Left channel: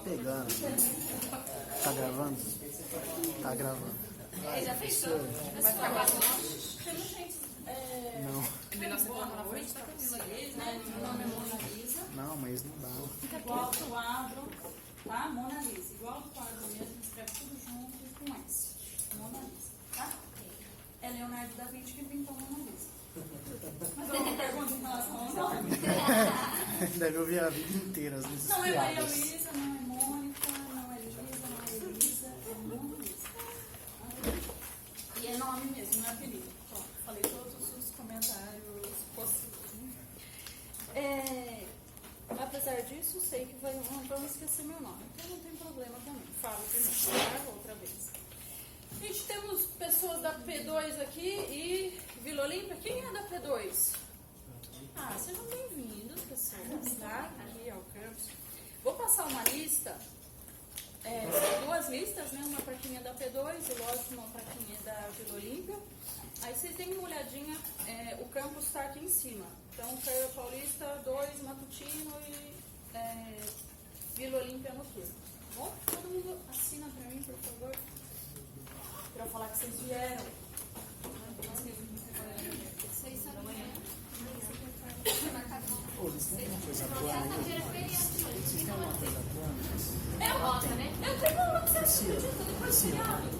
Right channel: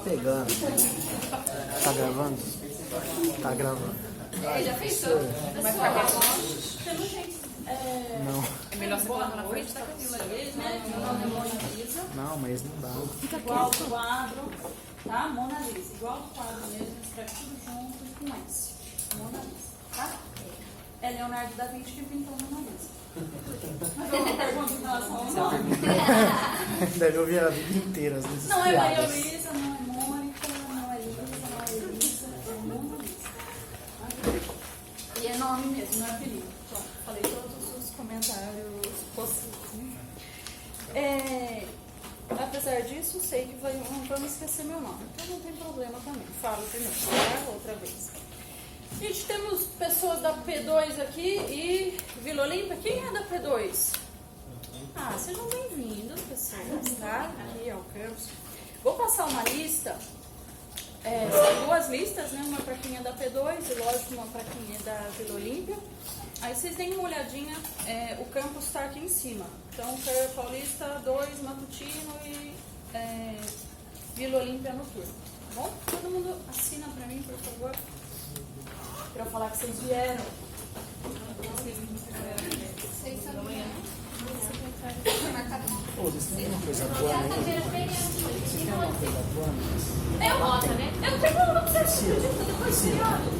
Pegando. Tá gravando? Tá gravando. Já fez tudo. Temos gente. Não. É melhor você colocar na frente da Camila, né? Meu nome é Mona Lisa. Não, mas não dá. Igual do quadro, tá? Mona Lisa. Igual do quadro mesmo, escreve tudo junto com S. Mona Lisa, tá? É Leonardo da Vinci que pintou Mona Lisa. Mas eu não pergunto em relação ao nome. Deve ouvir a vida inteira as vezes Não é Maria piadas. Luísa, não é Mônica, não é Elisa, não é Elisa, é Mona Lisa. E é nome mesmo, não é apelido. Pronto, falei todos os comentários possíveis. Apesar disso, sei que vamos esquecer meu nome, então não tem problema também. Falo de novo, tá? Outra vez. Gente, temos pessoas da P2 aqui e Vila Olímpia. Quem é da P2? Ah, sejam bem-vindos, pessoas, tá? Aqui ao campus. Vou passar uma lista, são duas listas, né? Uma para quem é da P2 e, lógico, uma para quem é da Vila Olímpia. Aí vocês deem uma olhadinha, o campus está aqui em cima. Então, Paulista 2, Matutino e Vila Olímpia noturno. Tá bom? Todo mundo assina para mim, por favor. Para eu falar que vocês vieram. Vocês são da manhã. Pô, vocês têm alguma coisa boa aí? Vocês têm alguma coisa boa? Derrota, né? Eu tenho uma Priscila.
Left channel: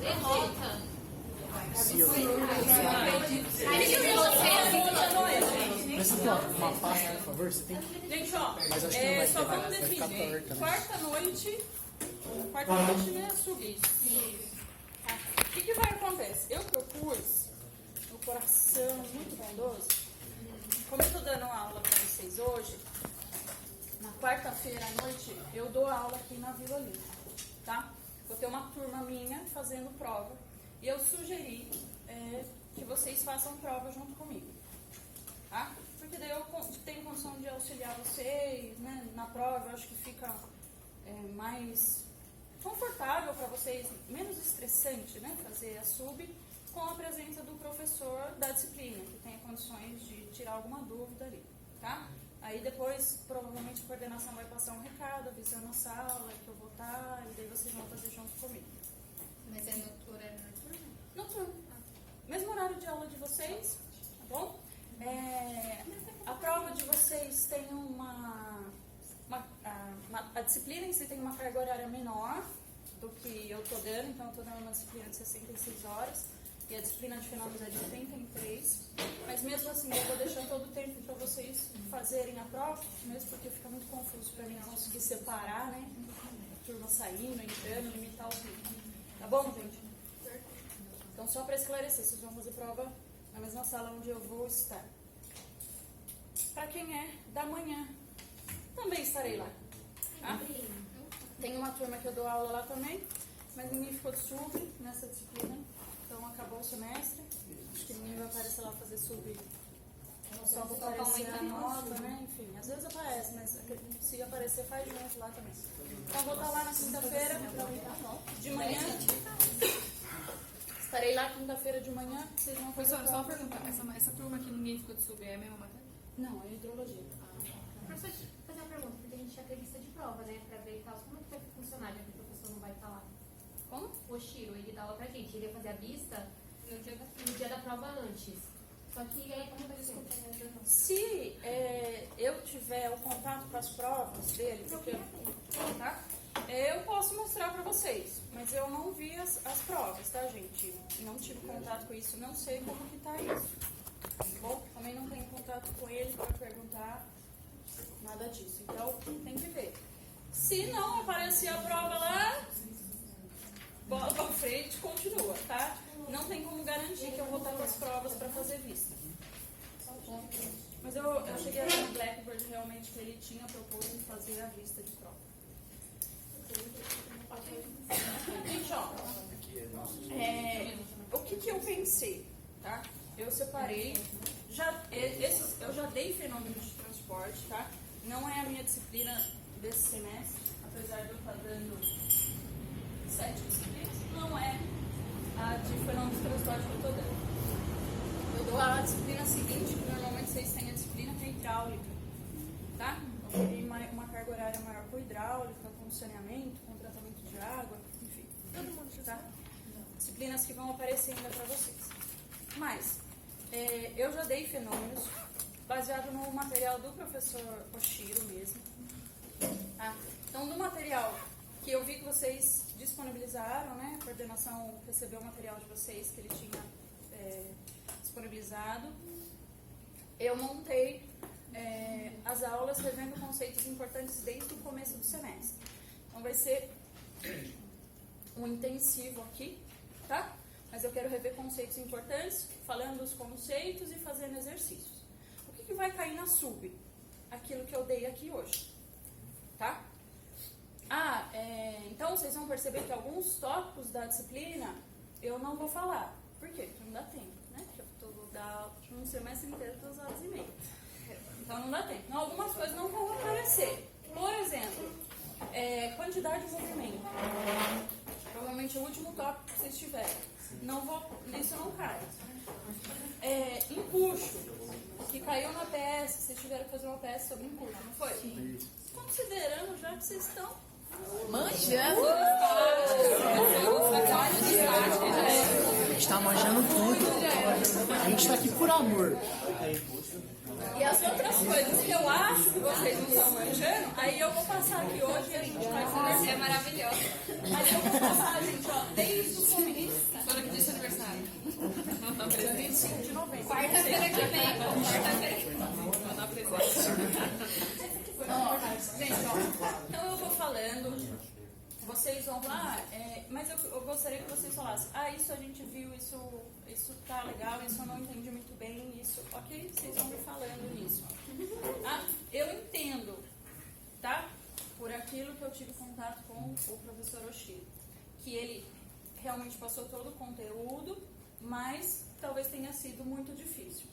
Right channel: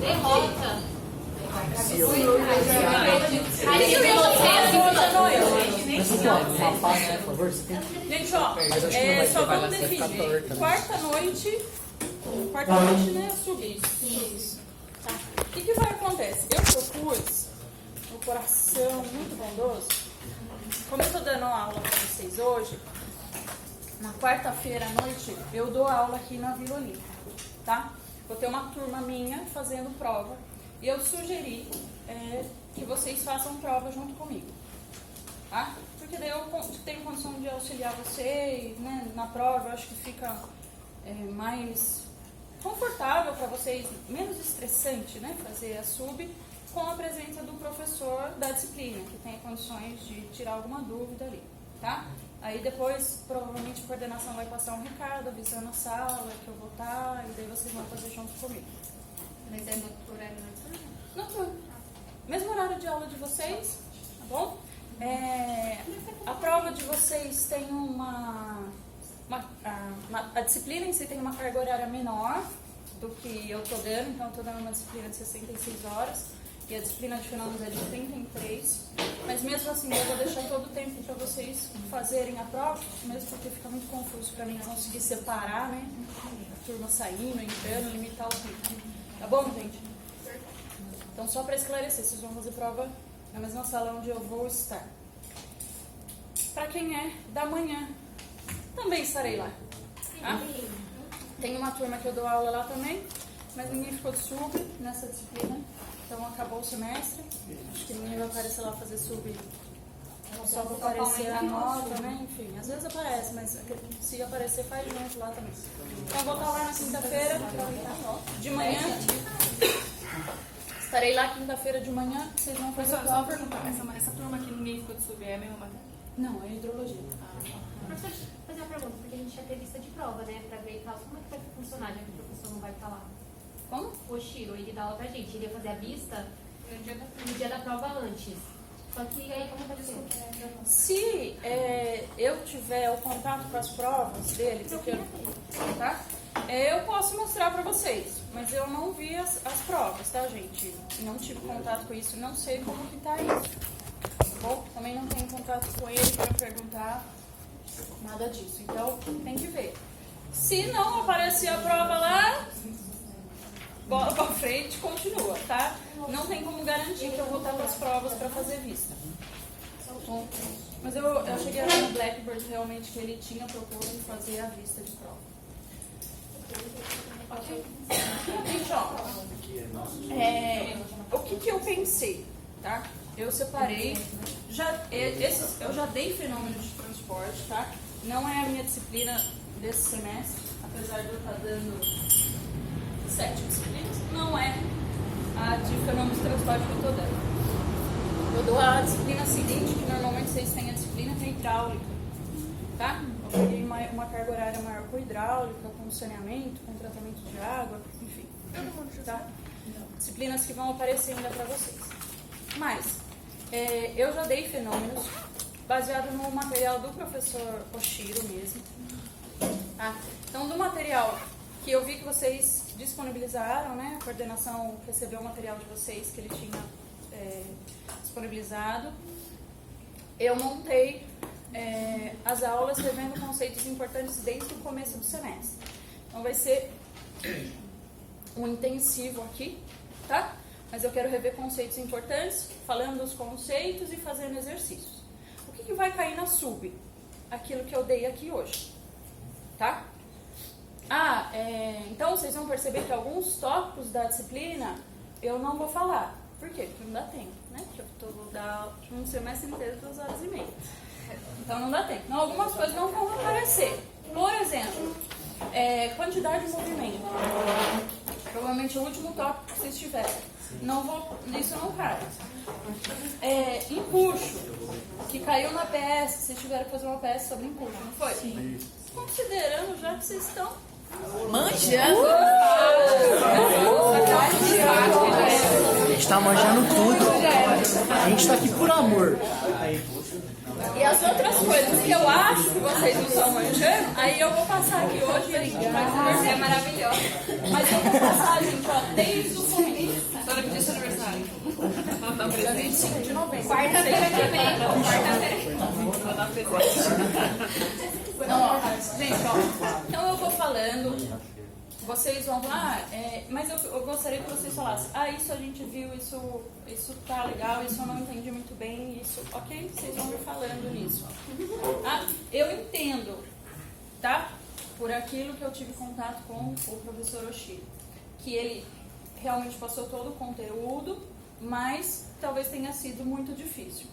Derrota. Priscila. Aí eu hoje à noite. Mas aqui, ó, uma pasta, por favor. Você tem... Gente, ó, Mas acho que não vai só ter, vamos vai ficar definir. torta, né? Quarta noite, né? Subir. Isso. Tá. O que vai acontecer? Eu propus, no coração muito bondoso, como eu estou dando aula para vocês hoje, na quarta-feira à noite, eu dou aula aqui na Vila Olímpia, tá? Vou ter uma turma minha fazendo prova e eu sugeri que vocês façam prova junto comigo, tá? Porque daí eu tenho condição de auxiliar vocês, né, na prova. Eu acho que fica mais confortável para vocês, menos estressante, né, fazer a sub com a presença do professor da disciplina, que tem condições de tirar alguma dúvida ali, tá? Aí depois, provavelmente, a coordenação vai passar um recado avisando a sala que eu vou estar, e daí vocês vão fazer junto comigo. Mas é noturno? Noturno. Mesmo horário de aula de vocês, tá bom? A prova de vocês tem a disciplina em si tem uma carga horária menor do que eu estou dando, então eu estou dando uma disciplina de 66 horas e a disciplina de fenômenos é de 33, mas mesmo assim eu vou deixar todo o tempo para vocês fazerem a prova, mesmo porque fica muito confuso para mim conseguir separar, né, a turma saindo, entrando, limitar o tempo, tá bom, gente? Então, só para esclarecer, vocês vão fazer prova na mesma sala onde eu vou estar. Para quem é da manhã, também estarei lá. Tá? Tem uma turma que eu dou aula lá também, mas ninguém ficou de sub nessa disciplina. Então, acabou o semestre. Acho que ninguém vai aparecer lá fazer sub. Só vai aparecer a nota, né? Enfim, às vezes aparece, mas se aparecer, faz junto lá também. Então, eu vou estar lá na quinta-feira, de manhã. Estarei lá quinta-feira de manhã, vocês vão fazer Só prova. perguntar, essa turma que ninguém ficou de subir é a mesma matéria? Não, é hidrologia. Professor, deixa eu fazer uma pergunta, porque a gente já teve lista de prova, né, pra ver e tal. Como é que vai funcionar, já que o professor não vai estar lá? Como? O Chiro, ele dá aula pra gente, ele ia fazer a vista no dia da prova antes. Só que aí como vai ser? Se eu tiver o contato com as provas dele, porque tá? Eu posso mostrar pra vocês, mas eu não vi as provas, tá, gente? Não tive contato com isso, não sei como que tá isso. Tá bom? Também não tenho contato com ele para perguntar nada disso. Então, tem que ver. Se não aparecer a prova lá, bola pra frente, continua, tá? Não tem como garantir que eu vou estar com as provas para fazer vista. Bom, mas eu cheguei a ver no Blackboard realmente que ele tinha proposto fazer a vista de prova. Gente, ó, o que eu pensei, tá? Eu separei, eu já dei fenômenos de transporte, tá? Não é a minha disciplina desse semestre, apesar de eu estar dando 7 disciplinas, não é a de fenômenos de transporte que eu estou dando. Eu dou a disciplina seguinte, que normalmente vocês têm a disciplina que é hidráulica, tá? conferir uma carga horária maior com hidráulica, com saneamento, com tratamento de água, enfim. Tá? Disciplinas que vão aparecer ainda para vocês. Mas, eu já dei fenômenos baseado no material do professor Oshiro mesmo. Tá? Então, do material que eu vi que vocês disponibilizaram, né? A coordenação recebeu o material de vocês que ele tinha disponibilizado. Eu montei as aulas revendo conceitos importantes desde o começo do semestre. Então, vai ser um intensivo aqui, tá? Mas eu quero rever conceitos importantes, falando dos conceitos e fazendo exercícios. O que vai cair na sub? Aquilo que eu dei aqui hoje, tá? Então vocês vão perceber que alguns tópicos da disciplina eu não vou falar. Por quê? Porque não dá tempo, né? Porque eu vou dar um semestre inteiro 2h30. Então não dá tempo. Então algumas coisas não vão aparecer. Por exemplo, quantidade de movimento. Provavelmente o último tópico que vocês tiverem. Isso não cai. Empuxo, que caiu na PS, vocês tiveram que fazer uma PS sobre empuxo, não foi? Sim. Considerando já que vocês estão manjando. A gente tá manjando tudo. A gente tá aqui por amor. E as outras coisas que eu acho que vocês não estão manjando, aí eu vou passar aqui hoje e a gente vai conversar, é maravilhoso. Mas eu vou passar, gente, desde o começo. Agora que dia é seu aniversário? Dia 25 de novembro. Quarta-feira que vem. Gente, então eu vou falando, vocês vão falar, mas eu gostaria que vocês falassem, isso a gente viu, isso tá legal, isso eu não entendi muito bem, isso, ok? Vocês vão me falando nisso. Eu entendo, tá? Por aquilo que eu tive contato com o professor Oshiro, que ele realmente passou todo o conteúdo, mas talvez tenha sido muito difícil.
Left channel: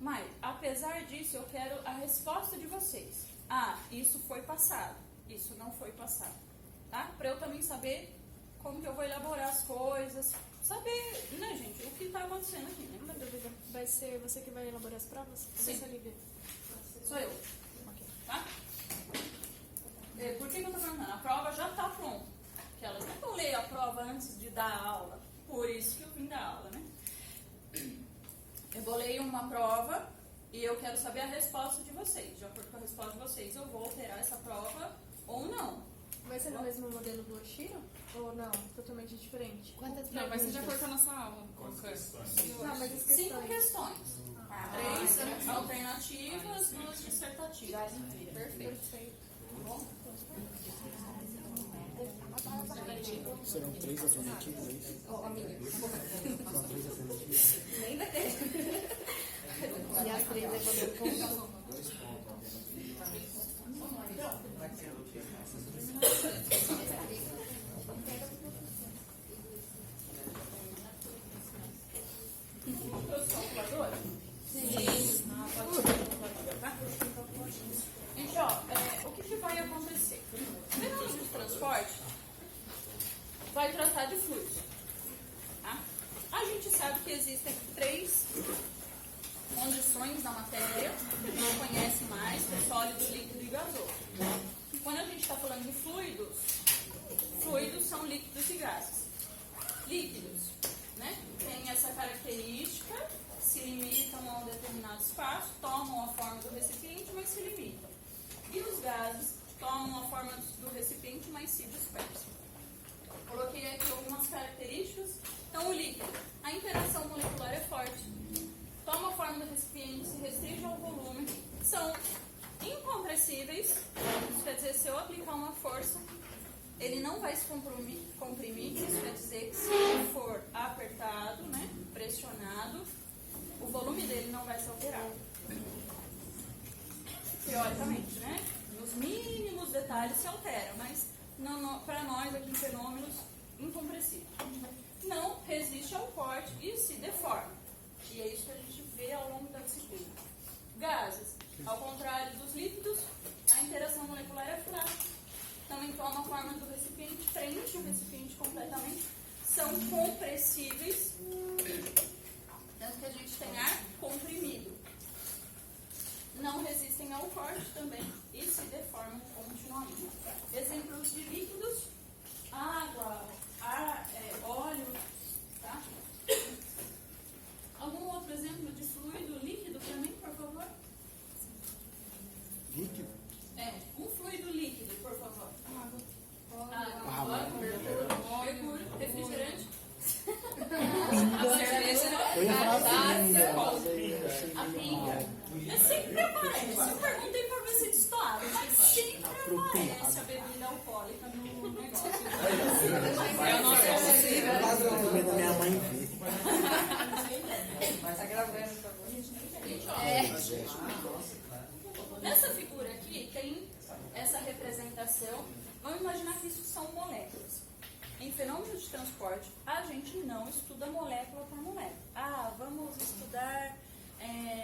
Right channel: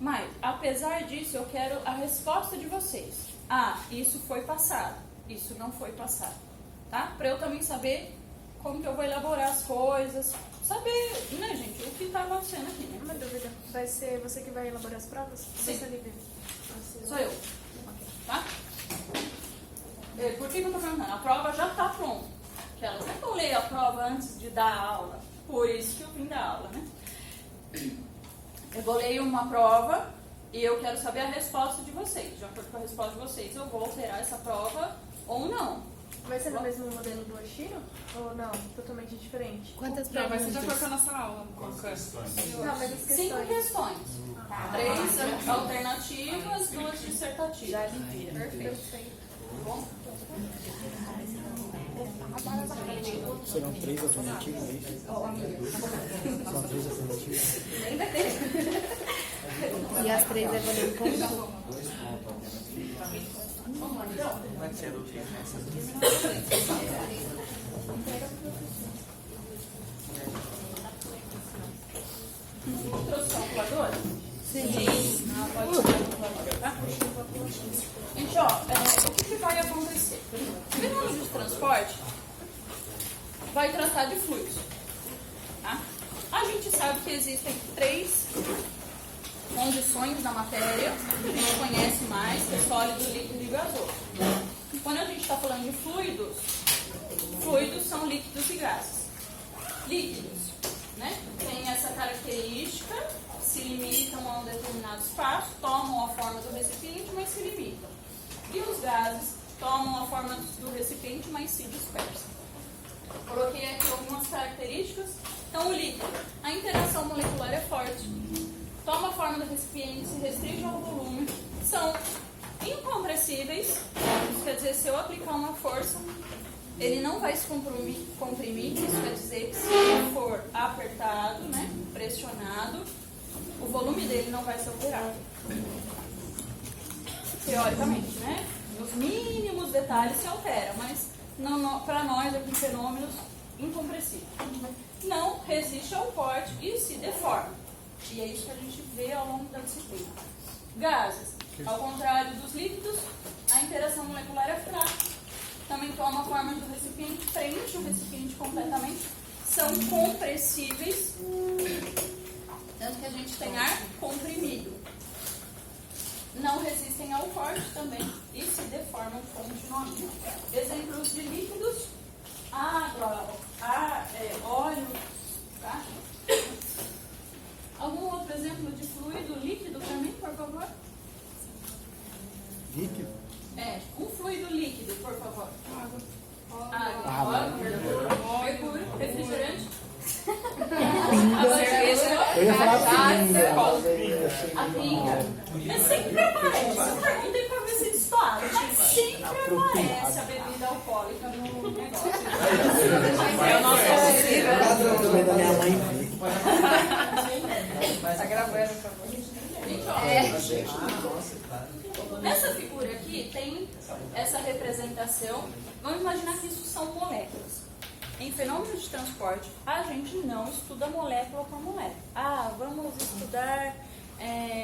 Mas, apesar disso, eu quero a resposta de vocês. Isso foi passado, isso não foi passado. Tá? Para eu também saber como que eu vou elaborar as coisas, saber, né, gente, o que está acontecendo aqui, né? Uma dúvida, vai ser você que vai elaborar as provas? Sim. Você líder? Sou eu. Tá? Por que eu estou perguntando? A prova já está pronta. Que elas nem vão ler a prova antes de dar a aula, por isso que eu vim dar aula, né? Eu bolei uma prova e eu quero saber a resposta de vocês. De acordo com a resposta de vocês, eu vou alterar essa prova ou não. Vai ser no mesmo modelo do Oshiro? Ou não? Totalmente diferente? Quantas Não, vai ser de perguntas? acordo com a nossa aula. Não, mas as 5 questões. questões. 3 alternativas, 2 dissertativas. Perfeito. Bom? Serão 3 alternativas, é isso? São 3 alternativas. E as 3 é valendo ponto? Trouxe o calculador? Sim. Pode ser o calculador, tá? Gente, o que vai acontecer? O fenômeno de transporte vai tratar de fluidos. Tá? A gente sabe que existem 3 condições da matéria, que a gente conhece mais, que é sólido, líquido e gasoso. Quando a gente está falando de fluidos, fluidos são líquidos e gases. Líquidos, né, têm essa característica, se limitam a um determinado espaço, tomam a forma do recipiente, mas se limitam. E os gases tomam a forma do recipiente, mas se dispersam. Coloquei aqui algumas características. Então, o líquido, a interação molecular é forte, toma a forma do recipiente, se restringe ao volume, são incompressíveis. Isso quer dizer, se eu aplicar uma força, ele não vai se comprimir. Isso quer dizer que se ele for apertado, né, pressionado, o volume dele não vai ser alterado. Teoricamente, né? Nos mínimos detalhes se altera, mas para nós aqui, fenômenos incompressíveis. Não resiste ao corte e se deforma. E é isso que a gente vê ao longo da disciplina. Gases, ao contrário dos líquidos, a interação molecular é fraca. Também toma a forma do recipiente, preenche o recipiente completamente, são compressíveis, tanto que a gente tem ar comprimido. Não resistem ao corte também, e se deformam continuamente. Exemplos de líquidos: água, óleo, tá? Algum outro exemplo de fluido líquido também, por favor? Líquido? Um fluido líquido, por favor. Água. Mercúrio, refrigerante. Eu ia falar pinga, mas aí A pinga. Sempre aparece. Pergunta aí pra ver se destoaram. Mas sempre aparece a bebida alcoólica no negócio. É o nosso eu também da minha mãe ver. Tá gravando, por favor. Nessa figura aqui tem essa representação. Vamos imaginar que isso são moléculas. Em fenômenos de transporte, a gente não estuda molécula por molécula. Vamos estudar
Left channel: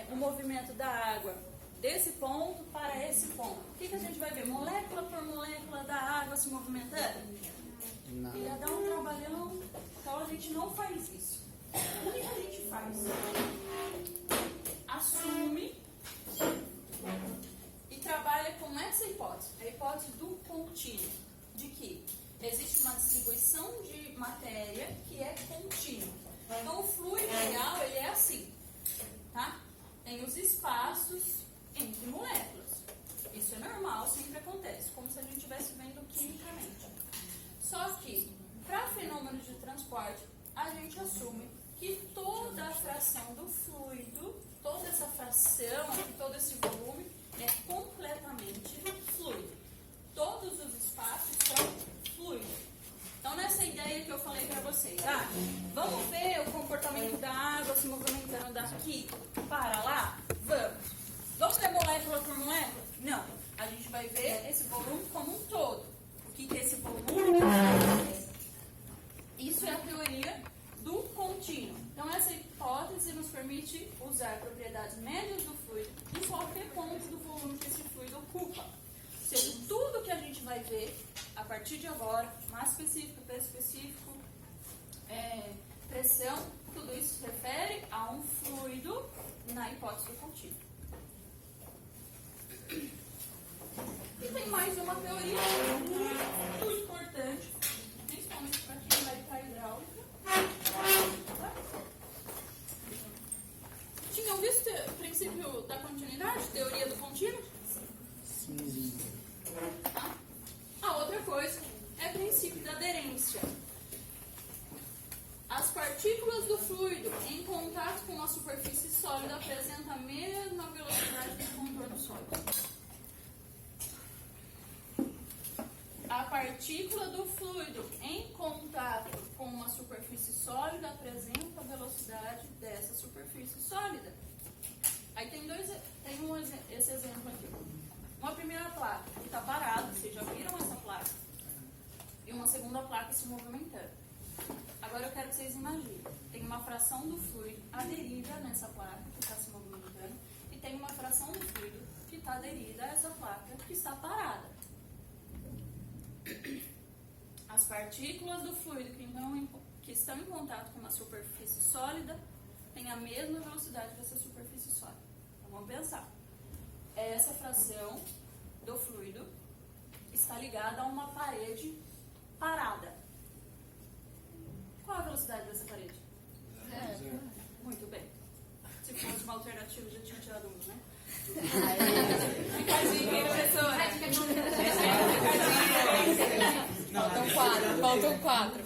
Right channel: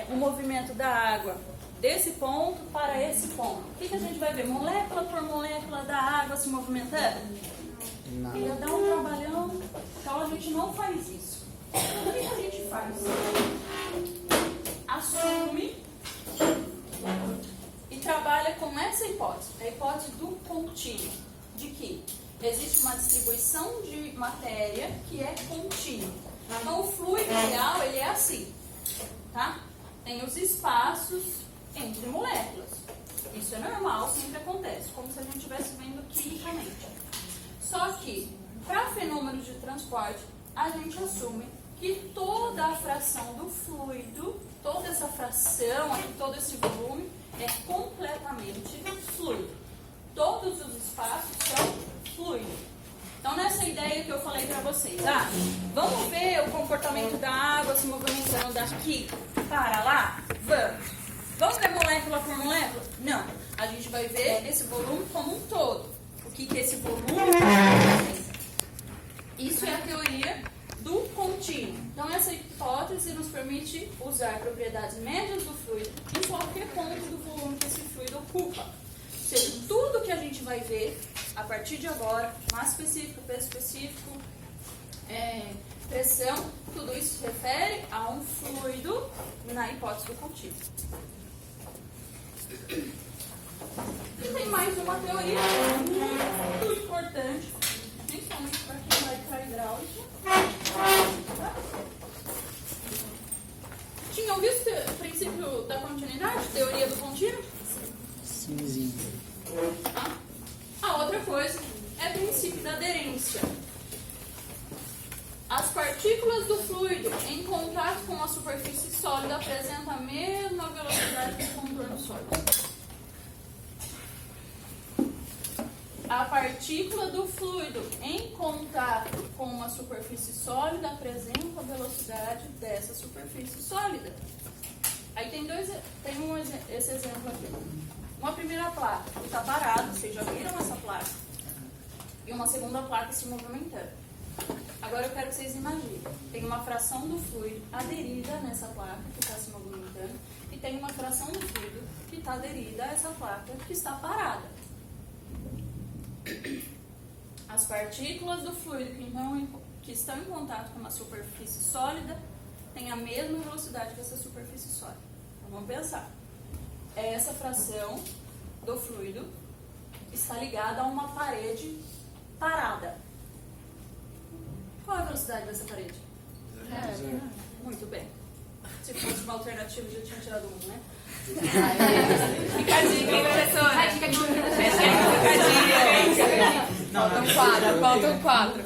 o movimento da água desse ponto para esse ponto. O que a gente vai ver? Molécula por molécula da água se movimentando? Ia dar um trabalhão. Então a gente não faz isso. O que a gente faz? Assume e trabalha com essa hipótese, a hipótese do contínuo, de que existe uma distribuição de matéria que é contínua. Então o fluido real ele é assim, tá? Tem os espaços entre moléculas. Isso é normal, sempre acontece, como se a gente estivesse vendo quimicamente. Só que, para fenômenos de transporte, a gente assume que toda a fração do fluido, toda essa fração, todo esse volume, é completamente fluido. Todos os espaços são fluidos. Então, nessa ideia que eu falei para vocês, vamos ver o comportamento da água se movimentando daqui para lá? Vamos ver molécula por molécula? Não. A gente vai ver esse volume como um todo. O que é esse volume? Isso é a teoria do contínuo. Então, essa hipótese nos permite usar propriedades médias do fluido em qualquer ponto do volume que esse fluido ocupa. Ou seja, tudo que a gente vai ver a partir de agora, massa específica, peso específico, pressão, tudo isso se refere a um fluido na hipótese do contínuo. E tem mais uma teoria muito importante, principalmente para quem vai para a hidráulica. Tinham visto o princípio da continuidade, teoria do contínuo? Sim. A outra coisa é o princípio da aderência. As partículas do fluido em contato com a superfície sólida apresentam a mesma velocidade do contorno sólido. A partícula do fluido em contato com uma superfície sólida apresenta a velocidade dessa superfície sólida. Aí tem esse exemplo aqui. Uma primeira placa que está parada, vocês já viram essa placa? E uma segunda placa se movimentando. Agora eu quero que vocês imaginem. Tem uma fração do fluido aderida nessa placa que está se movimentando e tem uma fração do fluido que está aderida a essa placa que está parada. As partículas do fluido que estão em contato com uma superfície sólida têm a mesma velocidade que essa superfície sólida. Então vamos pensar. Essa fração do fluido está ligada a uma parede parada. Qual é a velocidade dessa parede? Muito bem. Se fosse uma alternativa, eu já tinha tirado uma, né? Fica a dica, hein, professora? Faltam quatro.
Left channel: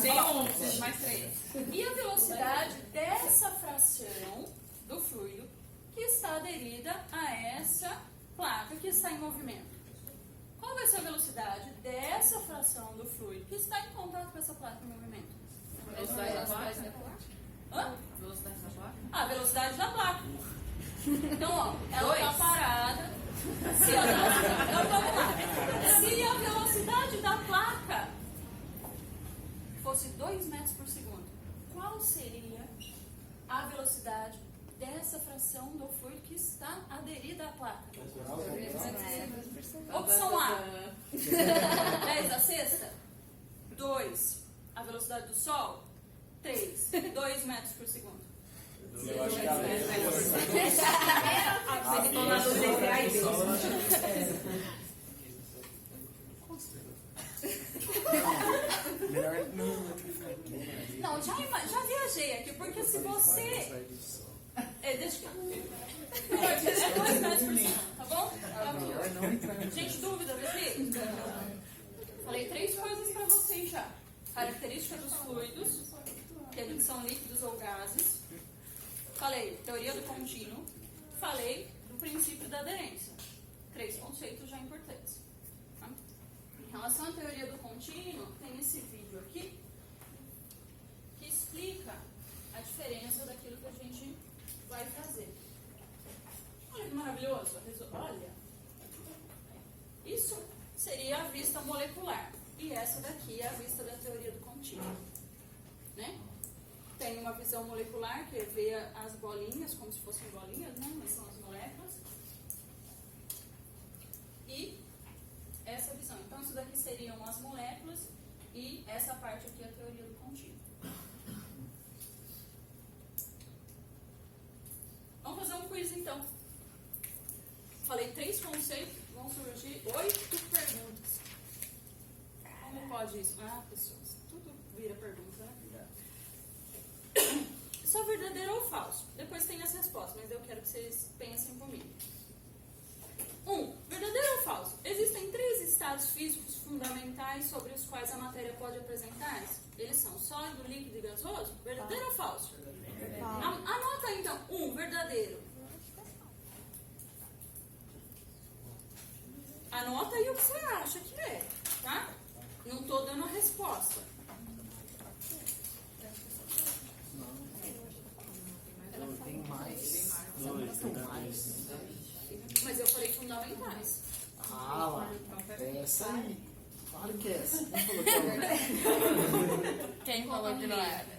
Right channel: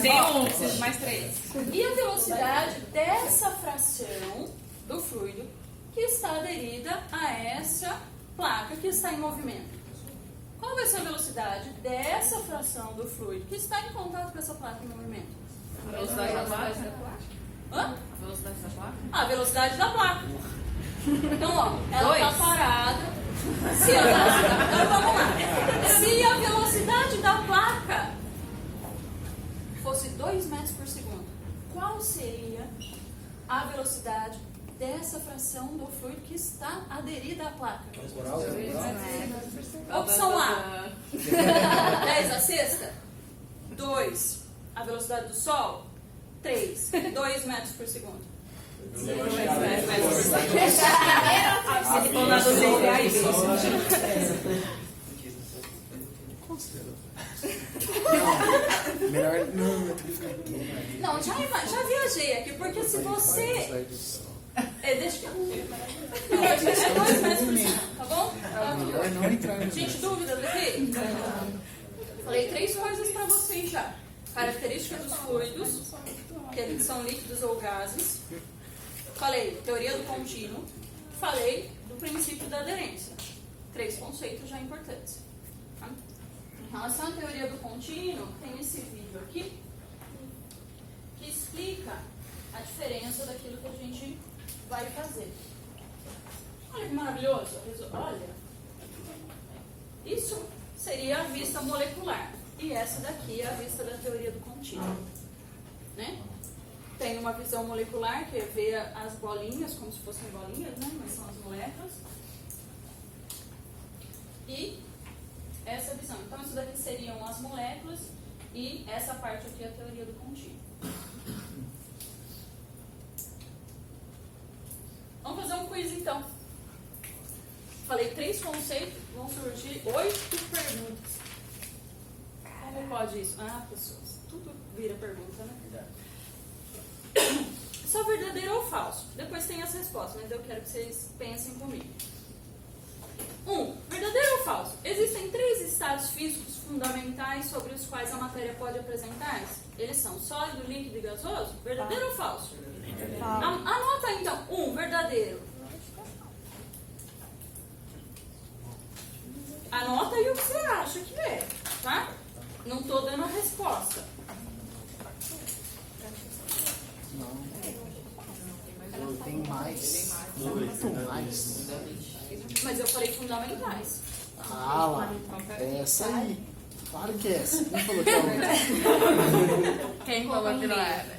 Tem um, preciso de mais 3. E a velocidade dessa fração do fluido que está aderida a essa placa que está em movimento? Qual vai ser a velocidade dessa fração do fluido que está em contato com essa placa em movimento? A velocidade da placa? Hã? A velocidade da placa? A velocidade da placa. Então, ó, ela 2. está parada. Então, vamos lá. Se a velocidade da placa fosse 2 metros por segundo, qual seria a velocidade dessa fração do fluido que está aderida à placa? Opção A, 10 a sexta. 2, a velocidade do Sol. 3, 2 metros por segundo. Melhor não ficar aqui. Não, já viajei aqui, porque se você... deixa eu... É 2 metros por cima, tá bom? Melhor não entrar. Gente, dúvidas aqui? Falei 3 coisas pra vocês já. Características dos fluidos, que eles são líquidos ou gases. Falei teoria do contínuo. Falei do princípio da aderência. 3 conceitos já importantes. Tá? Em relação à teoria do contínuo, tem esse vídeo aqui que explica a diferença daquilo que a gente vai fazer. Olha que maravilhoso. Olha. Isso seria a vista molecular. E essa daqui é a vista da teoria do contínuo. Né? Tem uma visão molecular, que é ver as bolinhas, como se fossem bolinhas, né? Mas são as moléculas. E essa visão. Então, isso daqui seriam as moléculas e essa parte aqui é a teoria do contínuo. Vamos fazer um quiz, então. Falei 3 conceitos, vão surgir 8 perguntas. Como pode isso? Pessoas, tudo vira pergunta, né? Só verdadeiro ou falso? Depois tem as respostas, mas eu quero que vocês pensem comigo. 1. Verdadeiro ou falso? Existem 3 estados físicos fundamentais sobre os quais a matéria pode apresentar-se. Eles são sólido, líquido e gasoso? Verdadeiro ou falso? Anota então. 1. Verdadeiro. Anota aí o que você acha que é, tá? Não estou dando a resposta. Não, tem mais. Muito mais. Mas eu falei fundamentais. Lá. É essa aí. Claro que é essa. Quem falou que é outra? Quem falou que não era?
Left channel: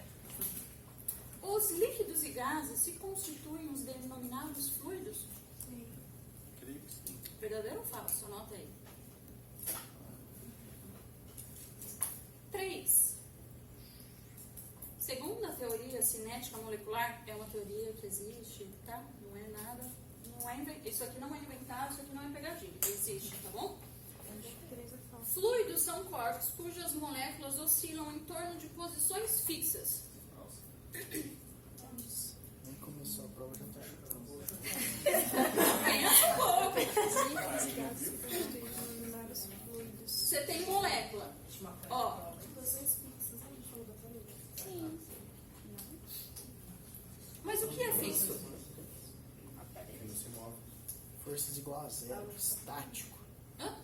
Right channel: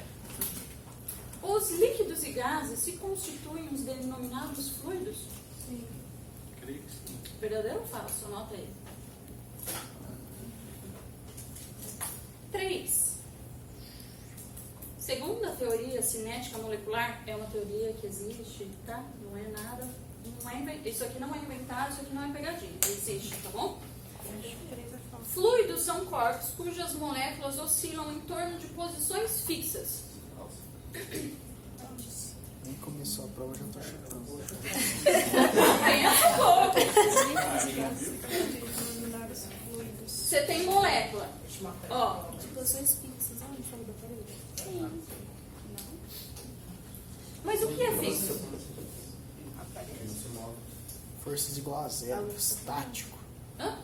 Os líquidos e gases se constituem os denominados fluidos? Sim. Verdadeiro ou falso? Anota aí. 3. Segundo a teoria cinética molecular, é uma teoria que existe, tá? Não é nada. Isso aqui não é inventado, isso aqui não é pegadinha. Existe, tá bom? Fluidos são corpos cujas moléculas oscilam em torno de posições fixas. Nem começou a prova, já tô chutando. Pensa um pouco. Você tem molécula. Ó. Posições fixas, não falou da parede? Sim. Mas o que é fixo? Forças igual a 0. Estático. Hã?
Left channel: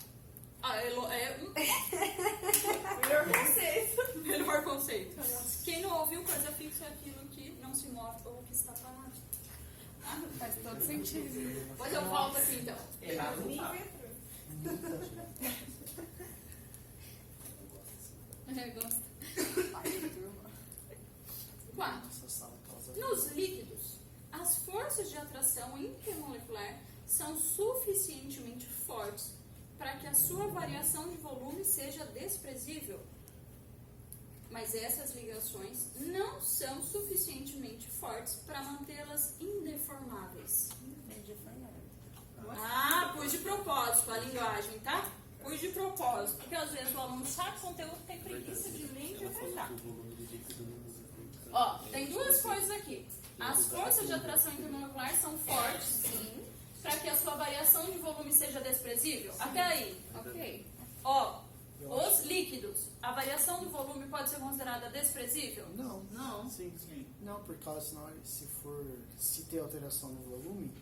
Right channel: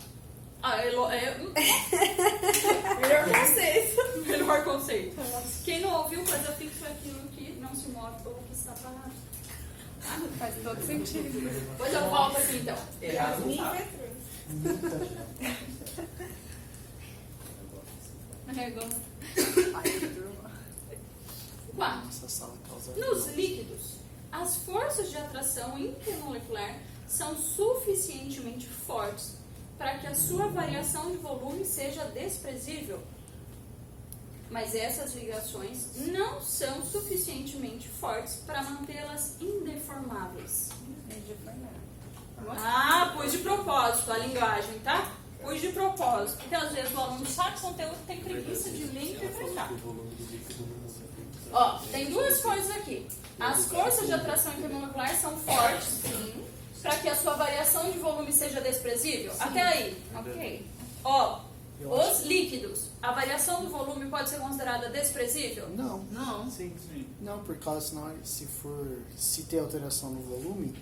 Melhor conceito. Melhor conceito. Quem não ouviu, coisa fixa é aquilo que não se move ou que está parado. Faz todo sentido. Depois eu volto aqui então. Quatro. Nossa sala causa. Nos líquidos, as forças de atração intermolecular são suficientemente fortes para que a sua variação de volume seja desprezível. Mas essas ligações não são suficientemente fortes para mantê-las indeformáveis. Pus de propósito a linguagem, tá? Pus de propósito. Porque às vezes o aluno sabe o conteúdo, tem preguiça de ler e interpretar. Ó, tem 2 coisas aqui. As forças de atração intermolecular são fortes, sim, para que a sua variação de volume seja desprezível. Sim. Até aí. Ok. Ó, os líquidos, a variação do volume pode ser considerada desprezível? Não. Não. Sim. Não, por causa senão se ter alteração no volume,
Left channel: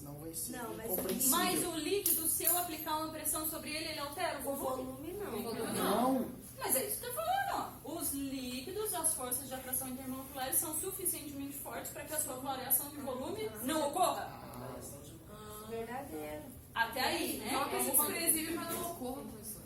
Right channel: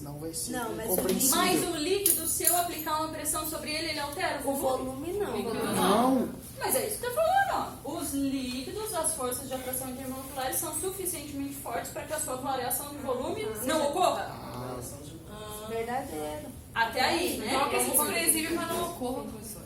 não vai ser Não, mas compreensível. Mas o líquido, se eu aplicar uma pressão sobre ele altera o O volume? volume não. Não. Mas é isso que tá falando, ó. Os líquidos, as forças de atração intermoleculares são suficientemente fortes para que a sua variação de volume não ocorra? Verdadeiro. Até aí, né? Qual que é Vamos- desprezível, mas não ocorra, professor?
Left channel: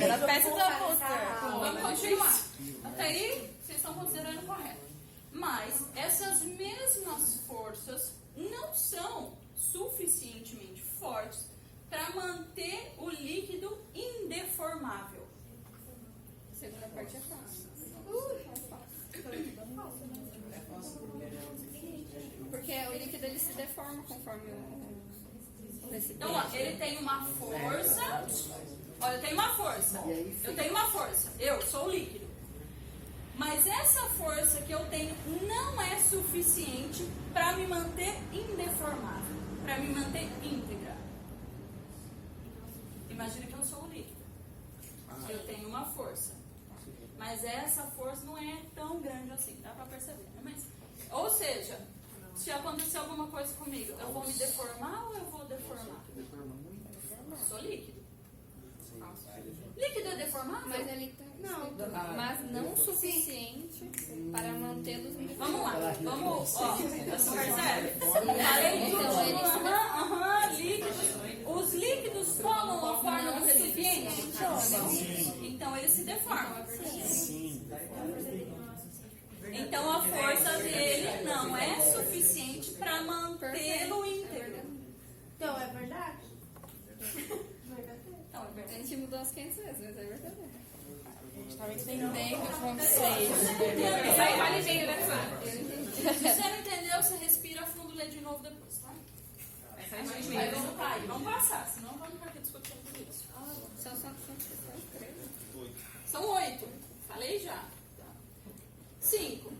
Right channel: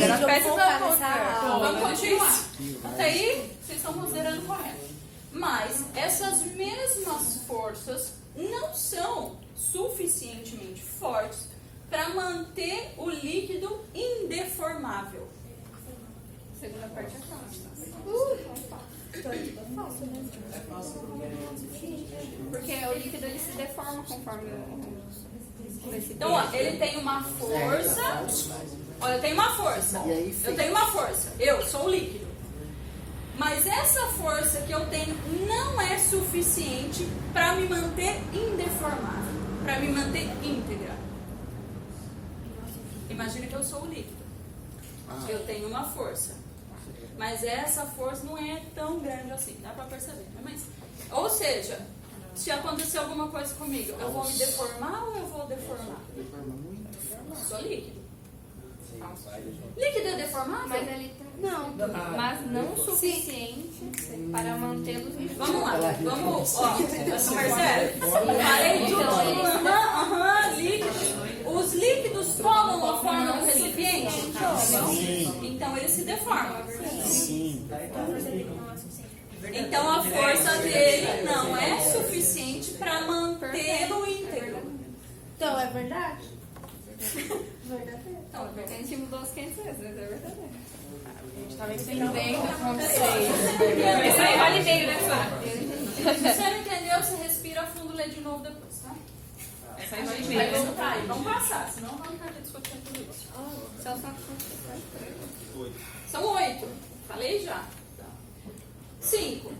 Era peça da outra. Vamos continuar. Até aí, vocês estão considerando correto. Mas essas mesmas forças não são suficientemente fortes para manter o líquido indeformável. Segunda parte é fácil. Porque o líquido ele se deforma conforme o recipiente. Então, ó, ele tem uma força. Olha, eu tenho uma força. Eu tenho uma força. Eu sou o líquido. Mas essa força que eu tenho não é suficiente para me manter indeformável, para me manter íntegra. Imagina que eu sou o líquido. Eu tenho uma força. Mas essa força não é tão grande assim, dá para perceber. Mas, ou seja, se acontecer alguma coisa comigo, eu vou me deformar ou eu vou deformar? Eu sou líquido. Líquido é deformável? Mas ele não. Mas não o suficiente para mantê-los em. Vamos lá, vamos, ó, percebe? Parei tudo. Líquidos. Os líquidos tomam a forma do recipiente? Então eles se deformam. Então a força dele não é suficiente para mantê-lo íntegro. Então, é verdade? Verdadeiro. Então, a gente mudou as 500 vezes, mas é verdadeiro. Estava entendendo. Essa aí vale meio, né, Flávia? Se você não entendeu, você respira fundo e lê de novo depois, tá? Essa aí vale Vai meio. voltar aí, vamos passar, senão vamos ficar aqui discutindo tudo isso. São 8. Falei já. 5.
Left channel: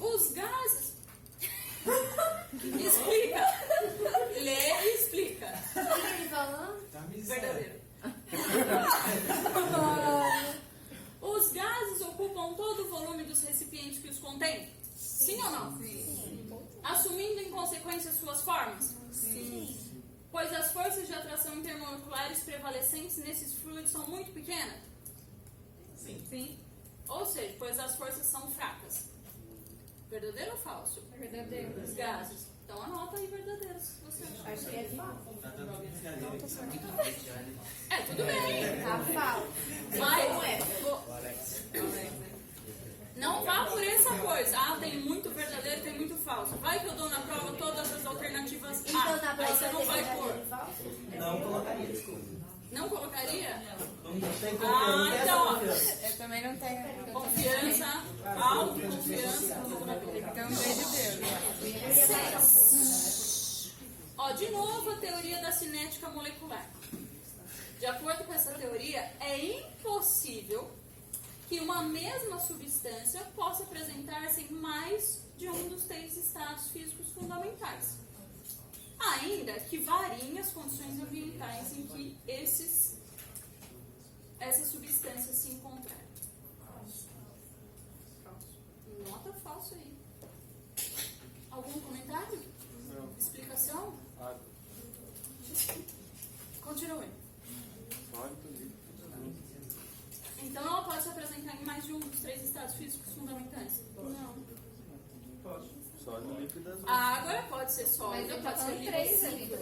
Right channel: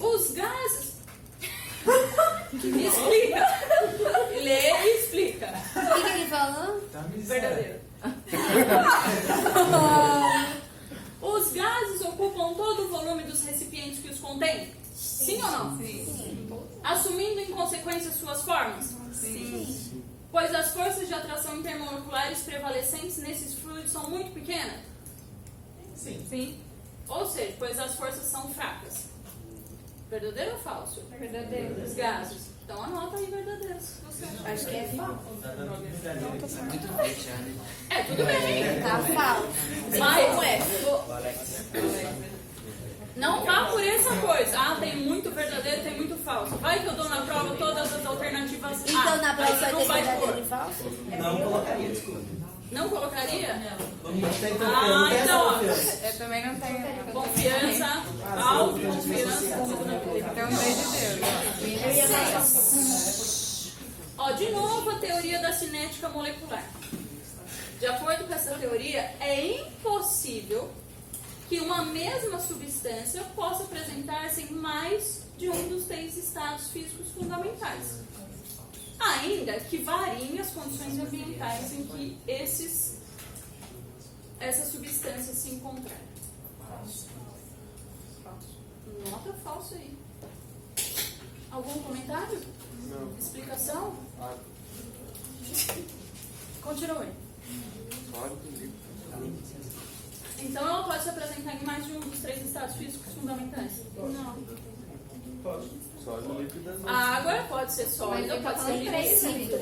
Os gases. Me explica. Lê e explica. O que ele falou? Verdadeiro. Os gases ocupam todo o volume dos recipientes que os contêm? Sim ou não? Sim. Assumindo em consequência suas formas? Sim. Pois as forças de atração intermoleculares prevalecentes nesses fluidos são muito pequenas? Sim. Ou seja, pois as forças são fracas. Verdadeiro ou falso? Verdadeiro. Os gases. Então anota aí verdadeiros. Você acha? Acho que é falso. É, tudo bem. Tá falso. Mas não vá por essa coisa. Ah, tem muito verdadeiro, tem muito falso. Vai que eu dou na prova todas as alternativas. Então na prova você vai não ter vai verdadeiro pôr. e falso? Não colocaria, desculpa. Não colocaria? Então, então, ó, Eu também não tenho. confiança, autoconfiança, tudo na vida. Então, lei de Deus. Eu ia falar falso. Ó, de novo a teoria da cinética molecular. De acordo com essa teoria, é impossível que uma mesma substância possa apresentar-se em mais de um dos 3 estados físicos fundamentais. Ainda que variem as condições ambientais em que essas substâncias se encontrarem. Nota falso aí. Algum comentário? Não. Explicação? Continue. Então ela pode se apresentar em mais de um dos 3 estados físicos fundamentais? Não. Pode. Sólido, líquido, A água pode ser sólida, pode ser líquida.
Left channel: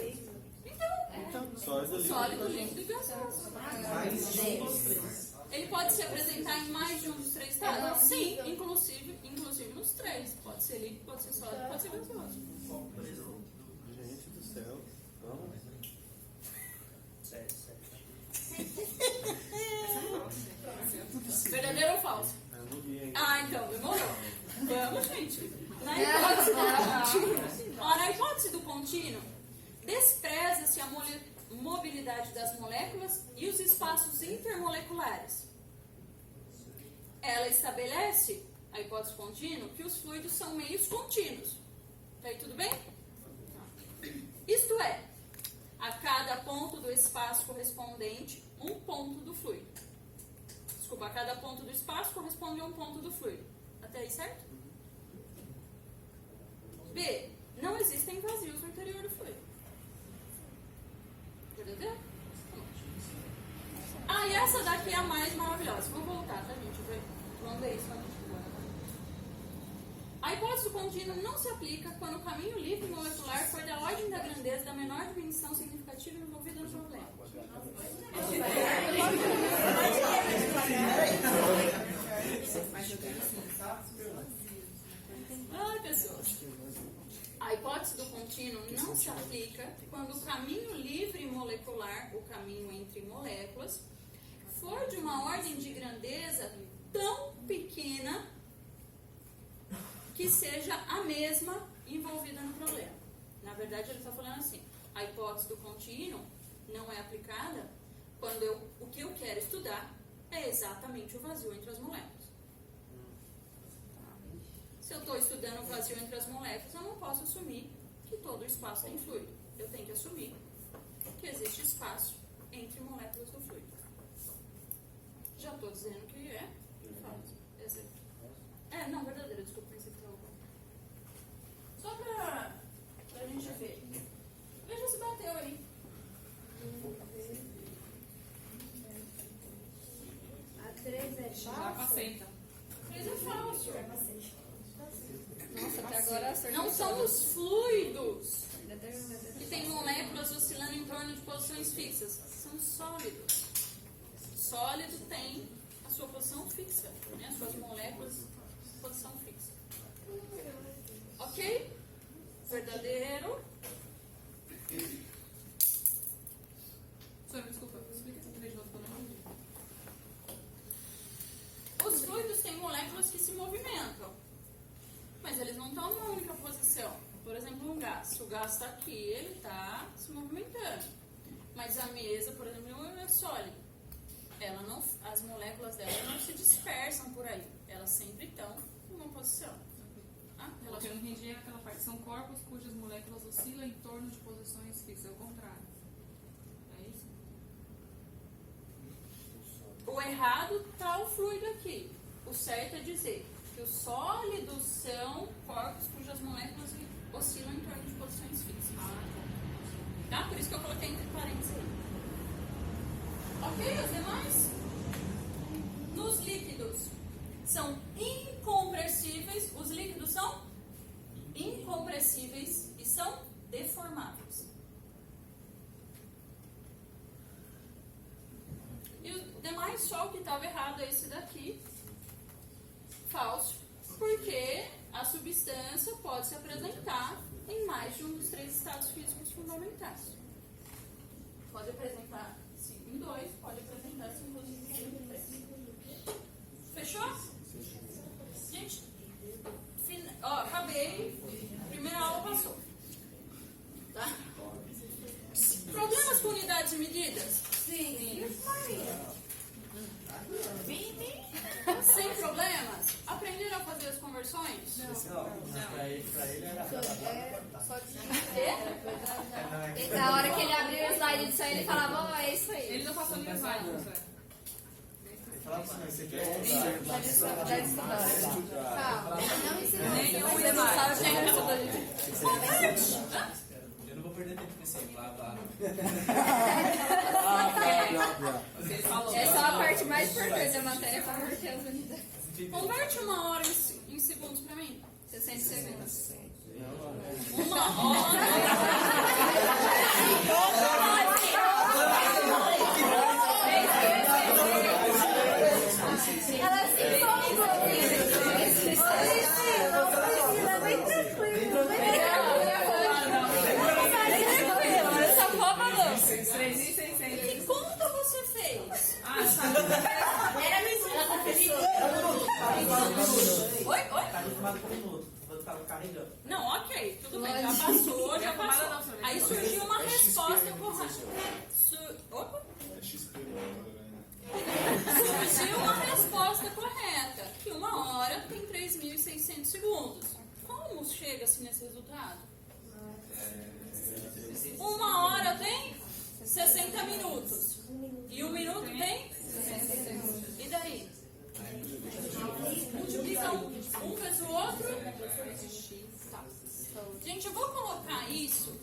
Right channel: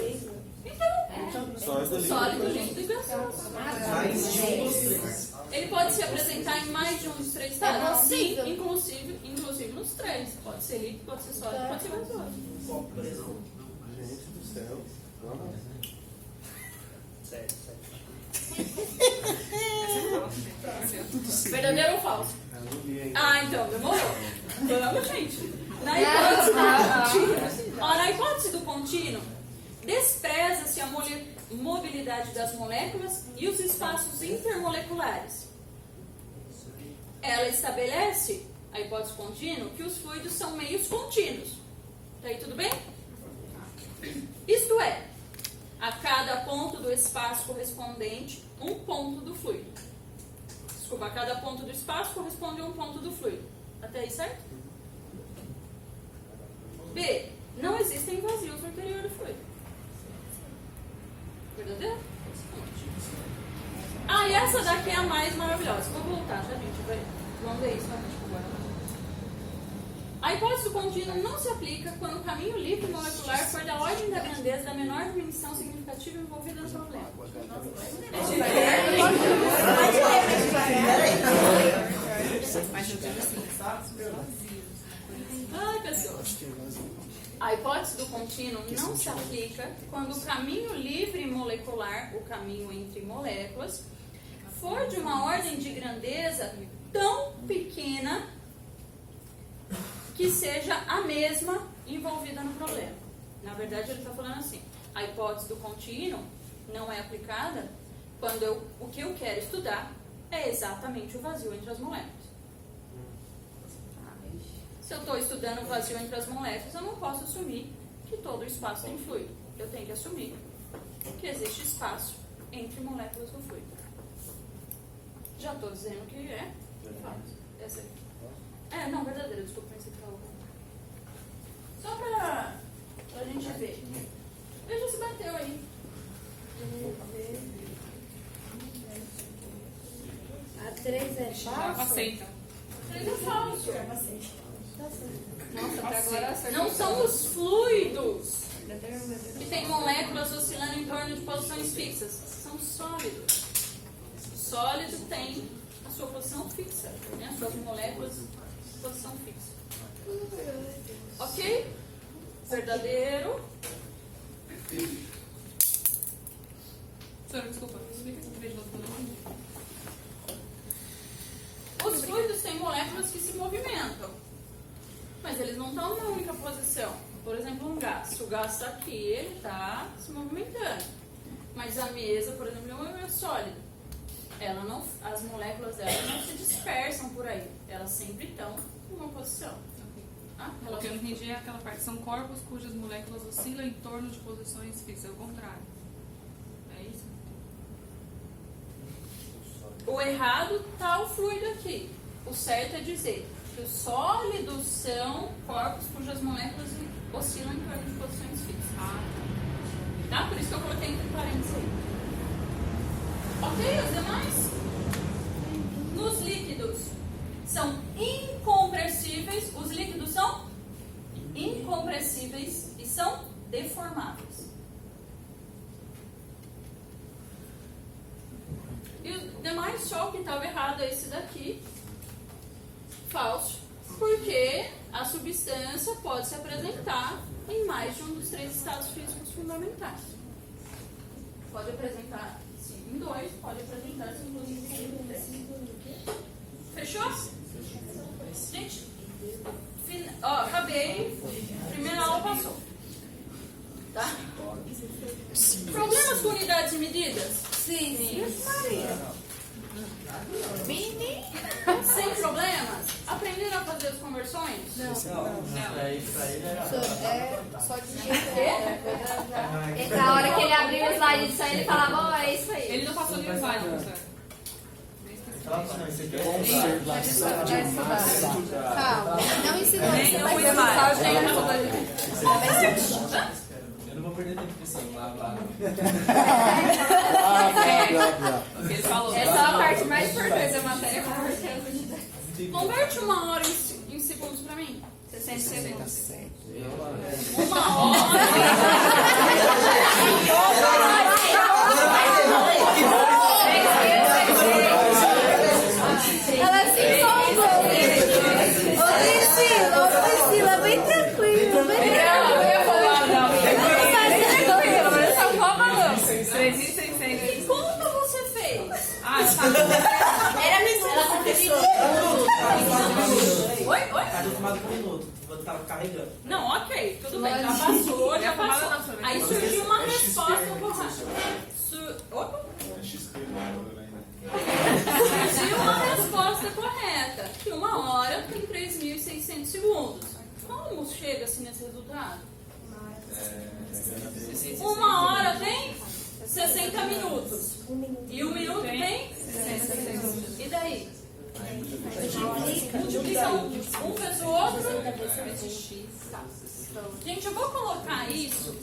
Então, sólido, líquido e gasoso. mais de um dos 3. Ele pode se apresentar em mais de um dos 3 estados? Sim, inclusive nos 3. Pode ser líquido, pode ser sólido, pode ser gasoso. Gente do céu. Verdadeiro ou falso? Eu não vi ainda. Ah, então, demorou. Vamos, gente. Na hipótese do contínuo, na hipótese do contínuo, despreza-se a mobilidade das moléculas e os espaços intermoleculares. Ela estabelece, a hipótese contínua, que os fluidos são meios contínuos. Tá aí tudo bem? Isto é, a cada ponto do espaço correspondente, um ponto do fluido. Desculpa, a cada ponto do espaço corresponde a um ponto do fluido. Até aí, certo? B. Não existem vazios no interior do fluido. Verdadeiro? Ah, e essa daqui é a mais maravilhosa. Vou voltar, já, gente. Vamos ver isso, tá? A hipótese do contínuo não se aplica quando o caminho livre molecular for da ordem da grandeza da menor dimensão significativa envolvida no problema. Ai, pessoas. A hipótese do contínuo não se aplica quando o caminho livre molecular, o caminho entre moléculas, for de uma ordem de grandeza tão pequena que seja a mesma envolvida no problema. Na verdade, ele está falando assim, a hipótese do contínuo não é aplicada quando o que eu quero estudar é exatamente o vazio entre as moléculas. Se eu estou estudando o vazio entre as moléculas, eu não posso assumir que todo o espaço tem fluido. Eu tenho que assumir que existe espaço entre moléculas do fluido. Já estou dizendo que é fato. Não, verdadeiro, desculpa, pensei que estava. Só para a gente ver. Veja se bateu aí. A 3 é Já falso? passei, então. 3 é falso. Nossa, até agora acertou. Não são os fluidos que têm moléculas oscilando em torno de posições fixas. São sólidos. O sólido tem a sua posição fixa, né? As suas moléculas em posição fixa. Ok? Verdadeiro. Senhora, desculpa, explica essa vez de novo, eu não entendi. Os fluidos têm moléculas que se movimentam, mas eles não estão numa única posição. Por exemplo, um gás. O gás está aqui, ele está se movimentando. Mas a mesa, por exemplo, é sólida. Ela não, as moléculas dela não se dispersam por aí. Elas sempre estão em uma posição. Tá? O que eu entendi é aquela parte. São corpos cujas moléculas oscilam em torno de posições fixas. É o contrário. É isso? O errado está o fluido aqui. O certo é dizer que os sólidos são corpos cujas moléculas oscilam em torno de posições fixas. Tá? Por isso que eu coloquei entre parênteses aí. Ok? Os demais? Nos líquidos são incompressíveis. Os líquidos são incompressíveis e são deformáveis. E os demais, só o que estava errado é esse daqui. Falso. Porque a substância pode se apresentar em mais de um dos 3 estados físicos fundamentais. Pode apresentar-se em 2, pode apresentar-se inclusive em 3. Fechou? Gente, acabei. Primeira aula passou. Tá? Problemas com unidades e medidas? Sim. Sem problemas? Aprenderam a fazer as conversões? Não. Pra ele era. É só de Na hora que ele abriu o slide disso aí, ele falava, ó, é isso aí. Ele não passou nenhum slide, professor. Falava assim, não, isso aqui é Conservação de massa. Calma, não ensinou Nem isso. um Mas slide. Eu não vou perder tempo com isso aí, blá blá. Ele falou. Essa é a parte mais importante da matéria, converter as unidades. Converte 1 hora em segundos pra mim. 60 segundos. 1 hora. Ela se empolgou. Priscila, bem tranquilo. Bem Que conta você fez? Era mentira, professora. Oi? Tá acostumado com um minuto, vou estar carregando. Não, ok, tudo bem, já passou, já Tomada passou. não, Aí surgiu uma resposta correta. Opa! Surgiu uma resposta correta, que 1 hora tem 3.600 segundos. Como chega-se nesse resultado? 1 hora tem 60 minutos. E 1 minuto tem 60 segundos. E daí? Multiplica um vezes o outro. Tá. Gente, eu vou colocar isso.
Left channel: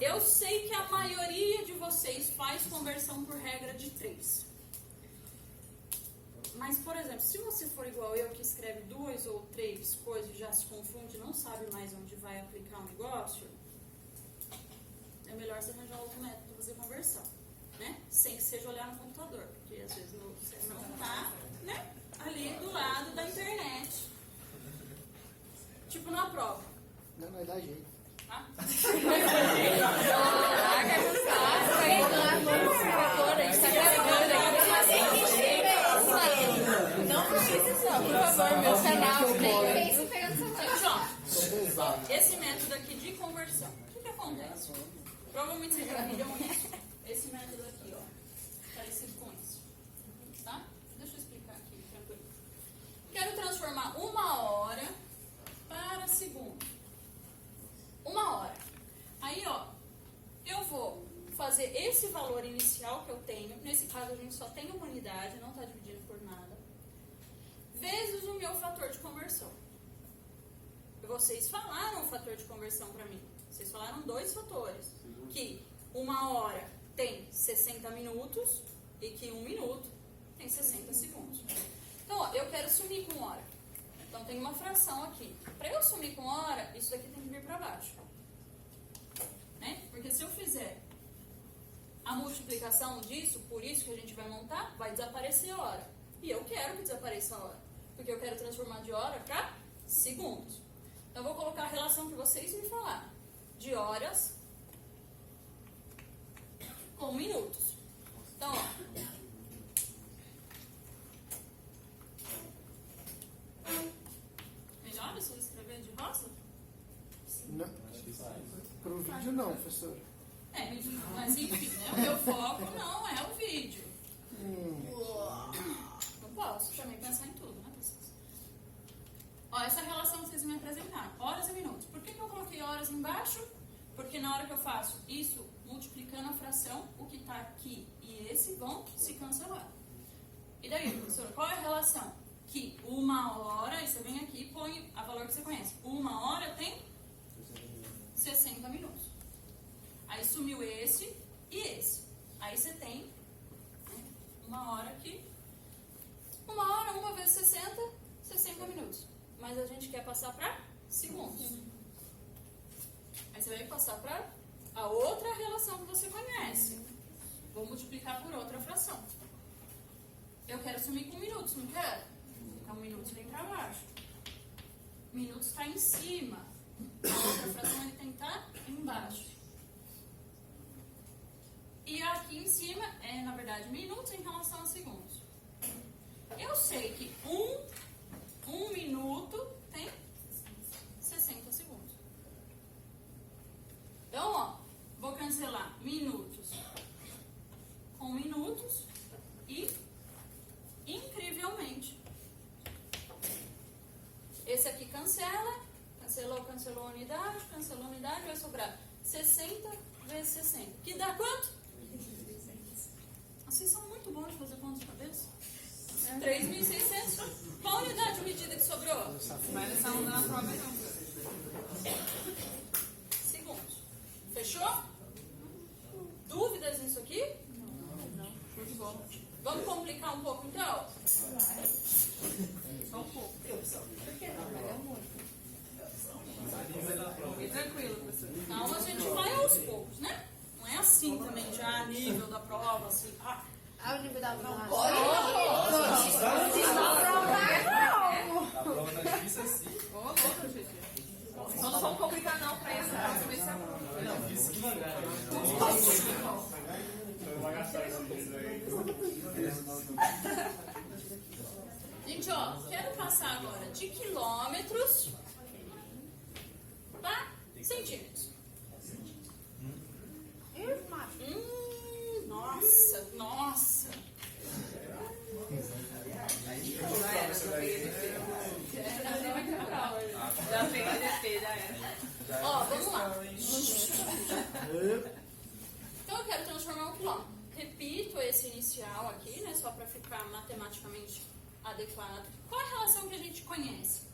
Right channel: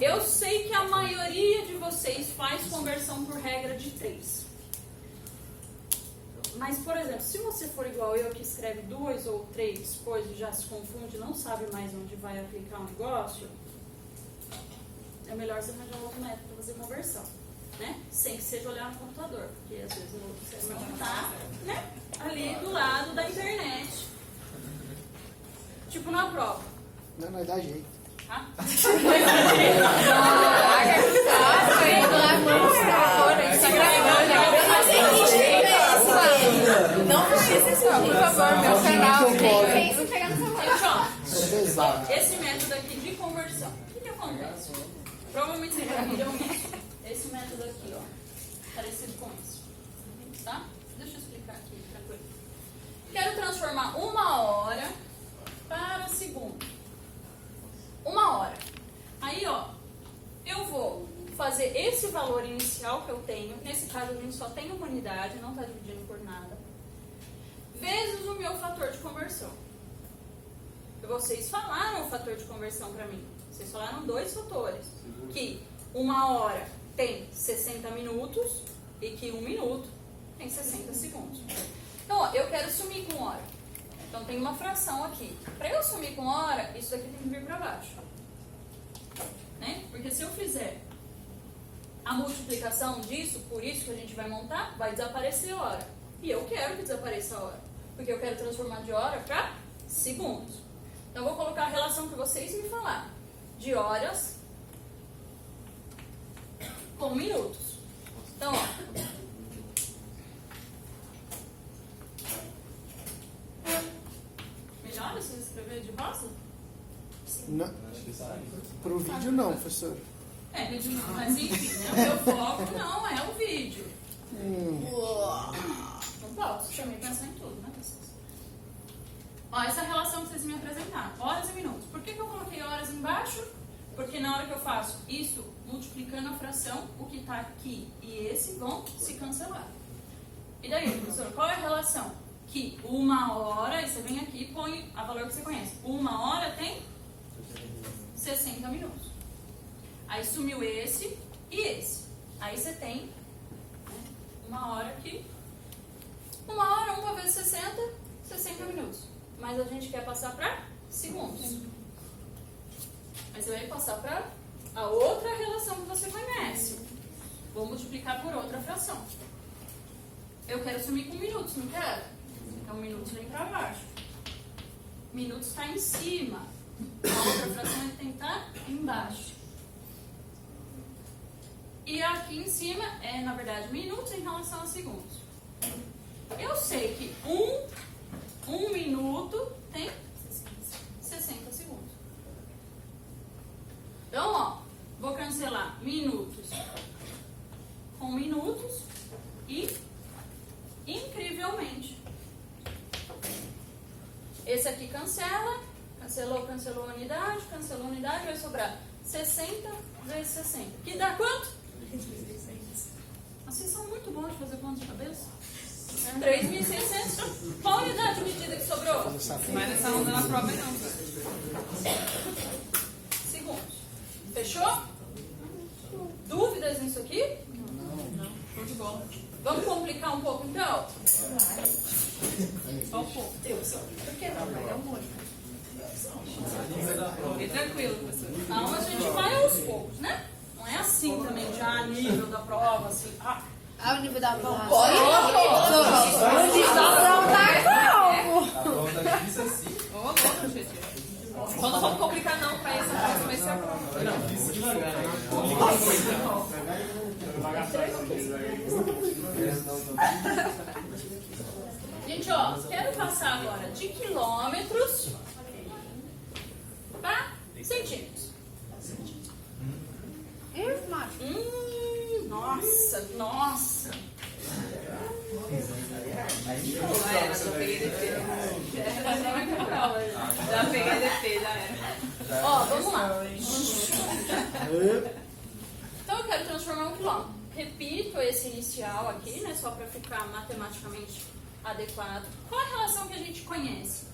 Eu sei que a maioria de vocês faz conversão por regra de 3. Mas, por exemplo, se você for igual eu, que escreve 2 ou 3 coisas, já se confunde, não sabe mais onde vai aplicar um negócio, é melhor você arranjar outro método para fazer conversão, né? Sem que seja olhar no computador, porque às vezes você não está, né, ali do lado da internet. Tipo na prova. Não, dá jeito. Tá? Pesado. Esse método aqui de conversão, o que acontece? Provavelmente vocês já viram isso. Esse método aqui, ó, parecido com esse. Tá? Deixa eu explicar aqui, tranquilo. Quero transformar 1 hora para segundo. 1 hora. Aí, ó, eu vou fazer esse valor inicial que eu tenho. Nesse caso, a gente só tem uma unidade, não está dividindo por nada. Vezes o meu fator de conversão. Vocês falaram o fator de conversão para mim. Vocês falaram 2 fatores. Que 1 hora tem 60 minutos e que 1 minuto tem 60 segundos. Então, ó, eu quero sumir com hora. Então, tem uma fração aqui. Para eu sumir com hora, isso daqui tem que vir para baixo. Né? Porque se eu fizer a multiplicação disso, por isso que a gente vai montar, vai desaparecer hora. E eu quero que desapareça a hora. Porque eu quero transformar de hora para segundos. Então, eu vou colocar a relação que vocês me falaram. De horas com minutos. Então, ó. Melhor se eu escrever de rosa? Não. Pro vídeo não, professor. É, vídeo não. Mas enfim, né? O meu foco não é o vídeo. Não posso também pensar em tudo, né, pessoas? Ó, essa relação que vocês me apresentaram, horas e minutos. Por que eu coloquei horas embaixo? Porque na hora que eu faço isso, multiplicando a fração, o que está aqui e esse vão se cancelar. E daí, professor, qual é a relação? Que 1 hora, aí você vem aqui e põe a valor que você conhece. 1 hora tem 60 minutos. Aí sumiu esse e esse. Aí você tem 1 hora aqui. 1 hora, 1 vezes 60, 60 minutos. Mas a gente quer passar para segundos. Mas eu ia passar para a outra relação que você conhece. Vou multiplicar por outra fração. Eu quero sumir com minutos, não quero? Então, minutos vem para baixo. Minutos está em cima. A outra fração ele tem que estar embaixo. E aqui em cima é, na verdade, minutos em relação a segundos. Eu sei que um minuto tem 60 segundos. Então, ó, vou cancelar minutos com minutos e, incrivelmente, esse aqui cancelou a unidade, vai sobrar 60 vezes 60. Que dá quanto? Vocês são muito bons de fazer conta de cabeça. 3.600. Qual a unidade de medida que sobrou? Mas essa onda na prova não. Segundos. Fechou? Dúvidas nisso aqui? Não. Show de bola. Vamos complicar um pouco então? Só um pouco. Por que não? É um monte. Fique tranquilo, professor. Então a gente vai aos poucos, né? Não é assim também, já a nível da prova, assim. Ah, o nível da prova. Pode. O nível da prova A prova tá difícil assim. Ô, louco, gente. Então não vamos complicar não, pra essa próxima vai ser a prova. Não, difícil devagar. Gente, ó, quero passar agora de quilômetros para centímetros. Nossa. Já era, já peguei DP. Já peguei DP, já era. Ó, vamos lá. Então eu quero transformar um quilômetro. Repito esse inicial aqui, né? Só para ficar matematicamente adequado. Qual a relação que a gente conhece?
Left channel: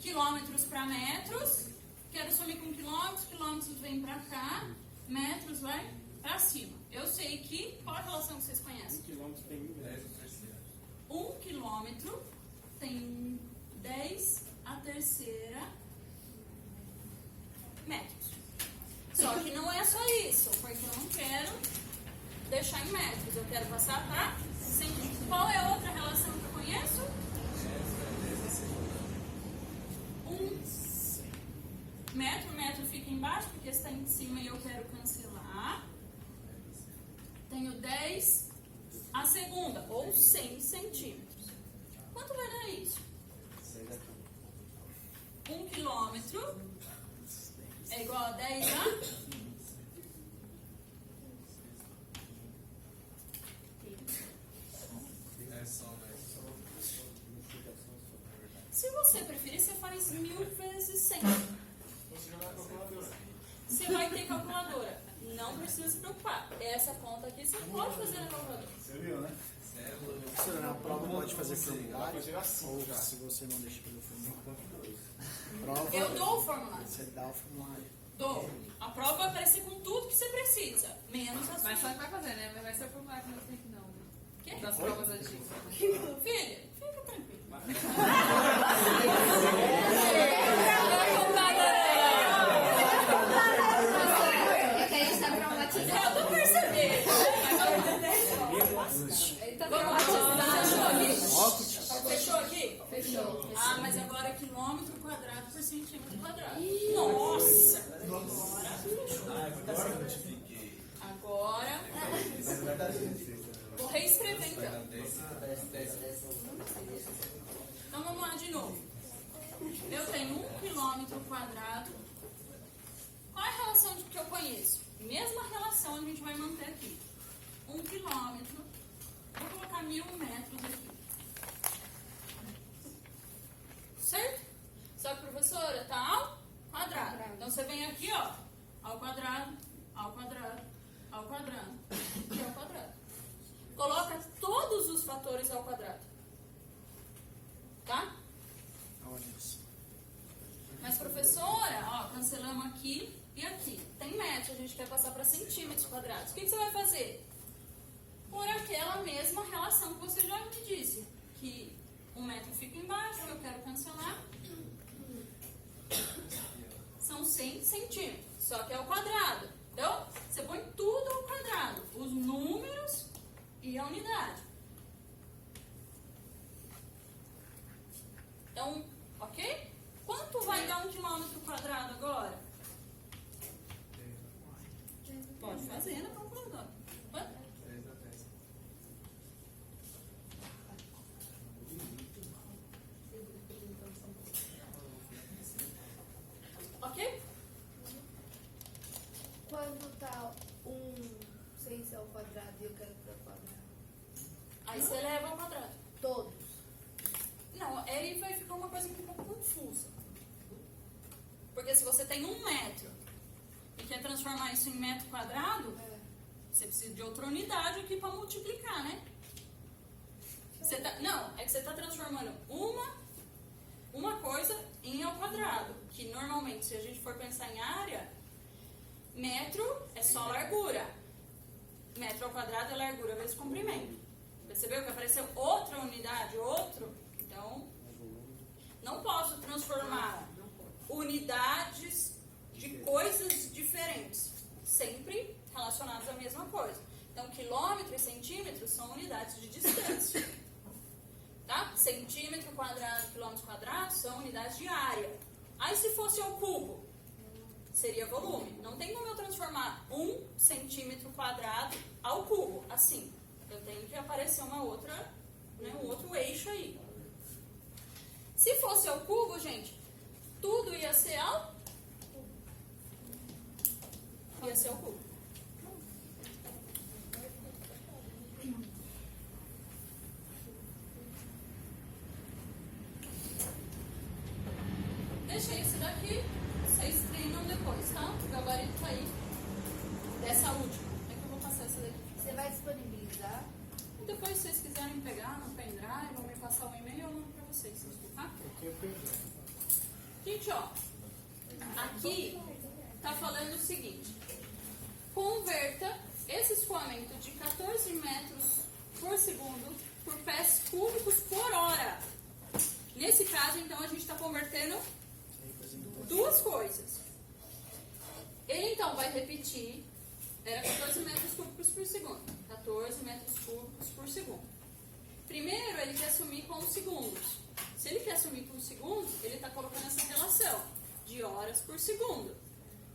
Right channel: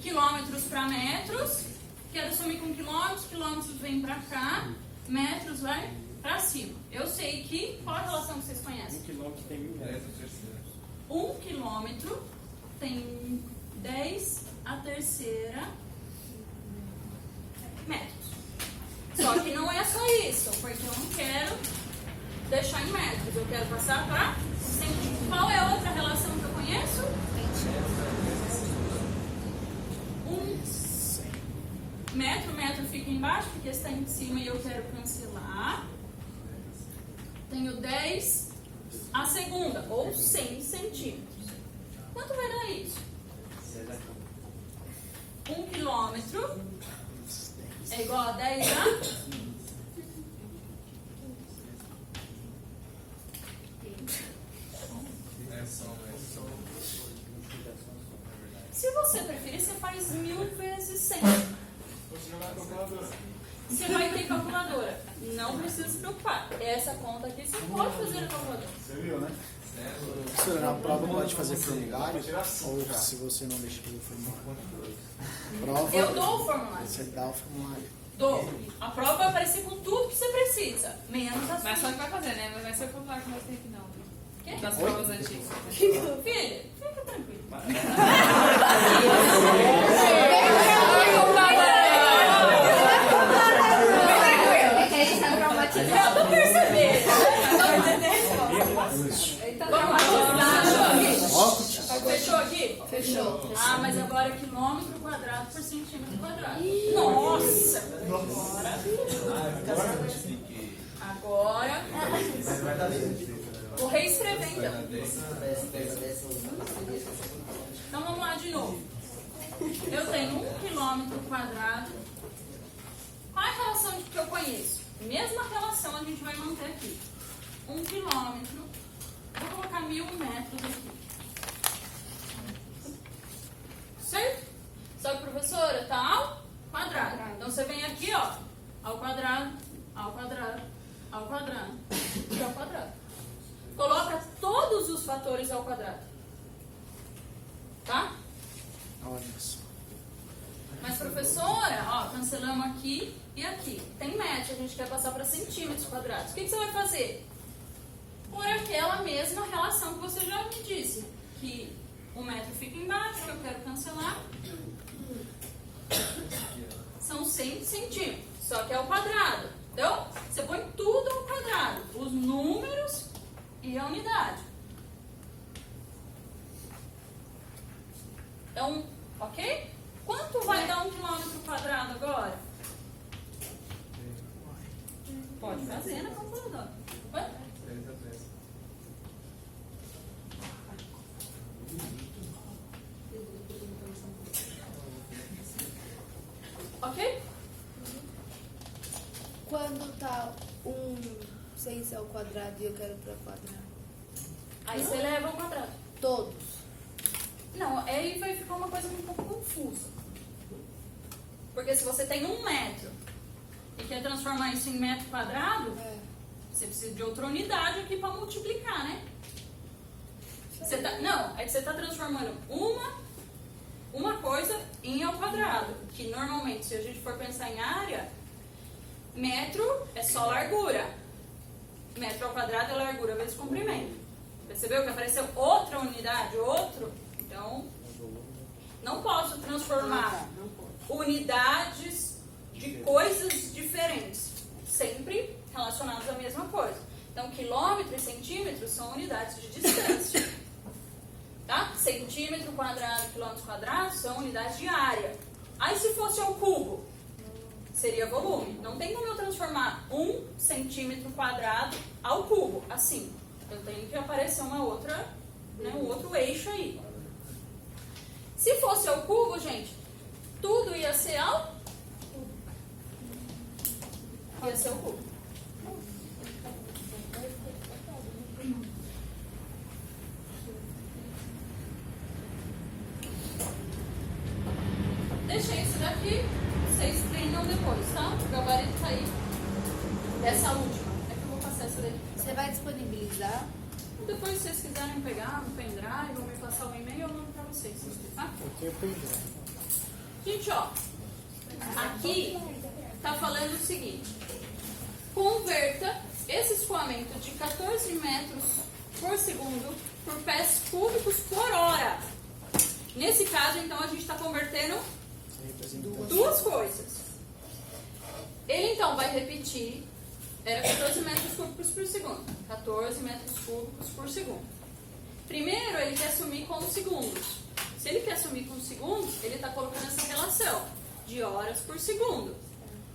Quilômetros para metros. Quero sumir com quilômetros. Quilômetros vem para cá. Metros vai para cima. Eu sei que... Qual a relação que vocês conhecem? 1 quilômetro tem 1000 1 quilômetro tem 10 a terceira metros. Só que não é só isso, porque eu não quero deixar em metros, eu quero passar para centímetros. Qual é a outra relação que eu conheço? Metro fica embaixo, porque está em cima e eu quero cancelar. Tenho 10 a segunda, ou 100 centímetros. Quanto vai dar isso? 1 km quilômetro é igual a 10 a... Se você preferir, você faz 1000 vezes 100. Você vai ter calculadora. Não precisa se preocupar. Essa conta aqui você pode fazer na calculadora. Você viu, né? Professora, na prova pode fazer formulário, ou se você não deixa fazer formulário. Prova, Eu dou o formulário. você dá o formulário. Dou. A prova vai aparecer com tudo que você precisa. Menos as Mas só que vai fazer, né? Mas vai ser o formulário que nós temos aqui não. Quê? Das provas antigas. Filha, fica tranquilo. É que a gente tá traumatizado. Eu tô percebendo. Tá entendendo? Vamos lá. Fechou aqui? Fechou. Ah, mas agora é quilômetro quadrado por centímetro quadrado. Nossa! Agora. Vou reescrever então. Então vamos lá de novo. Eu tenho 1 quilômetro quadrado. Qual é a relação que eu conheço? Mesma relação a gente vai manter aqui. 1 quilômetro. Vou colocar 1000 metros aqui. Certo? Só que, professora, tá ao quadrado. Então você vem aqui, ó. Ao quadrado, ao quadrado, ao quadrado e ao quadrado. Coloca todos os fatores ao quadrado. Tá? Olha só. Mas, professora, ó, cancelamos aqui e aqui. Tem metro, a gente quer passar para centímetros quadrados. O que você vai fazer? Por aquela mesma relação que você já me disse. Que o metro fica embaixo, que eu quero cancelar. São 100 centímetros. Só que é ao quadrado. Então, você põe tudo ao quadrado. Os números e a unidade. Então, ok? Quanto vai dar 1 quilômetro quadrado agora? Pode fazer na calculadora. Vai. Ok? Quando tá 6 ao quadrado e eu quero para quadrado? Aí você leva ao quadrado. Todos. Não, aí vai ficar uma coisa um pouco confusa. Porque se você tem 1 metro e quer transformar isso em metro quadrado, você precisa de outra unidade aqui para multiplicar, né? Não, é que você está transformando uma coisa em ao quadrado. Que normalmente, se a gente for pensar em área, metro é só largura. Metro ao quadrado é largura vezes comprimento. Percebeu que apareceu outra unidade, outro? Então, não posso transformar unidades de coisas diferentes, sempre relacionadas à mesma coisa. Então, quilômetro e centímetro são unidades de distância. Tá? Centímetro quadrado, quilômetro quadrado são unidades de área. Aí, se fosse ao cubo, seria volume. Não tem como eu transformar 1 centímetro quadrado ao cubo, assim. Eu tenho que aparecer uma outra, né, um outro eixo aí. Se fosse ao cubo, gente, tudo ia ser ao cubo. Ia ser ao cubo. Deixei isso daqui, vocês treinam depois, tá? O gabarito tá aí. Dessa última. É que eu vou passar essa daqui. Você vai disponibilizar? Depois, se vocês quiserem pegar no pendrive, eu vou passar o e-mail e eu mando pra vocês, tá? Eu tenho pendrive. Gente, ó, aqui tá falando o seguinte: converta esse escoamento de 14 metros por segundo por pés cúbicos por hora. Nesse caso, então, a gente está convertendo duas coisas. Ele, então, vai repetir. Era 14 metros cúbicos por segundo. 14 metros cúbicos por segundo. Primeiro, ele quer assumir com os segundos. Se ele quer assumir com os segundos, ele está colocando essa relação de horas por segundo.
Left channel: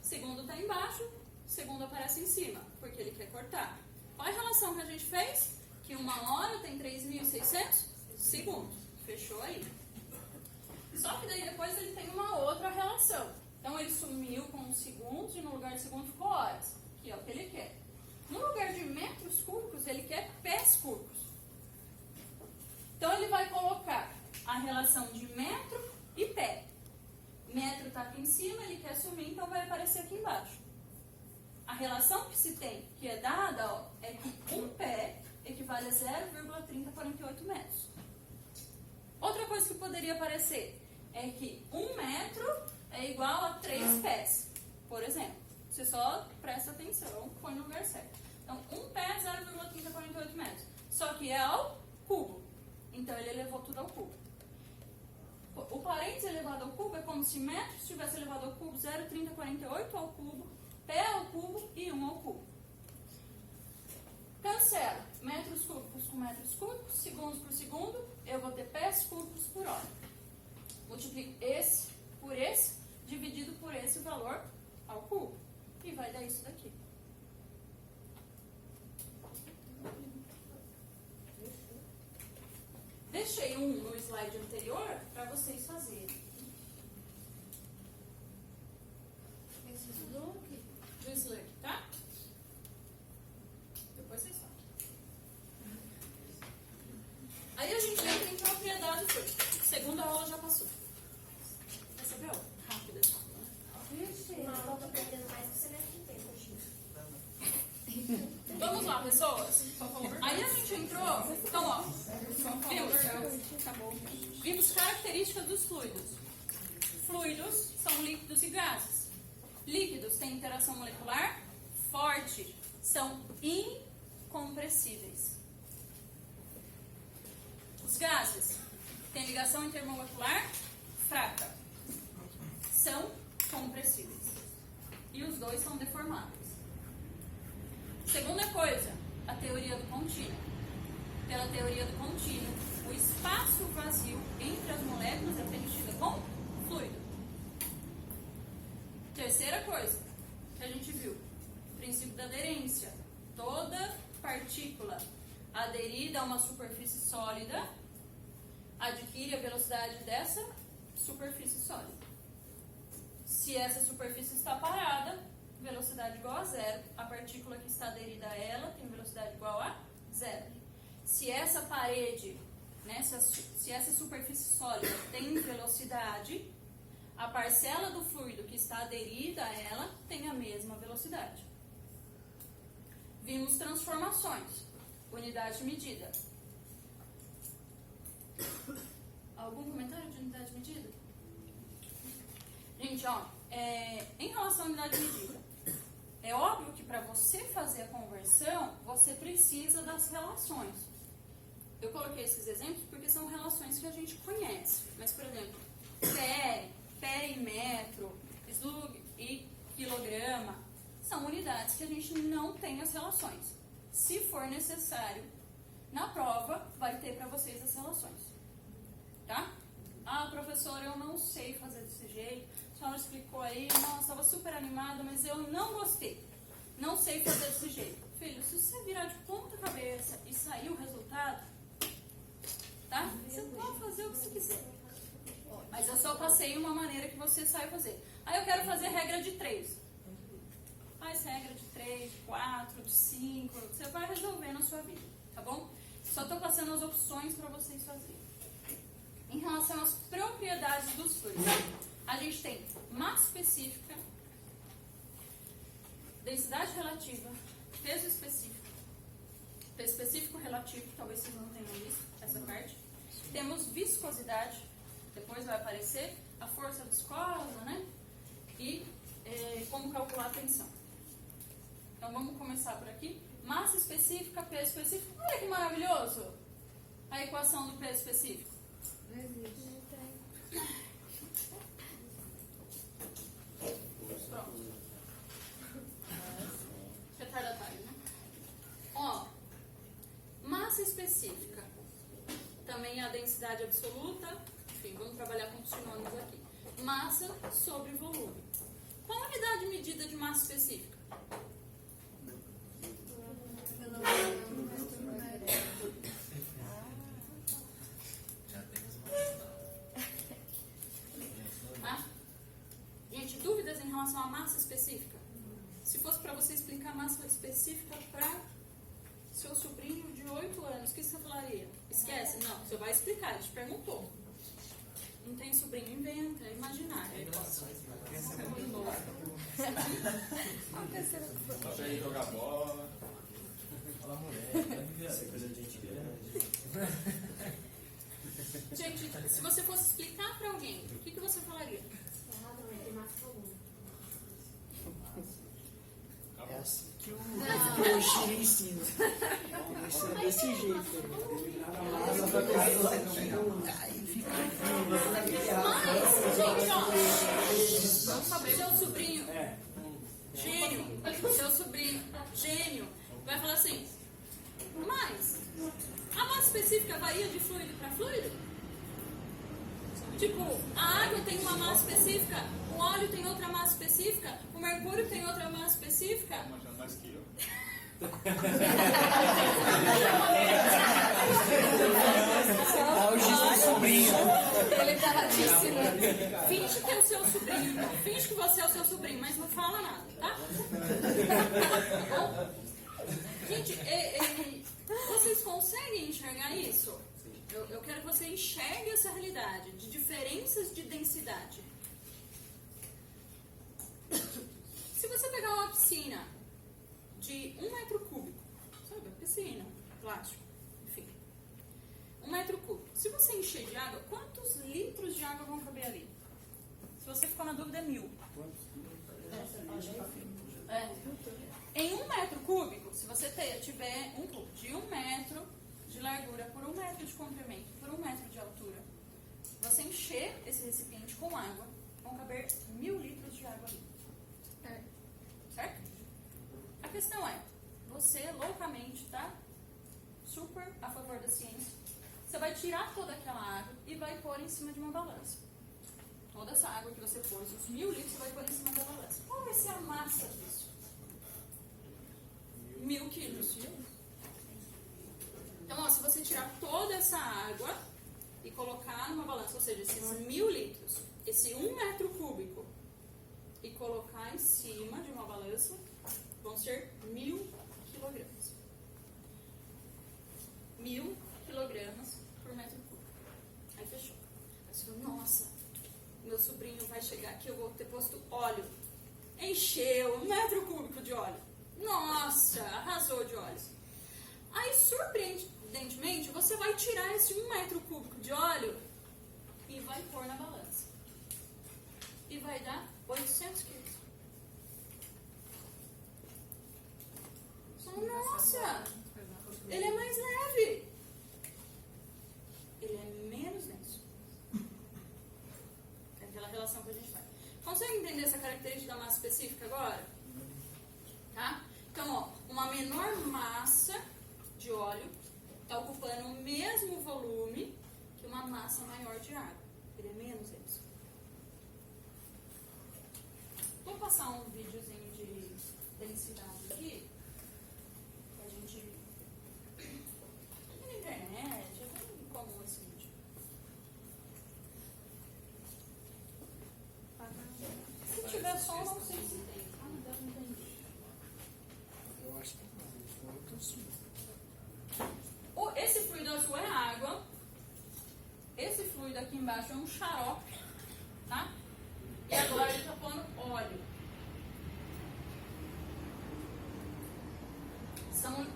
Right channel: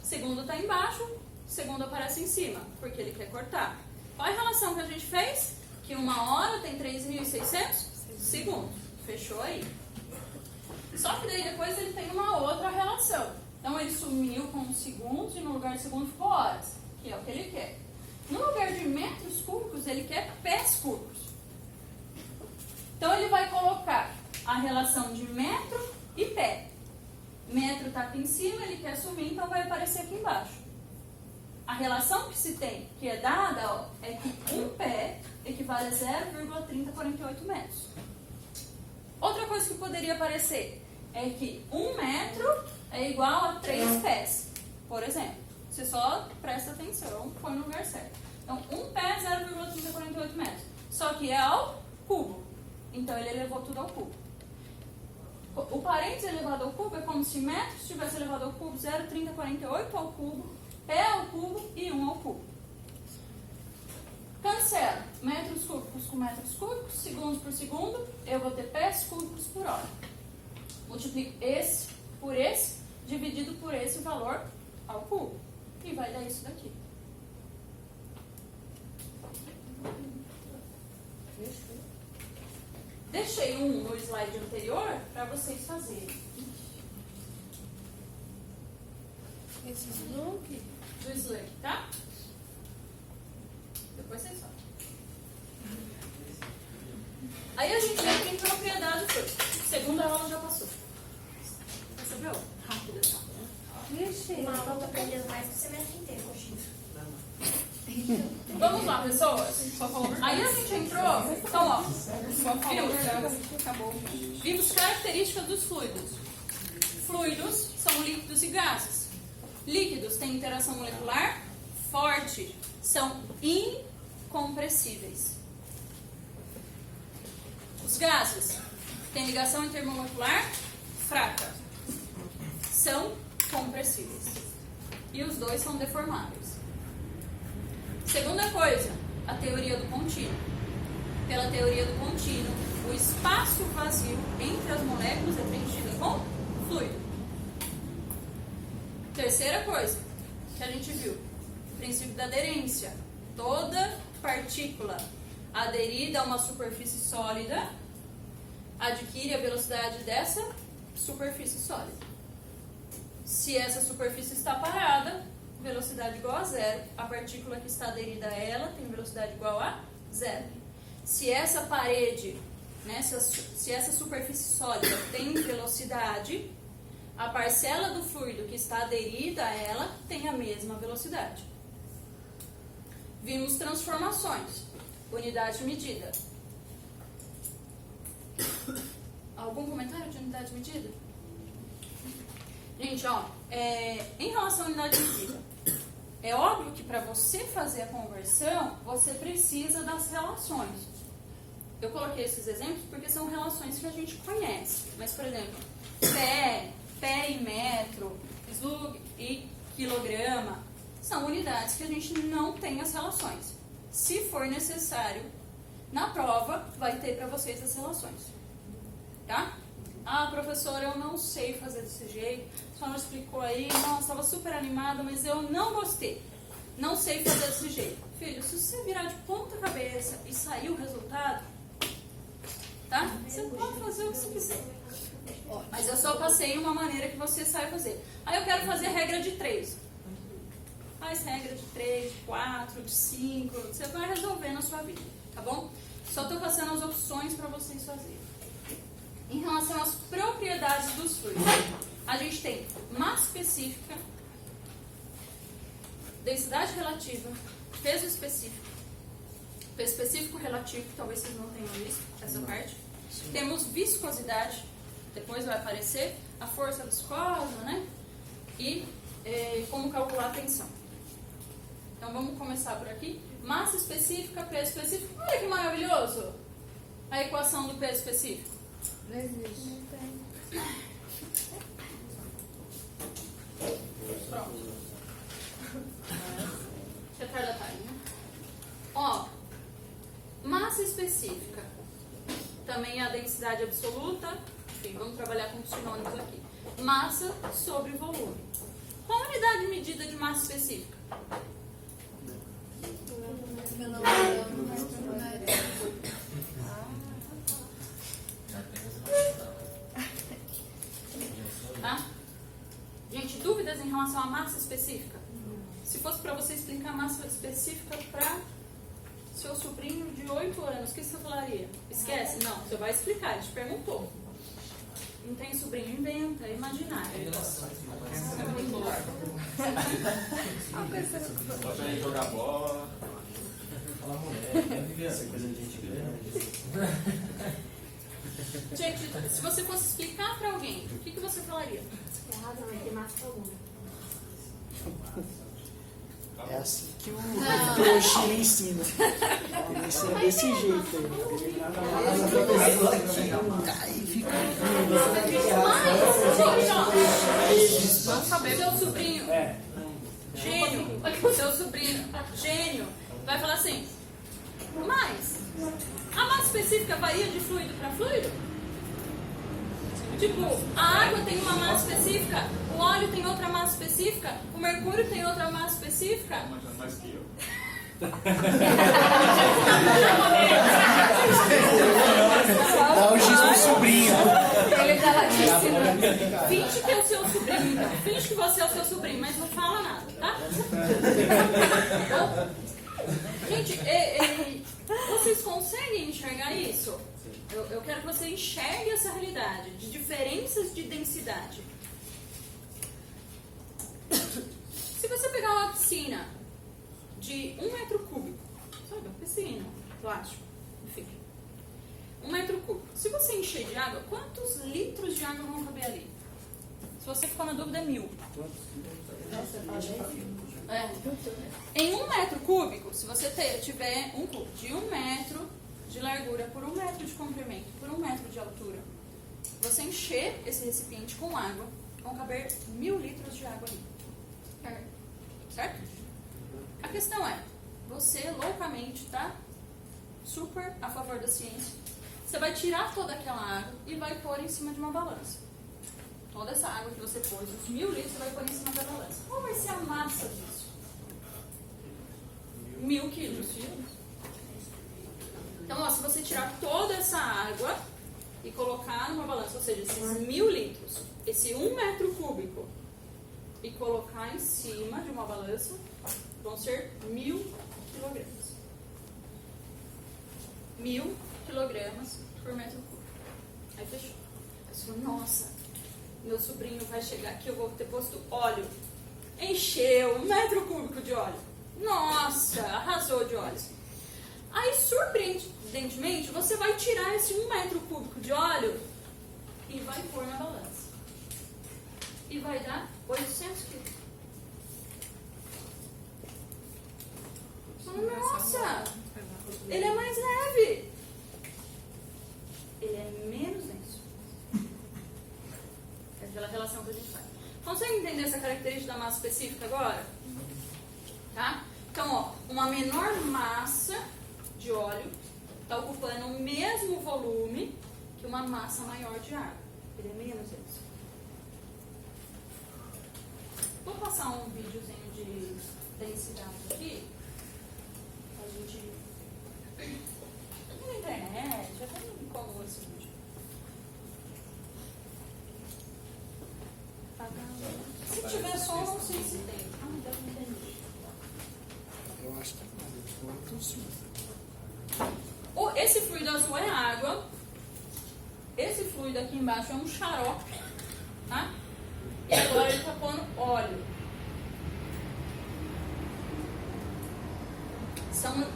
Segundo está embaixo, segundo aparece em cima, porque ele quer cortar. Qual é a relação que a gente fez? Que 1 hora tem 3.600 segundos. Fechou aí. Só que daí depois ele tem uma outra relação. Então ele sumiu com segundos e no lugar de segundo ficou horas, que é o que ele quer. No lugar de metros cúbicos, ele quer pés cúbicos. Então ele vai colocar a relação de metro e pé. Metro está aqui em cima, ele quer sumir, então vai aparecer aqui embaixo. A relação que se tem, que é dada, ó, é que um pé equivale a 0,3048 metros. Outra coisa que poderia aparecer é que 1 metro é igual a 3 pés, por exemplo. Você só presta atenção, põe no lugar certo. Então, 1 pé é 0,3048 metros. Só que é ao cubo. Então, ele elevou tudo ao cubo. O parênteses elevado ao cubo é como se metros tivesse elevado ao cubo 0,3048 ao cubo, pé ao cubo e 1 ao cubo. Cancela metros cúbicos com metros cúbicos, segundos por segundo, eu vou ter pés cúbicos por hora. Multiplico esse por esse, dividido por esse valor ao cubo. E vai dar isso daqui. Deixei um no slide anterior para vocês fazerem. Esse slug? Do slug, tá? Depois vocês fazem. Aí a gente entra em propriedade do segunda aula já passou. Percebeu? Rápido essa aula. Uma aula eu tô aprendendo mais que o semestre inteiro, coxinha. Vamos lá, pessoas. Aí a gente entrou. Então, ó. Vimos características dos fluidos. Fluidos são líquidos e gases. Líquidos têm interação molecular forte, são incompressíveis. Os gases têm ligação intermolecular fraca, são compressíveis. E os dois são deformáveis. Segunda coisa, a teoria do contínuo. Pela teoria do contínuo, o espaço vazio entre as moléculas é preenchido com fluido. Terceira coisa que a gente viu, o princípio da aderência. Toda partícula aderida a uma superfície sólida adquire a velocidade dessa superfície sólida. Se essa superfície está parada, velocidade igual a zero. A partícula que está aderida a ela tem velocidade igual a zero. Se essa parede, né, se essa superfície sólida tem velocidade, a parcela do fluido que está aderida a ela tem a mesma velocidade. Vimos transformações, unidade de medida. Algum comentário de unidade de medida? Gente, ó, em relação à unidade de medida, é óbvio que para você fazer a conversão, você precisa das relações. Eu coloquei esses exemplos porque são relações que a gente conhece. Mas, por exemplo, pé e metro, slug e quilograma, são unidades que a gente não tem as relações. Se for necessário, na prova, vai ter para vocês as relações. Tá? Ah, professora, eu não sei fazer desse jeito. A senhora explicou aí, nossa, estava super animada, mas eu não gostei. Não sei fazer desse jeito. Filho, se você virar de ponta cabeça e sair o resultado, tá? Você pode fazer o que você quiser. Mas eu só passei uma maneira que você sabe fazer. Aí eu quero fazer regra de 3. Faz regra de 3, de 4, de 5. Você vai resolvendo a sua vida, tá bom? Só estou passando as opções para vocês fazerem. Em relação às propriedades dos fluidos, a gente tem massa específica, densidade relativa, peso específico relativo, talvez vocês não tenham visto essa parte. Temos viscosidade, depois vai aparecer a força viscosa, né? E como calcular a tensão. Então vamos começar por aqui. Massa específica, peso específico. Olha que maravilhoso! A equação do peso específico. Não existe. Pronto. Retardatário, né? Ó, massa específica. Também a densidade absoluta. Enfim, vamos trabalhar com sinônimos aqui. Massa sobre volume. Qual a unidade de medida de massa específica? massa específica? Se fosse para você explicar massa específica para seu sobrinho de 8 anos, o que você falaria? Esquece? Não, você vai explicar, ele te perguntou. Não tem sobrinho, inventa, é imaginário. É muito louco. Só pra ele jogar bola. Fala mulher, essa coisa de gente grande. Gente, se você fosse explicar para alguém, o que você falaria? Errado, vai ter massa alguma. É assim que o Oshiro ensina. Ele ensina desse jeito aí. Fica Não saber. Seu sobrinho, gênio, seu sobrinho, gênio, vai falar assim, mas a massa específica varia de fluido para fluido? Tipo, a água tem uma massa específica, o óleo tem outra massa específica, o mercúrio tem outra massa específica. Imaginando mais que eu. Dá o giz pro sobrinho. Ele tá lá te ensinando. Finge que é o seu sobrinho, então. Finge que você é o seu sobrinho, mas não fala nada, tá? Gente, vocês conseguem enxergar isso? Eu quero que você enxergue essa realidade de diferenças de densidade. Se você pegar uma piscina de 1 metro cúbico, sabe, piscina, plástico, enfim, 1 metro cúbico. Se você encher de água, quantos litros de água vão caber ali? Se você ficou na dúvida, é 1000. Em 1 metro cúbico, se você tiver um cubo de 1 metro de largura por 1 metro de comprimento, por 1 metro de altura, você encher esse recipiente com água, vão caber 1000 litros de água ali. Certo? A questão é, você loucamente tá super a favor da ciência, você vai tirar toda aquela água e vai pôr em cima de uma balança. Toda essa água que você pôs, os 1000 litros, você vai pôr em cima da balança. Qual vai ser a massa disso? 1000 quilos. Então, ó, se você tirar toda essa água e colocar numa balança, ou seja, esses 1000 litros, esse 1 metro cúbico, e colocar em cima de uma balança, vão ser 1000 quilogramas. 1000 quilogramas por metro cúbico. Aí fechou. Aí você falou, nossa, meu sobrinho vai chegar aqui, eu vou ter posto óleo. Encheu 1 metro cúbico de óleo. Nossa, arrasou de óleo. Aí, surpreendentemente, você vai tirar esse 1 metro cúbico de óleo e vai pôr na balança. E vai dar 800 quilos. Nossa, ele é mais leve. Ele é menos denso. É aquela relação que a gente faz. Consegue entender essa característica da massa específica agora? Tá? Então, ó, uma menor massa de óleo está ocupando o mesmo volume que uma massa maior de água. Ele é menos denso. Vou passar um videozinho de densidade aqui. A gente... na internet, é tão comum esse vídeo. Se tiver som, não sei se tem. Então não entendi. Eu acho que não. Quanto sim. Esse fluido azul é água. Esse fluido aqui embaixo é um xarope. Tá? E agora ele está pondo óleo.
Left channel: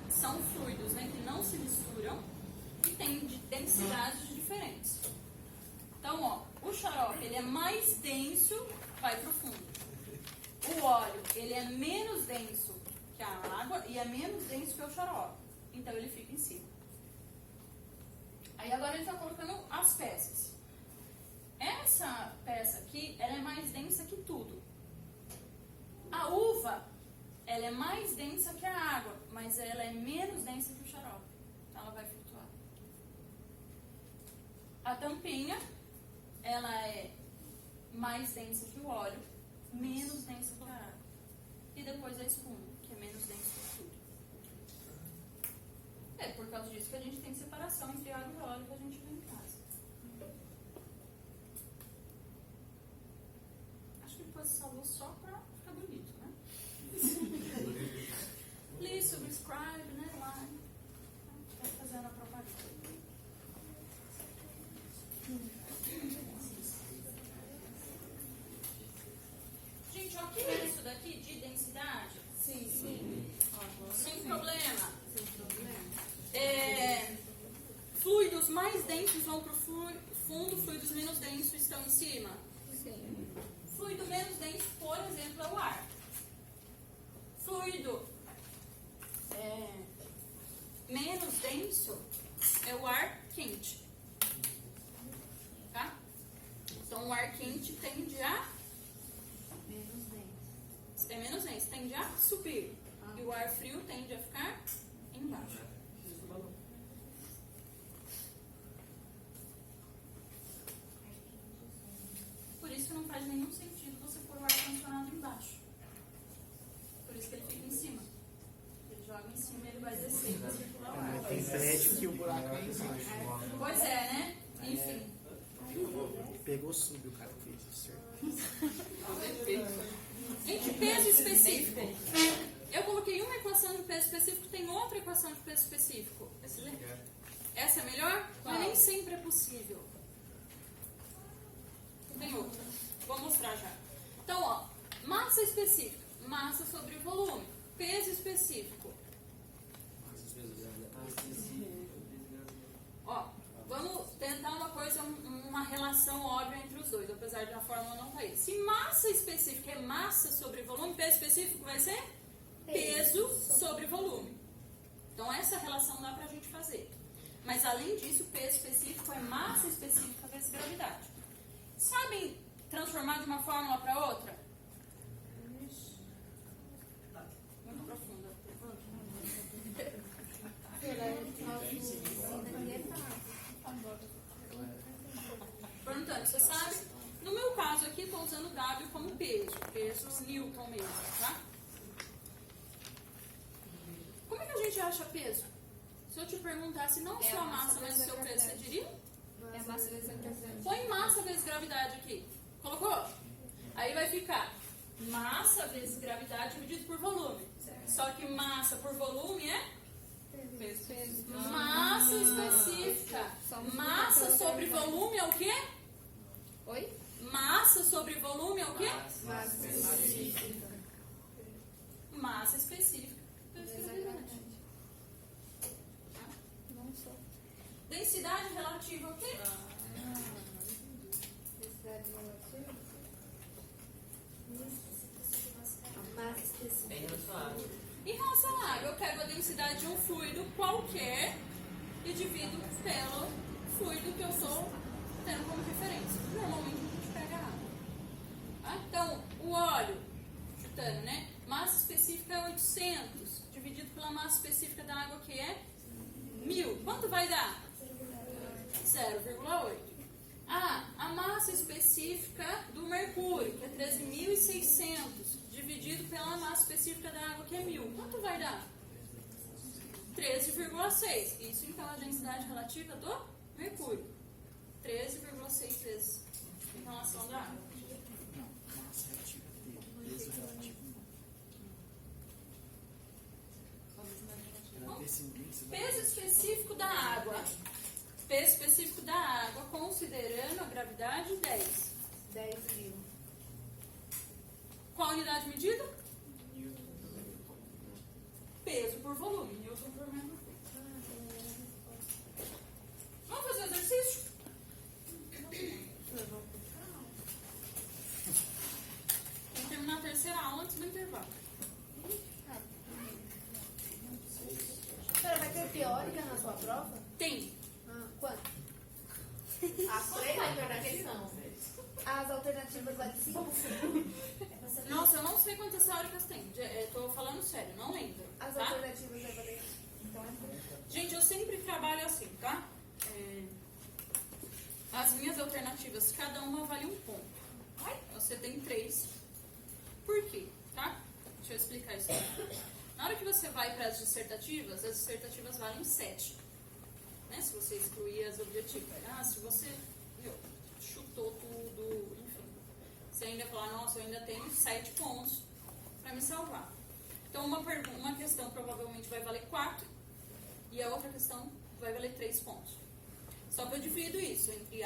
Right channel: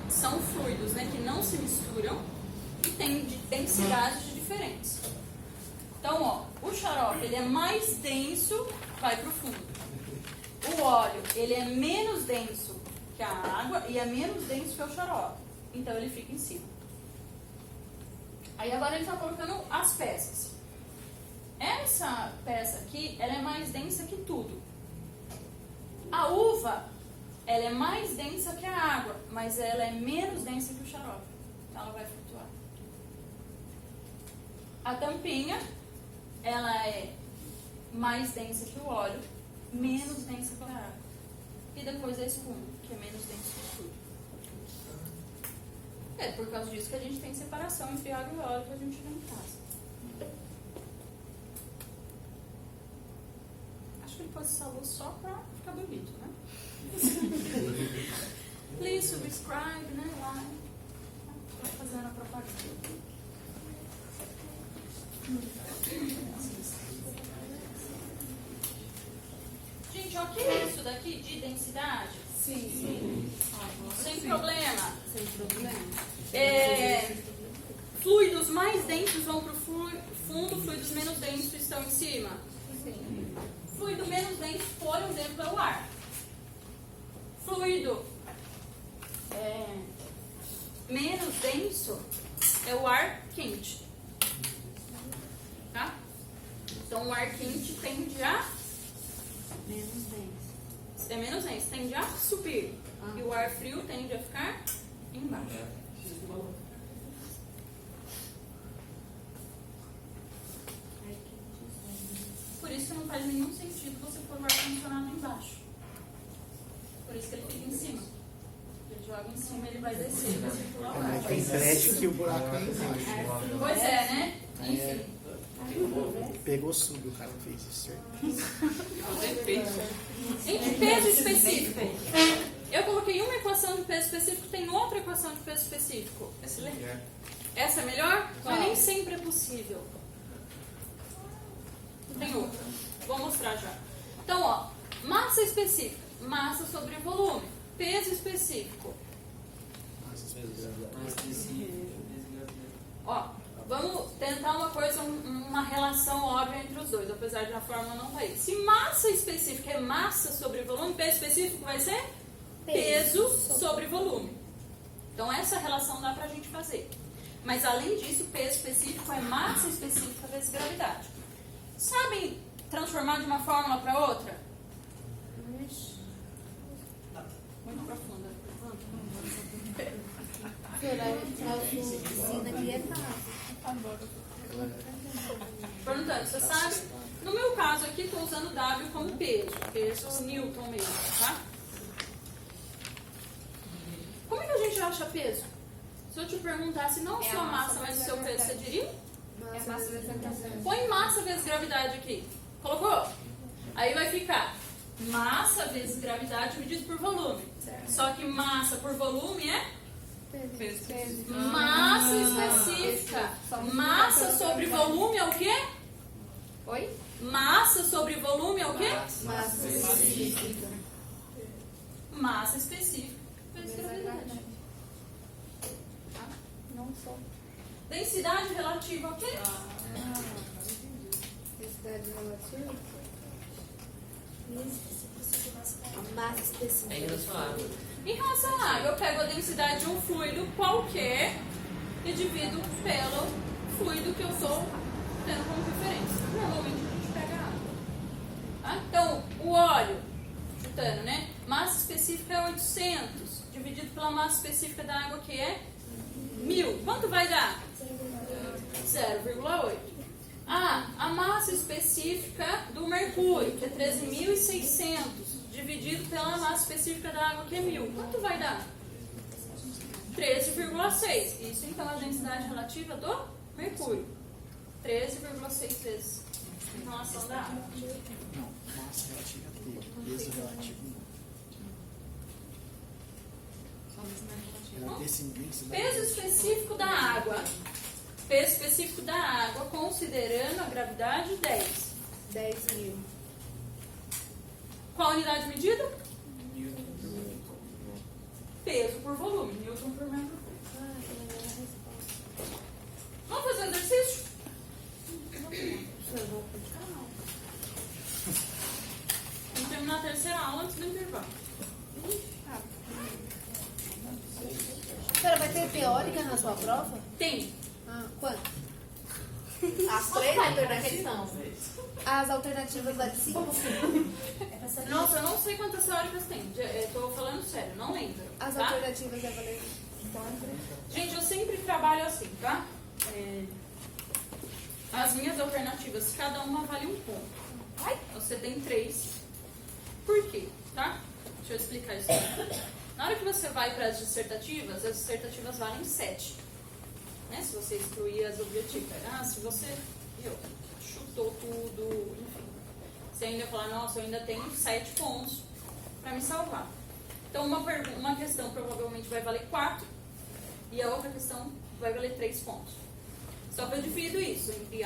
São fluidos, né, que não se misturam e têm densidades diferentes. Então, ó, o xarope ele é mais denso, vai para o fundo. O óleo ele é menos denso que a água e é menos denso que o xarope. Então ele fica em cima. Aí agora ele está colocando as peças. Essa peça aqui, ela é mais densa que tudo. A uva, ela é mais densa que a água, mas ela é menos densa que o xarope. Então ela vai flutuar. A tampinha, ela é mais densa que o óleo, menos densa que a água. E depois a espuma, que é menos densa que tudo. É por causa disso que a gente tem separação entre água e óleo que a gente vê em casa. Acho que com essa luz só pra ficar bonito, né? Please subscribe, né? Like. Tô fazendo a propaganda. Gente, ó, o que é isso daqui de densidade? Sim. Sem problema. Sem problema. Fluidos mais densos vão para o fundo, fluidos menos densos estão em cima. Sim. Fluido menos denso, por exemplo, é o ar. Fluido menos denso é o ar quente. Tá? Então, o ar quente tende a... Menos denso. É menos denso, tende a subir. E o ar frio tende a ficar embaixo. Por isso que não faz nenhum sentido você pôr o ar-condicionado embaixo. Por isso que ele fica em cima. Ele joga em cima e ele vai descer. Vai circular o ar. Tem prédio que o buraco é embaixo. Pois é, né? Enfim. Pegou sub o cara que fez isso. Em peso específico. Eu coloquei uma equação de peso específico, tem outra equação de peso específico. Essa é melhor? Mas nem sempre é possível. Tem outra. Vou mostrar já. Então, ó, massa específica. Massa sobre volume. Peso específico. Ó, vamos tentar uma coisa, uma relação óbvia entre os dois, apesar de a fórmula não estar aí. Se massa específica é massa sobre volume, peso específico vai ser peso sobre volume. Então, essa relação dá pra gente fazer. Mas, além disso, peso específico é massa específica vezes gravidade. Sabem transformar de uma fórmula para outra? Muito profunda. Perguntando, você sabe? No meu caso aqui, estou usando W como peso. Peso Newton mesmo, tá? Como é que a gente acha peso? Se eu te perguntasse não a sua massa, mas o seu peso, você diria? É massa vezes gravidade. Põe massa vezes gravidade aqui. Colocou? Aí vai ficar massa vezes gravidade medido por volume. Só que massa por volume é massa específica. Massa sobre volume é o quê? Oi? Massa sobre volume é o quê? Massa específica. Massa específica vezes gravidade. Tá? Não só. Densidade relativa ao quê? Densidade relativa. Massa específica. É em relação à água. Em relação à água, eu pego a densidade de um fluido qualquer e divido pelo fluido que eu estou tendo como referência. Normalmente a gente pega a água. Tá? Então, o óleo, chutando, né? Massa específica é 800, dividido pela massa específica da água, que é 1000. Quanto vai dar? 0,8. A massa específica do mercúrio, que é 13.600, dividido pela massa específica da água, que é 1000. Quanto vai dar? 13,6. Isso, então, é a densidade relativa do mercúrio. 13,6 vezes em relação da água. Não, massa relativa é peso relativo não. Peso específico da água. Peso específico da água, considerando a gravidade 10. 10.000. Qual a unidade medida? Peso por volume, Newton por metro cúbico. Vamos fazer o exercício? Vamos terminar a terceira aula antes do intervalo. Pera, vai ter teórica na sua prova? Tem. Quanto? As três alternativas. As alternativas lá de cima? Nossa, eu não sei quantas teóricas tem. Estou falando sério, não lembro. As Tá? alternativas é valer. Gente, eu sempre trabalho assim, tá? As minhas alternativas, cada uma vale um ponto. Você tem 3. Por quê? Tá? Deixa eu explicar isso aqui. Na hora que você vai para as dissertativas valem 7. Né? Se você excluir as objetivas. Se você chutou tudo, enfim. Você ainda fala, nossa, eu ainda tenho 7 pontos para me salvar. Então, uma questão provavelmente vai valer 4 e a outra questão vai valer 3 pontos. Só que eu divido isso entre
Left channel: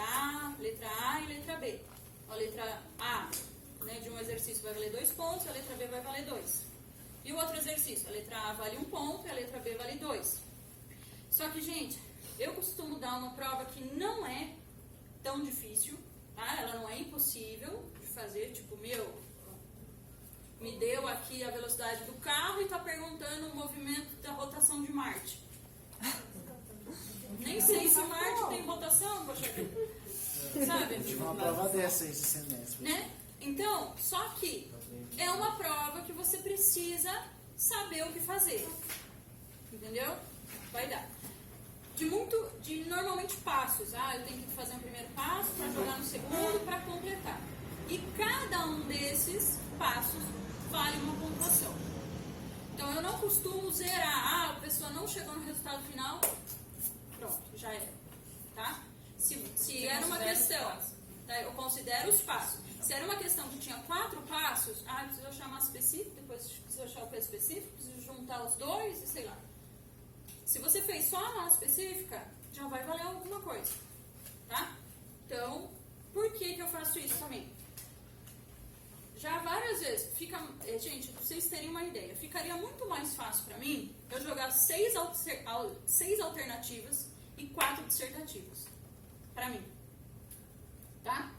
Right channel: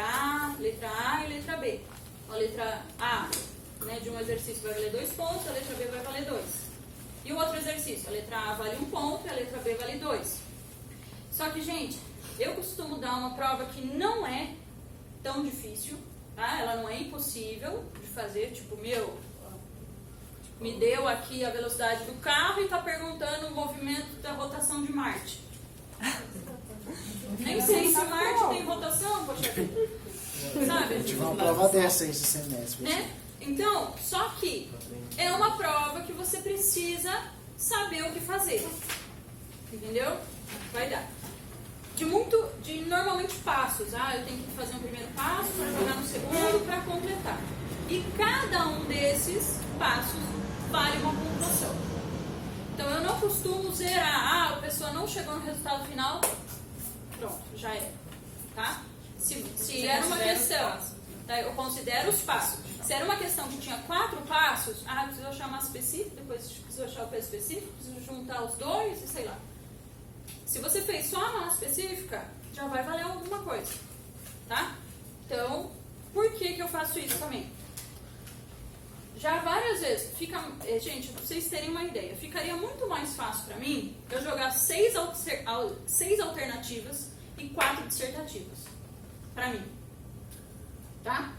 letra A e letra B. A letra A, né, de um exercício vai valer 2 pontos, a letra B vai valer 2. E o outro exercício, a letra A vale 1 ponto e a letra B vale 2. Só que, gente, eu costumo dar uma prova que não é tão difícil, tá? Ela não é impossível de fazer, tipo, me deu aqui a velocidade do carro e tá perguntando o movimento da rotação de Marte. Nem sei se Marte tem rotação, poxa vida. Sabe? Eu tive uma prova dessa esse semestre. Né? Então, só que é uma prova que você precisa saber o que fazer. Entendeu? Vai dar. De normalmente passos. Eu tenho que fazer um primeiro passo para jogar no segundo para completar. E cada um desses passos vale uma pontuação. Então eu não costumo zerar. A pessoa não chegou no resultado final, pronto, já era. Tá? Se era uma questão, tá? Eu considero os passos. Se era uma questão que tinha 4 passos, preciso achar mais específico, depois preciso achar o peso específico, preciso juntar os dois e sei lá. Se você fez só a massa específica, já vai valer alguma coisa, tá? Então, por que eu faço isso também? Já várias vezes, gente, pra vocês terem uma ideia, ficaria muito mais fácil pra mim eu jogar 6 alternativas e 4 dissertativas. Pra mim. Tá?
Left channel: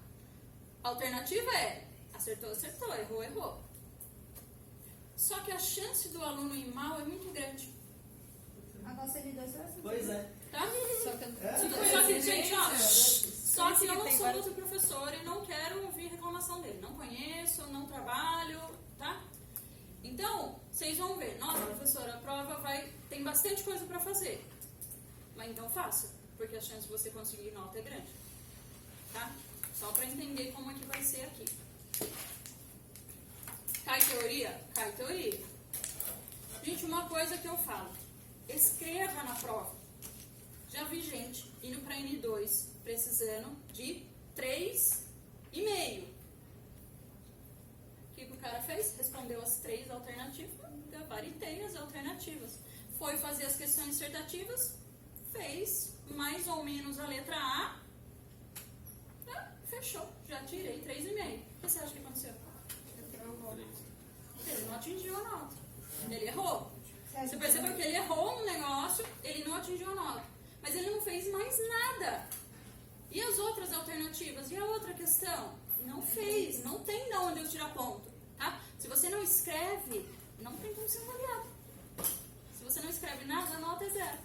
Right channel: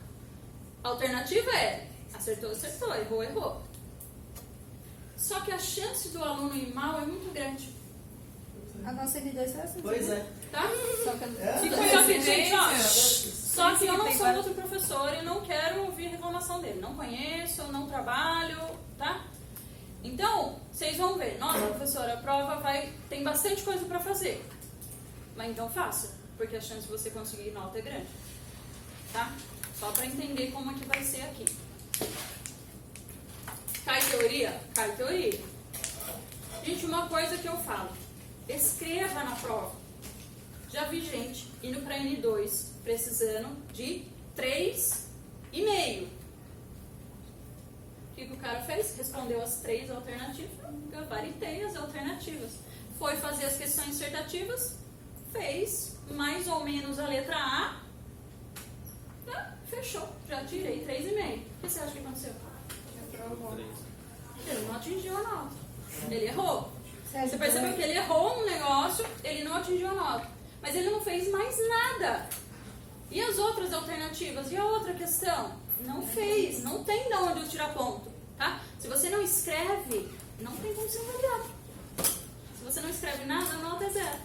A alternativa é acertou, acertou, errou, errou. Só que a chance do aluno ir mal é muito grande. A nossa N2 é assim. Pois é. Tá? Só que Só que eu não sou outro professor e não quero ouvir reclamação dele. Não conheço, não trabalho, tá? Então, vocês vão ver. Nossa, professora, a prova tem bastante coisa pra fazer. Mas então faça, porque a chance de você conseguir nota é grande. Tá? Só pra entender como é que vai ser aqui. Cai teoria? Cai teoria. Gente, uma coisa que eu falo. Escreva na prova. Já vi gente indo para N2 precisando de 3,5. O que o cara fez? Respondeu as 3 alternativas, gabaritei as alternativas. Foi fazer as questões dissertativas, fez mais ou menos a letra A, fechou, já tirei 3,5. O que você acha que aconteceu? Ele não atingiu a nota. Ele errou. Você percebeu que ele errou um negócio, ele não atingiu a nota. Mas ele não fez mais nada. E as outras alternativas? E a outra questão? Não fez. Não tem de onde eu tirar ponto. Tá? Se você não escreve, não tem como ser avaliado. Se você não escreve nada, a nota é 0.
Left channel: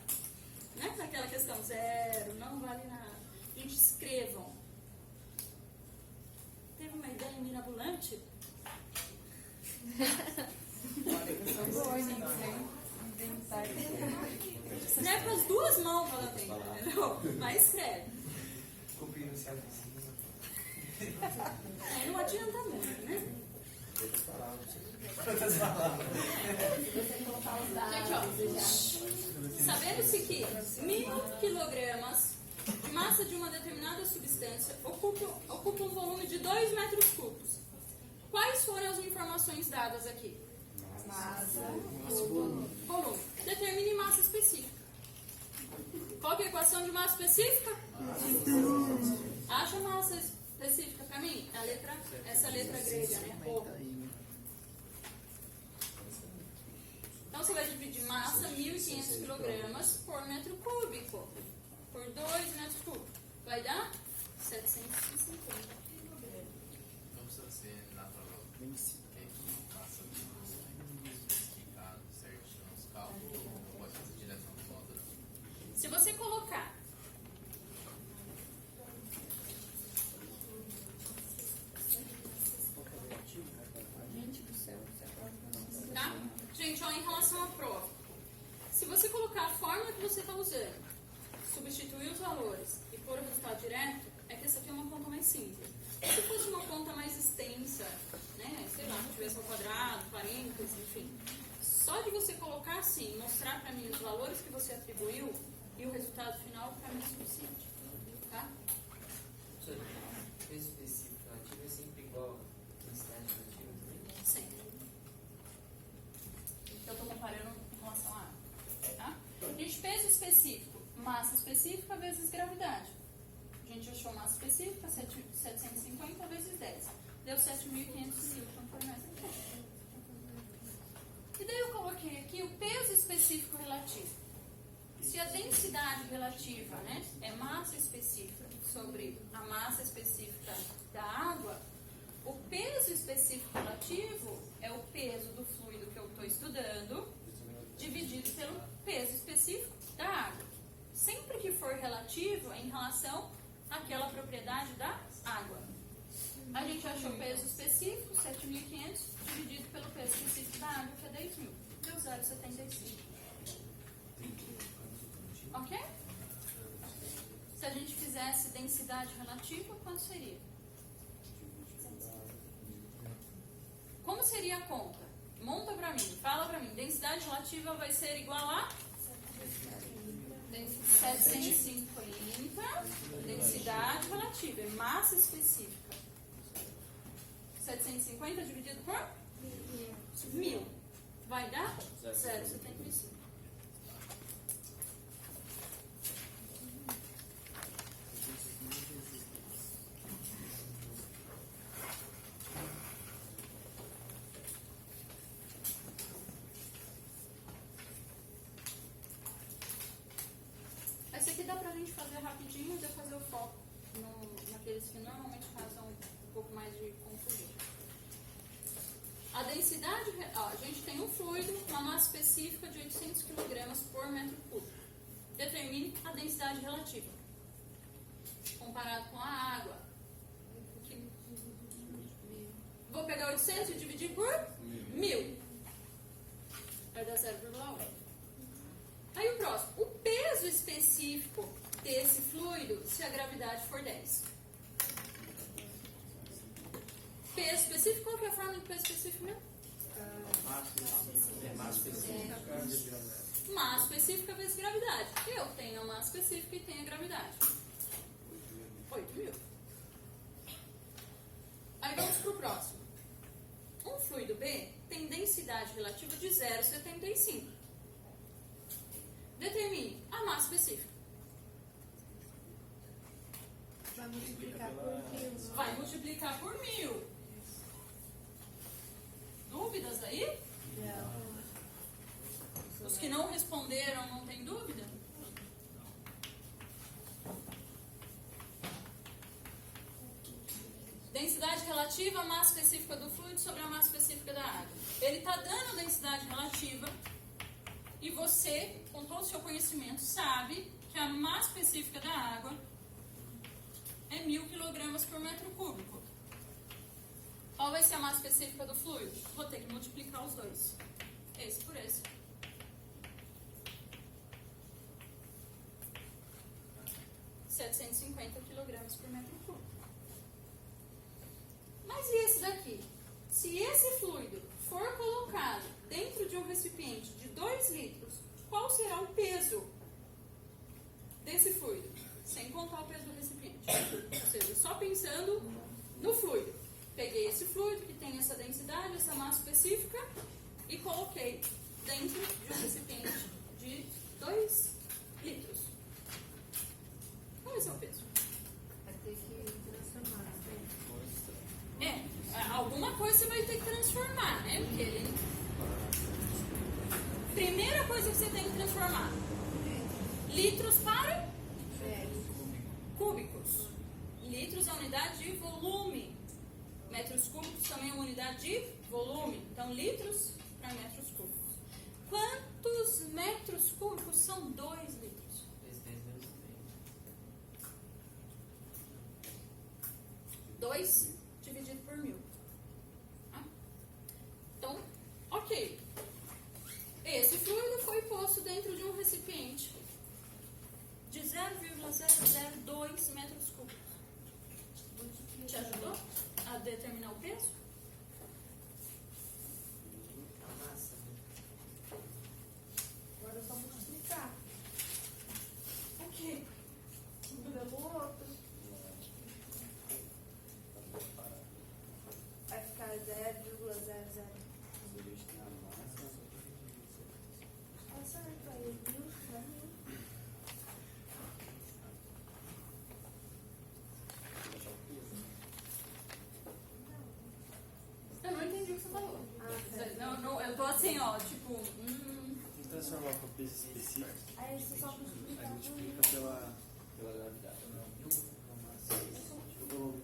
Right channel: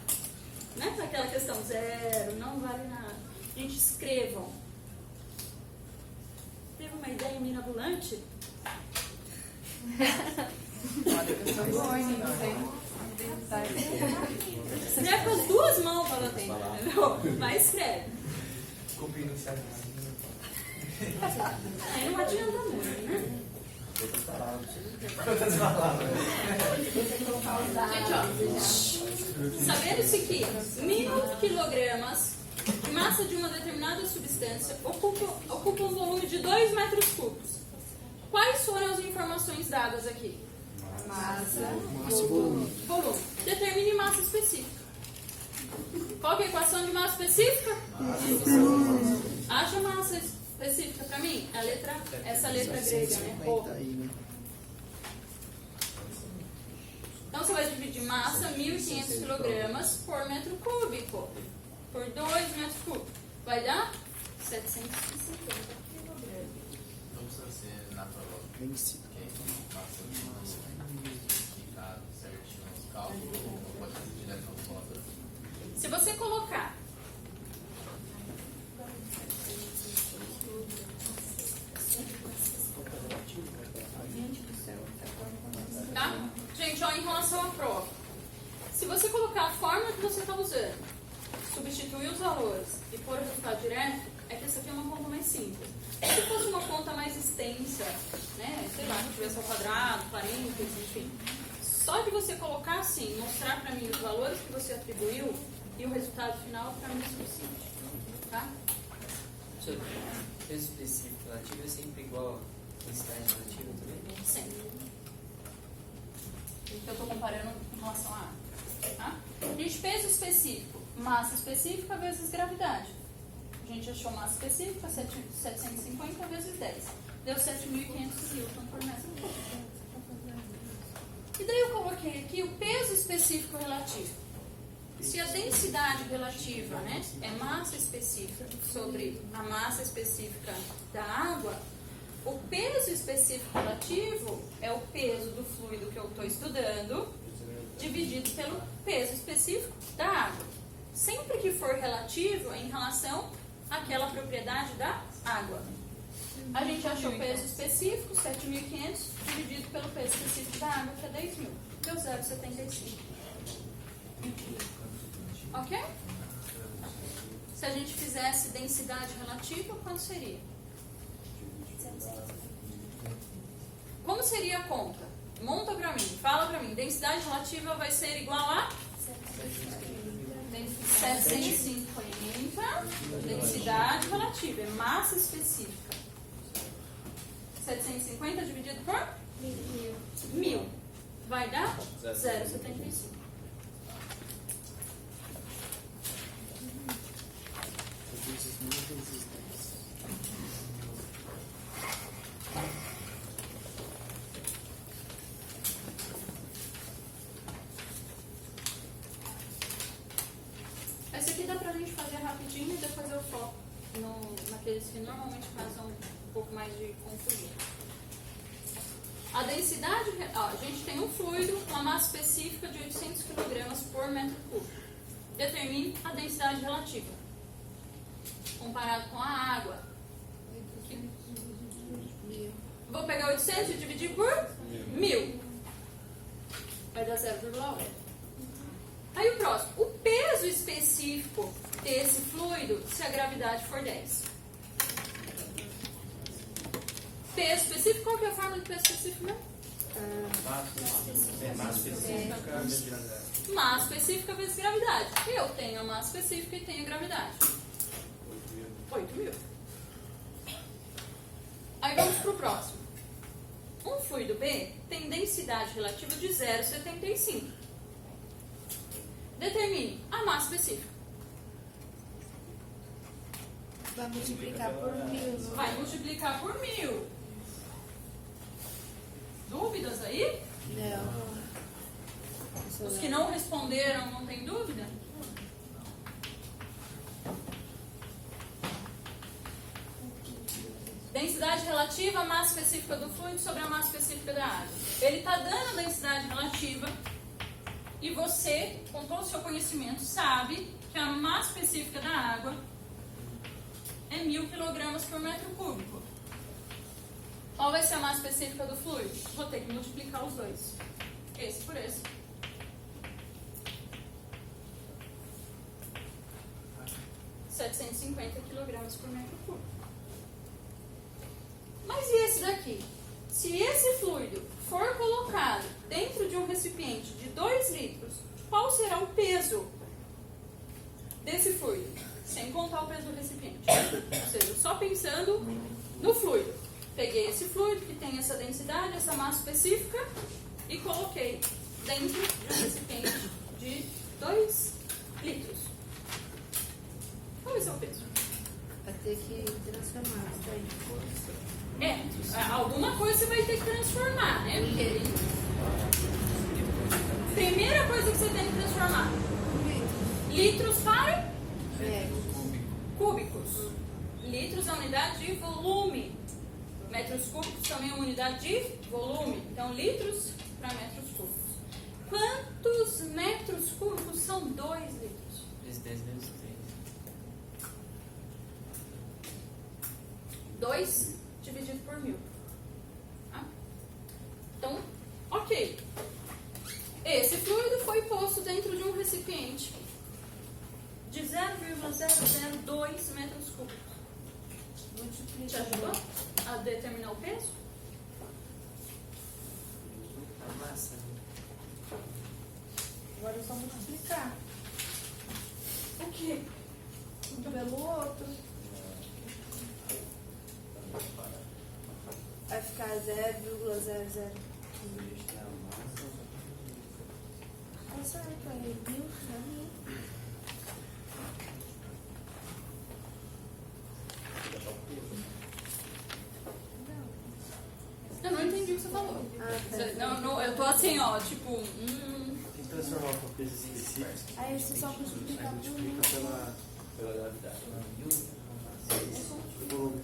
Né? Aquela questão 0, não vale nada. Gente, escrevam. Teve uma ideia mirabolante? Escreve com as 2 mãos para ela ter, entendeu? Mas escreve. Copia no site. Aí não adianta muito, né? Quantas palavras? Gente, ó. Sabendo-se que 1.000 quilogramas de massa de uma determinada substância ocupam um volume de 2 metros cúbicos. Quais foram as informações dadas aqui? Massa. Volume. Determine massa específica. Qual que é a equação de massa específica? Acha massa específica para mim? Essa letra grega, né? O. Então você vai dividir massa 1.500 kg por metro cúbico. Por 2 metros cúbicos. Vai dar 750 kg. Não precisa ser na prova. Quem passa explicado certinho os cálculos ou pode fazer direto nas contas? Se você colocar tá? Gente, ó, em relação à prova, se você colocar a fórmula que você está usando, substituir os valores e pôr o resultado direto, é que essa aqui é uma conta mais simples. Se fosse uma conta mais extensa, né, sei lá, se tivesse ao quadrado, parênteses, enfim, só de você colocar assim, mostrar para mim os valores que você atribuiu e o resultado final, para mim é suficiente. Tá? Peso específico relativo é sempre igual Densidade relativa também? Sempre. Eu estou comparando em relação à água. Tá? Gente, peso específico. Massa específica vezes gravidade. A gente achou massa específica, 750 vezes 10. Deu 7.500 Newton por metro cúbico. E daí eu coloquei aqui o peso específico relativo. Se a densidade relativa, né, é massa específica sobre a massa específica da água, o peso específico relativo é o peso do fluido que eu estou estudando dividido pelo peso específico da água. Sempre que for relativo, é em relação àquela propriedade da água. A gente achou o peso específico, 7.500, dividido pelo peso específico da água, que é 10.000. Deu 0,75. Ok? Se a gente fizesse densidade relativa, quanto seria? Como seria a conta? Monta pra mim, fala pra mim. Densidade relativa vai ser igual a 750. Densidade relativa, é massa específica. 750 dividido por 1.000. Vai dar 0,75. Esse aqui dá pra gente fazer rapidinho e depois eu foco naqueles que normalmente causam um pouco mais de confusão. A densidade, a gente tem um fluido com uma massa específica de 800 kg por metro cúbico. Determine a densidade relativa. Comparado com a água. Vou pegar 800 e dividir por 1.000. Vai dar 0,8. Aí o próximo. O peso específico desse fluido se a gravidade for 10. Peso específico, qual que é a fórmula de peso específico mesmo? Massa específica vezes gravidade. Massa específica vezes gravidade. Eu tenho a massa específica e tenho a gravidade. 8.000. Aí vamos para o próximo. Um fluido B tem densidade relativa de 0,75. Determine a massa específica. Vai multiplicar por 1.000. Vai multiplicar por 1.000. Dúvidas aí? Não. Os que não responderam não tem dúvida? Densidade relativa à massa específica do fluido sobre a massa específica da água. Ele está dando a densidade relativa e você, com todo o seu conhecimento, sabe que a massa específica da água é 1.000 kg por metro cúbico. Qual vai ser a massa específica do fluido? Vou ter que multiplicar os dois. Esse por esse. — 750 kg por metro cúbico. Mas e esse daqui? Se esse fluido for colocado dentro de um recipiente de 2 litros, qual será o peso desse fluido? Sem contar o peso do recipiente. Ou seja, só pensando no fluido. Peguei esse fluido que tem essa densidade, essa massa específica e coloquei dentro de um recipiente de 2 litros. Qual vai ser o peso? Vai ter que transformar isso daí. Alguma coisa você vai ter que transformar, né? Porque primeira coisa que você tem que transformar: litros para cúbicos. Litros é unidade de volume. Metros cúbicos também é uma unidade de volume. Então, litros para metros cúbicos. Quantos metros cúbicos são 2 litros? Vezes 10 vezes 30. 2 dividido por 1.000. Tá? Então, ok. Esse fluido foi posto dentro de um recipiente de 0,002 metros cúbicos. Te ajudou a determinar o peso? A massa. Agora é só multiplicar. O quê? Um pelo outro. Vai ficar 0. Tá certo, aí, viu? Eu não entendi o que você falou. Não, eu tô assim, ó, tipo. Tem que transformar para peso específico. Aí você só multiplica por Multiplica pela gravidade. O volume.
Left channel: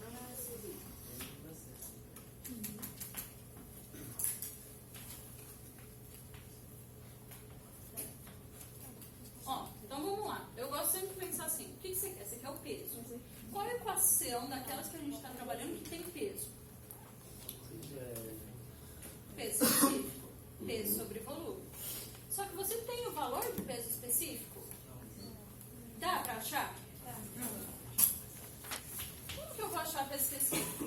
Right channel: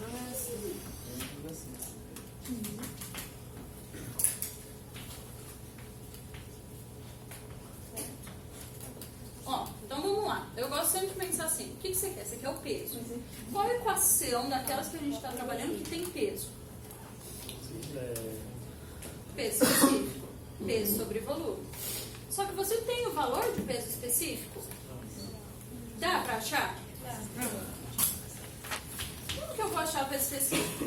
Não é assim. Ó, então vamos lá. Eu gosto sempre de pensar assim: o que você quer? Você quer o peso. Qual a equação daquelas que a gente está trabalhando que tem peso? Peso específico. Peso sobre volume. Só que você tem o valor de peso específico? Dá pra achar? Como que eu vou achar o peso específico?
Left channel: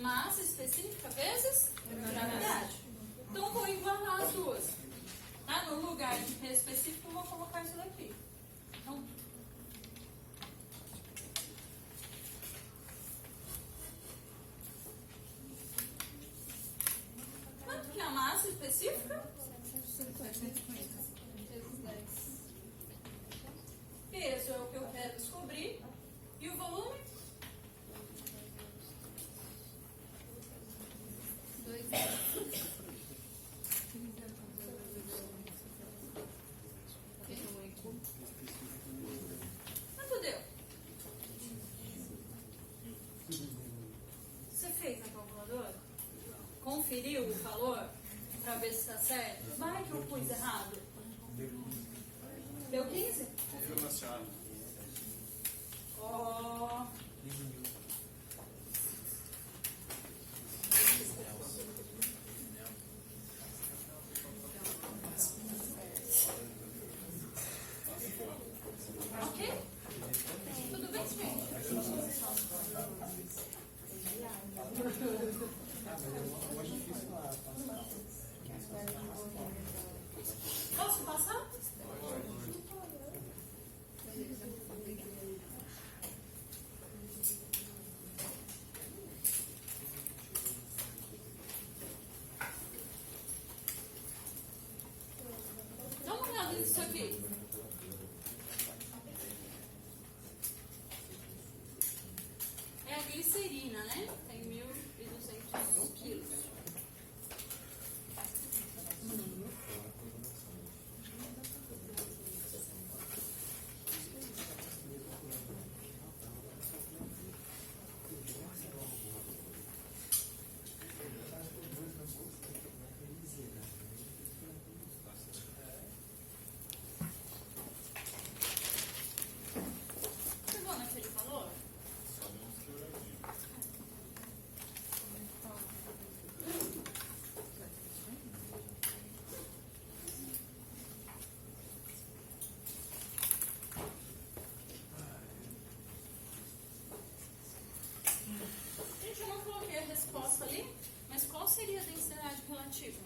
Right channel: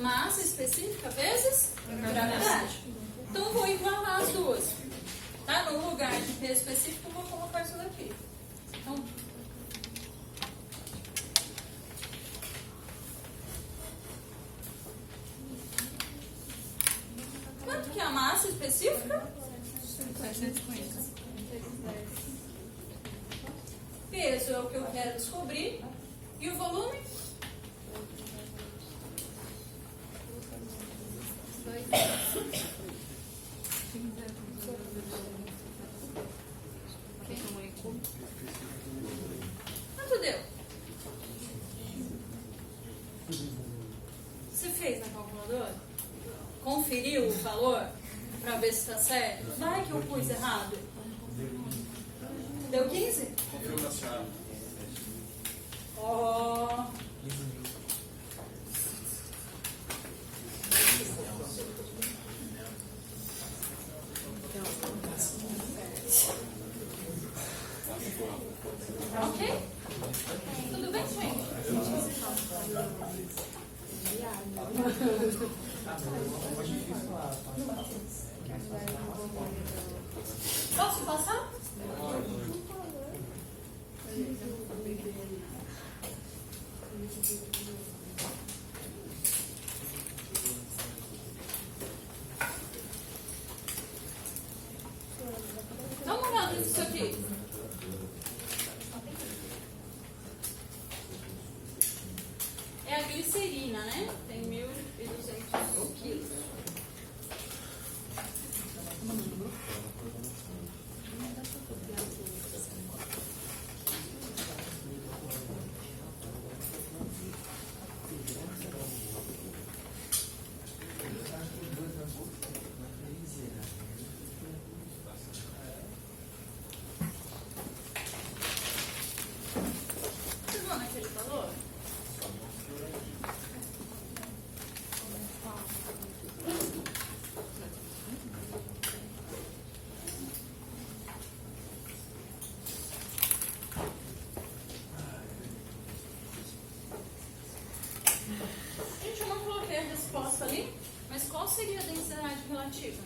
Massa específica vezes gravidade. Então eu vou igualar as duas. Tá? No lugar de peso específico eu vou colocar isso daqui. Então, quanto que é a massa específica? 750. Peso é o que eu quero descobrir. E o volume? 2. Quanto deu? Você fez na calculadora? Conferiu o valor? Pra ver se está certo? Vai que eu pus errado. Deu 15? Confirma a senhora. Ó. Ok? Tudo bem, gente? Posso passar? Dá uma olhada nisso aqui. É a glicerina, né? Tem 1.200 quilos. Chegou naquele valor? Gente, eu não coloquei a resposta ali, mas qual seria a densidade relativa?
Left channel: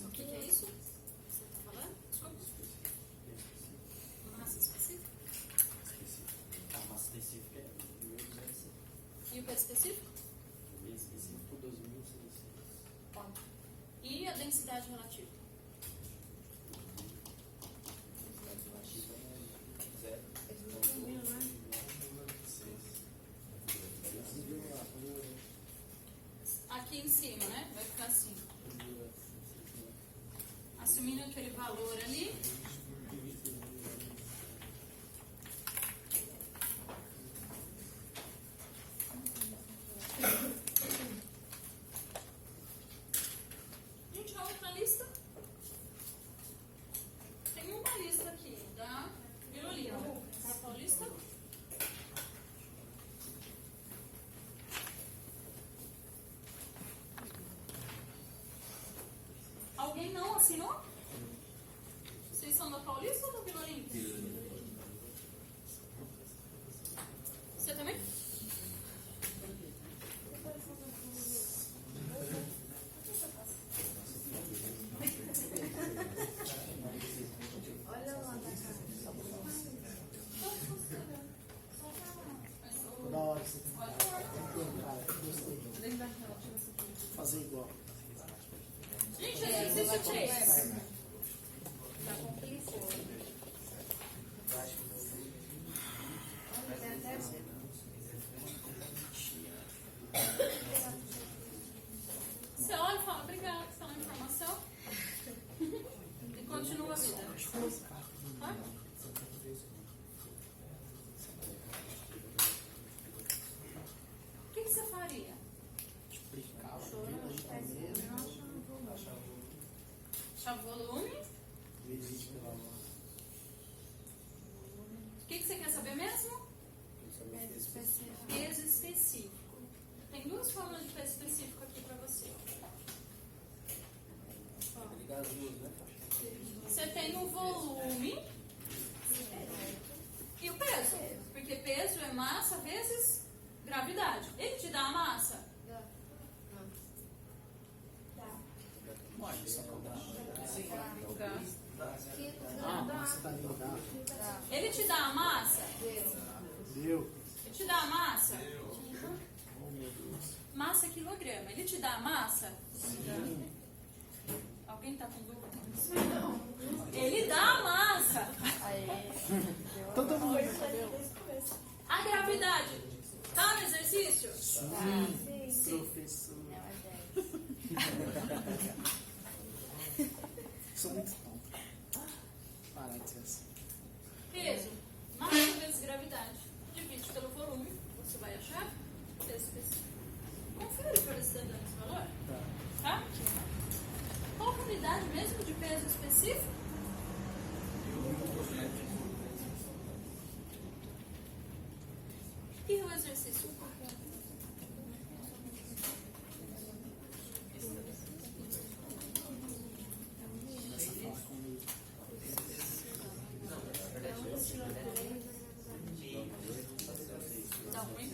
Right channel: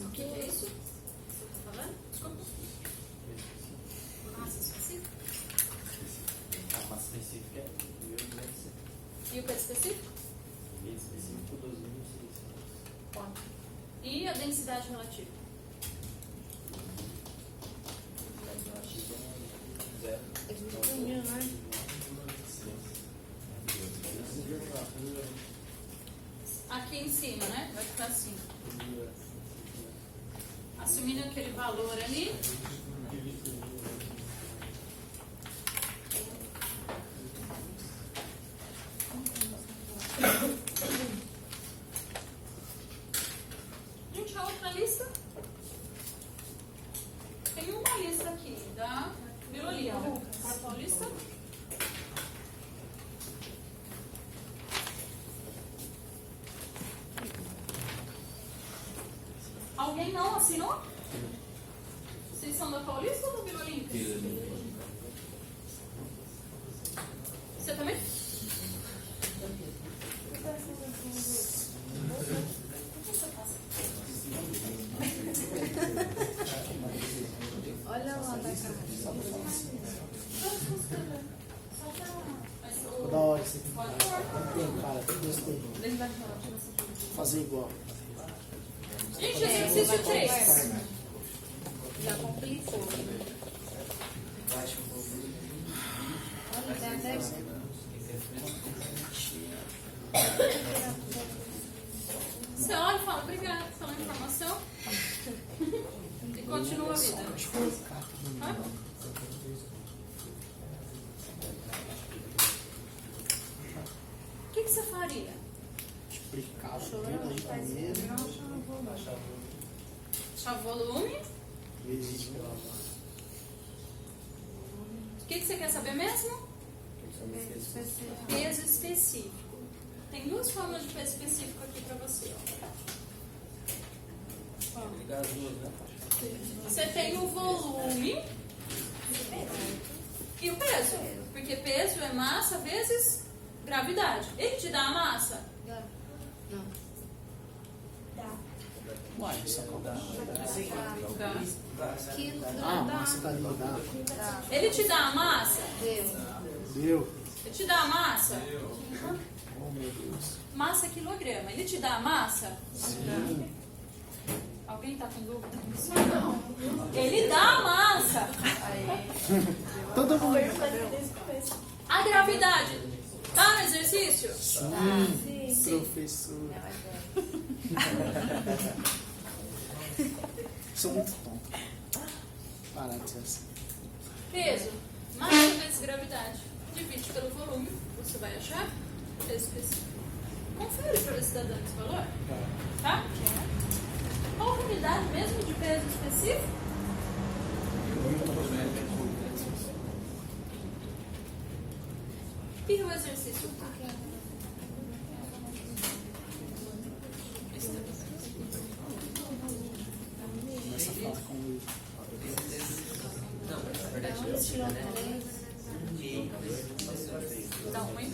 O que é isso? Você está falando? Desculpa. Massa específica? A massa específica é 1.200. E o peso específico? O peso específico 2.600. Ótimo. E a densidade relativa? Zero. Aqui em cima, né? Vai ficar assim. Assumindo aquele valor ali. Gente, a outra lista. Tem uma lista aqui da Birolina. Qual lista? Alguém não assinou? Vocês são da Paulista ou do Vila Olímpia? Você também? Ficou da hora esse aqui. Bem, cara, gostei. Fazer igual. Gente, exercício 3. Já complicou. Olha, tem até... Você olha e fala, obrigada pela informação. E continua a vida. Hã? O que você faria? Explicar tudo primeiro. Achar volume. Vezes pela O que você quer saber mesmo? Peso específico. Tem duas formas de peso específico aqui para você. Ó. Você tem o volume e o peso. Porque peso é massa vezes gravidade. Ele te dá a massa? Uai, só que Dá. massa tá ali, dá. Ele te dá a massa? Deu. Ele te dá a massa? Oh, meu Deus. Massa é quilograma. Ele te dá a massa? Sim. Alguém tá com dúvida? Não. Ele dá a massa. Todo mundo. A gravidade tá no exercício? Sim, professor. Sou muito tonto. Parar de ser assim. Peso. Massa vezes gravidade. Divide pelo volume. Você vai achar peso específico. Confere para ver se está dando esse valor. Tá? Qual a unidade mesmo de peso específico? E o exercício? Começa a falar com ele. Dá ruim?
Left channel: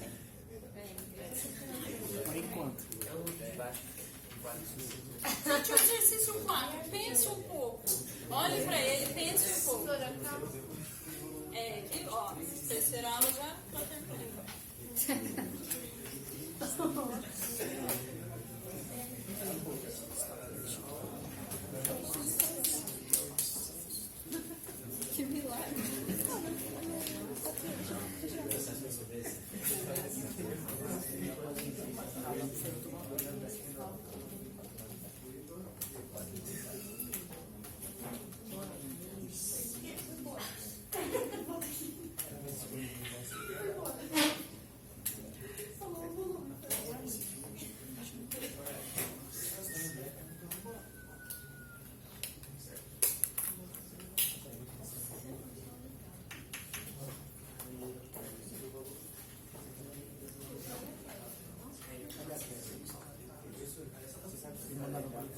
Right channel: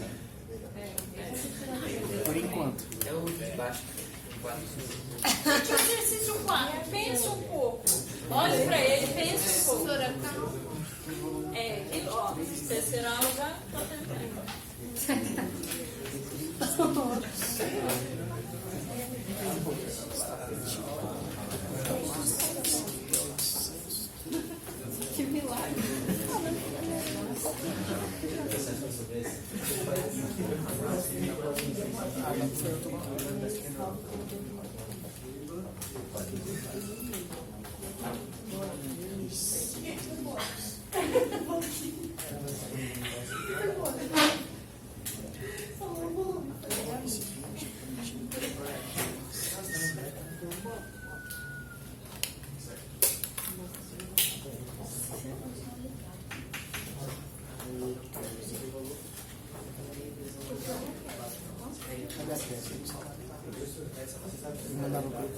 Por enquanto. É o de baixo. Gente, o exercício 4. Pensa um pouco. Olha pra ele, pensa um pouco. É, ó, terceira aula já tô tentando. Que milagre. Mandaram pra ele.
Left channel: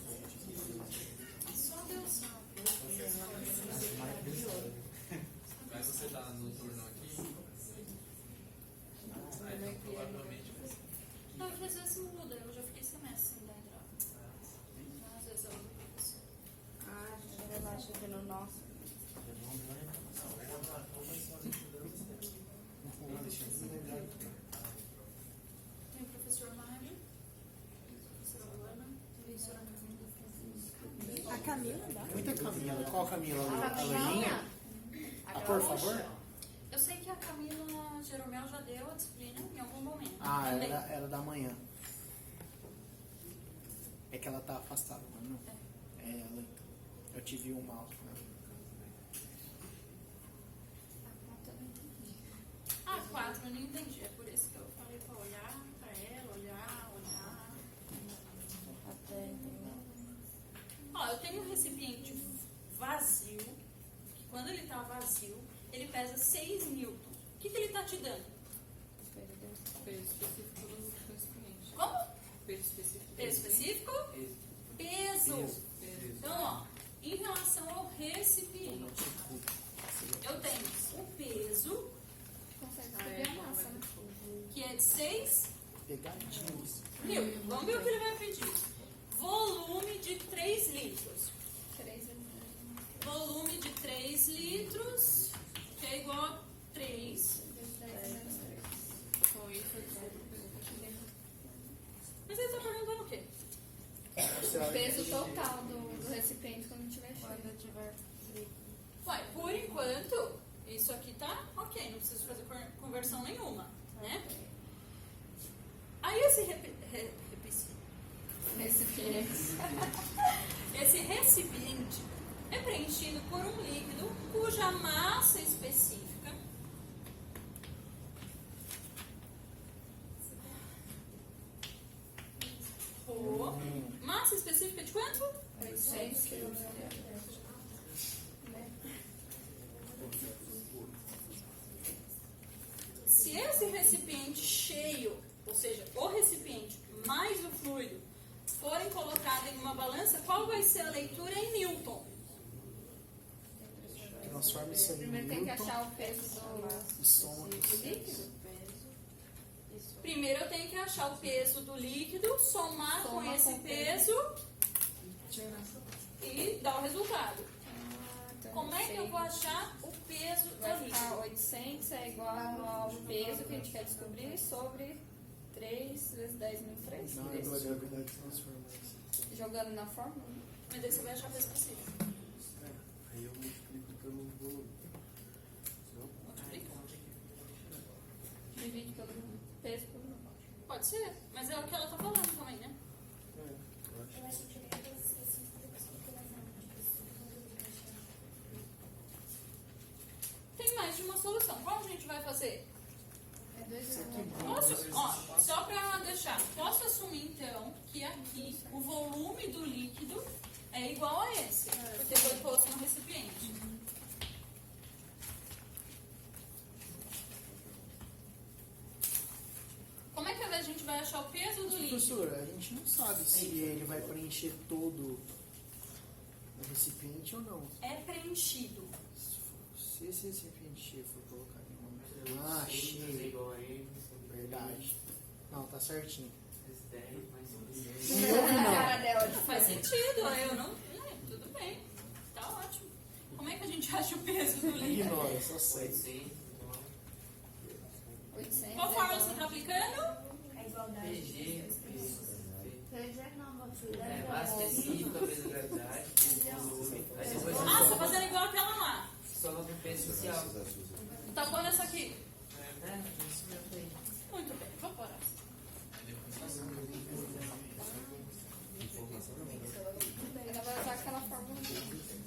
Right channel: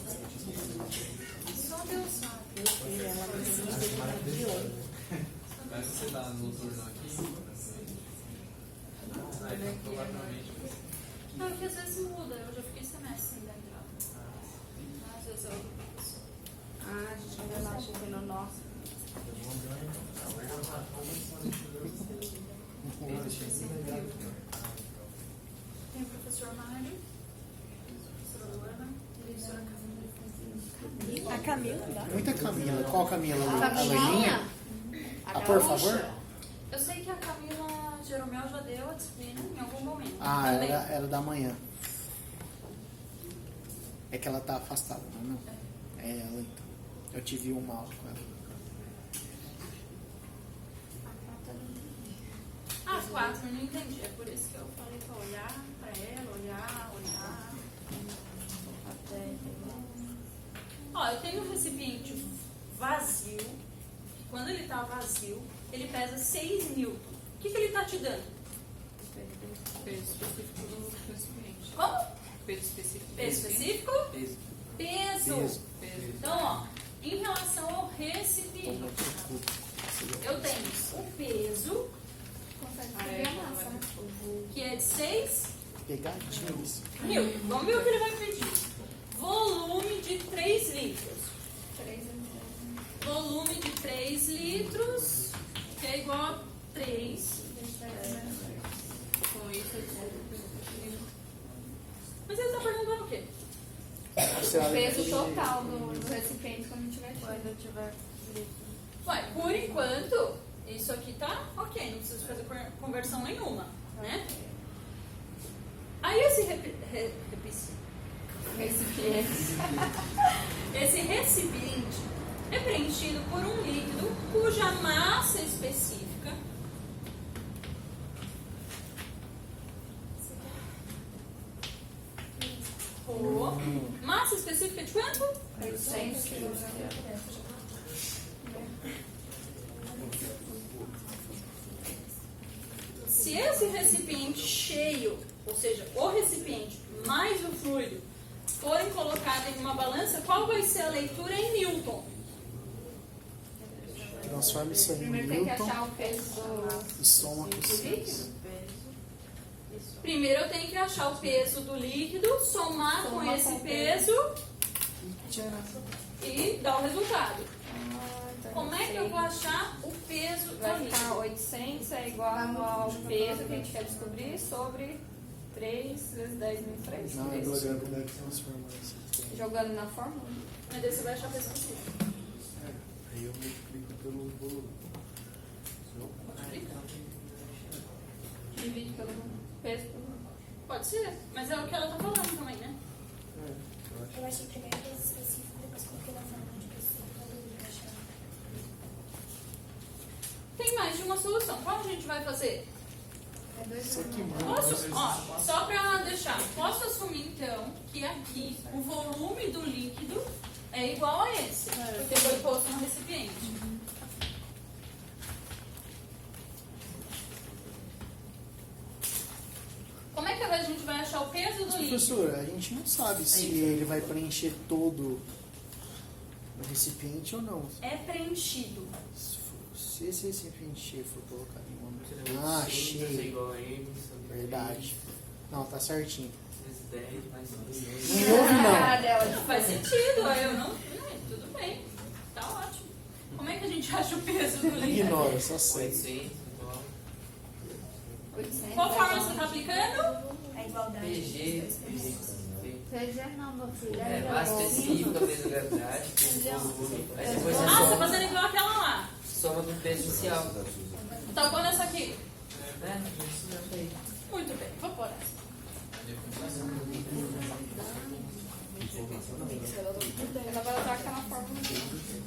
Só Deus sabe. Mas você tá no turno aqui, aí provavelmente Não, que às vezes muda. Eu já fiquei semestre sem dar entrada. Às vezes eu... Ah, a gente ainda não acha que no nosso. Tem o professor Mário, professora Luana, professora Camila. A Camila, dá? Muita Camila. Qual Camila? A Camilinha? Leninha? Ah, por favor? Eu sei que a Camila Jeromel já deu a disciplina em algum momento. Ah, Também. era da manhã. É que ela tá afastada, não é? Não? É ela então. Eu tive uma aula com ela. Ah, 4, eu não entendi. É por isso que eu falei pra olhar pra ela, olhar. Ó, eu tenho um recipiente vazio, que quando ele tá vazio, ele pesa 6 newton. O que ele tá te dando? Peso específico do recipiente. Como? Peso específico. Peso específico? Peso. Peso. Peso. Então, ó, em relação ao recipiente, eu tenho o peso, Ah, é, quando vai ter que é de 6 Pegadinhas. mil. Vamos ver o que ele vai pedir. Volume de 3 litros. Volume de 3 litros total do recipiente quando tiver cheio. Quando tiver Ué, por enquanto, isso aqui tá ok, não preciso fazer conversão nenhuma, né? Aí esse recipiente é preenchido por um líquido cuja massa específica massa específica de quanto? 800 quilos. Se esse recipiente cheio, ou seja, o recipiente mais o fluido, forem colocados em uma balança, qual vai ser a leitura em Newton? Transforma isso em Primeiro tem que Newton achar o peso do e soma com 6. Primeiro eu tenho que achar o peso do líquido, somar com esse peso e dar o resultado. Como é que eu vou achar o peso do Vai líquido? ficar 800 é igual ao peso que a gente quer descobrir sobre 3 vezes 10 menos 3. Não, eu vou olhar como é que transforma isso aqui. Jogando na fórmula. Mas daí você vai achar o peso possível. Aí eu multiplico pelo volume. Divide pelo peso. Pode ser, mas é o que ela está falando também, né? Eu achei primeiro peso específico, depois coloquei na fórmula de peso específico. Tem mais de uma solução. Qual a gente vai fazer? Isso aqui, Posso, ó, só para deixar, posso assumir então que aqui o volume do líquido é igual a esse, porque foi posto no recipiente. Como é que a gente vai achar o peso do líquido? professora, a gente não sabe se ele vai preencher todo o recipiente ou não. É preenchido. Se esse recipiente for colocado em uma... Ah, cheio. Verdade. Não, tá certinho. Não me ouve, não. Faz sentido, eu não. Tudo bem, tá ótimo. Como é que a gente acha o peso do líquido? Ignora, só sei. 800. Qual forma você está aplicando? A igualdade. PG não, meu filho. É base específica, peso gravidade. Aí depois Ah, você você soma, tá fazendo igual aquela lá. soma com o peso inicial. Tá pondo essa aqui. Né? Isso já foi. Muito bem, vou pôr essa. Ela vai usar aquela fórmula aqui.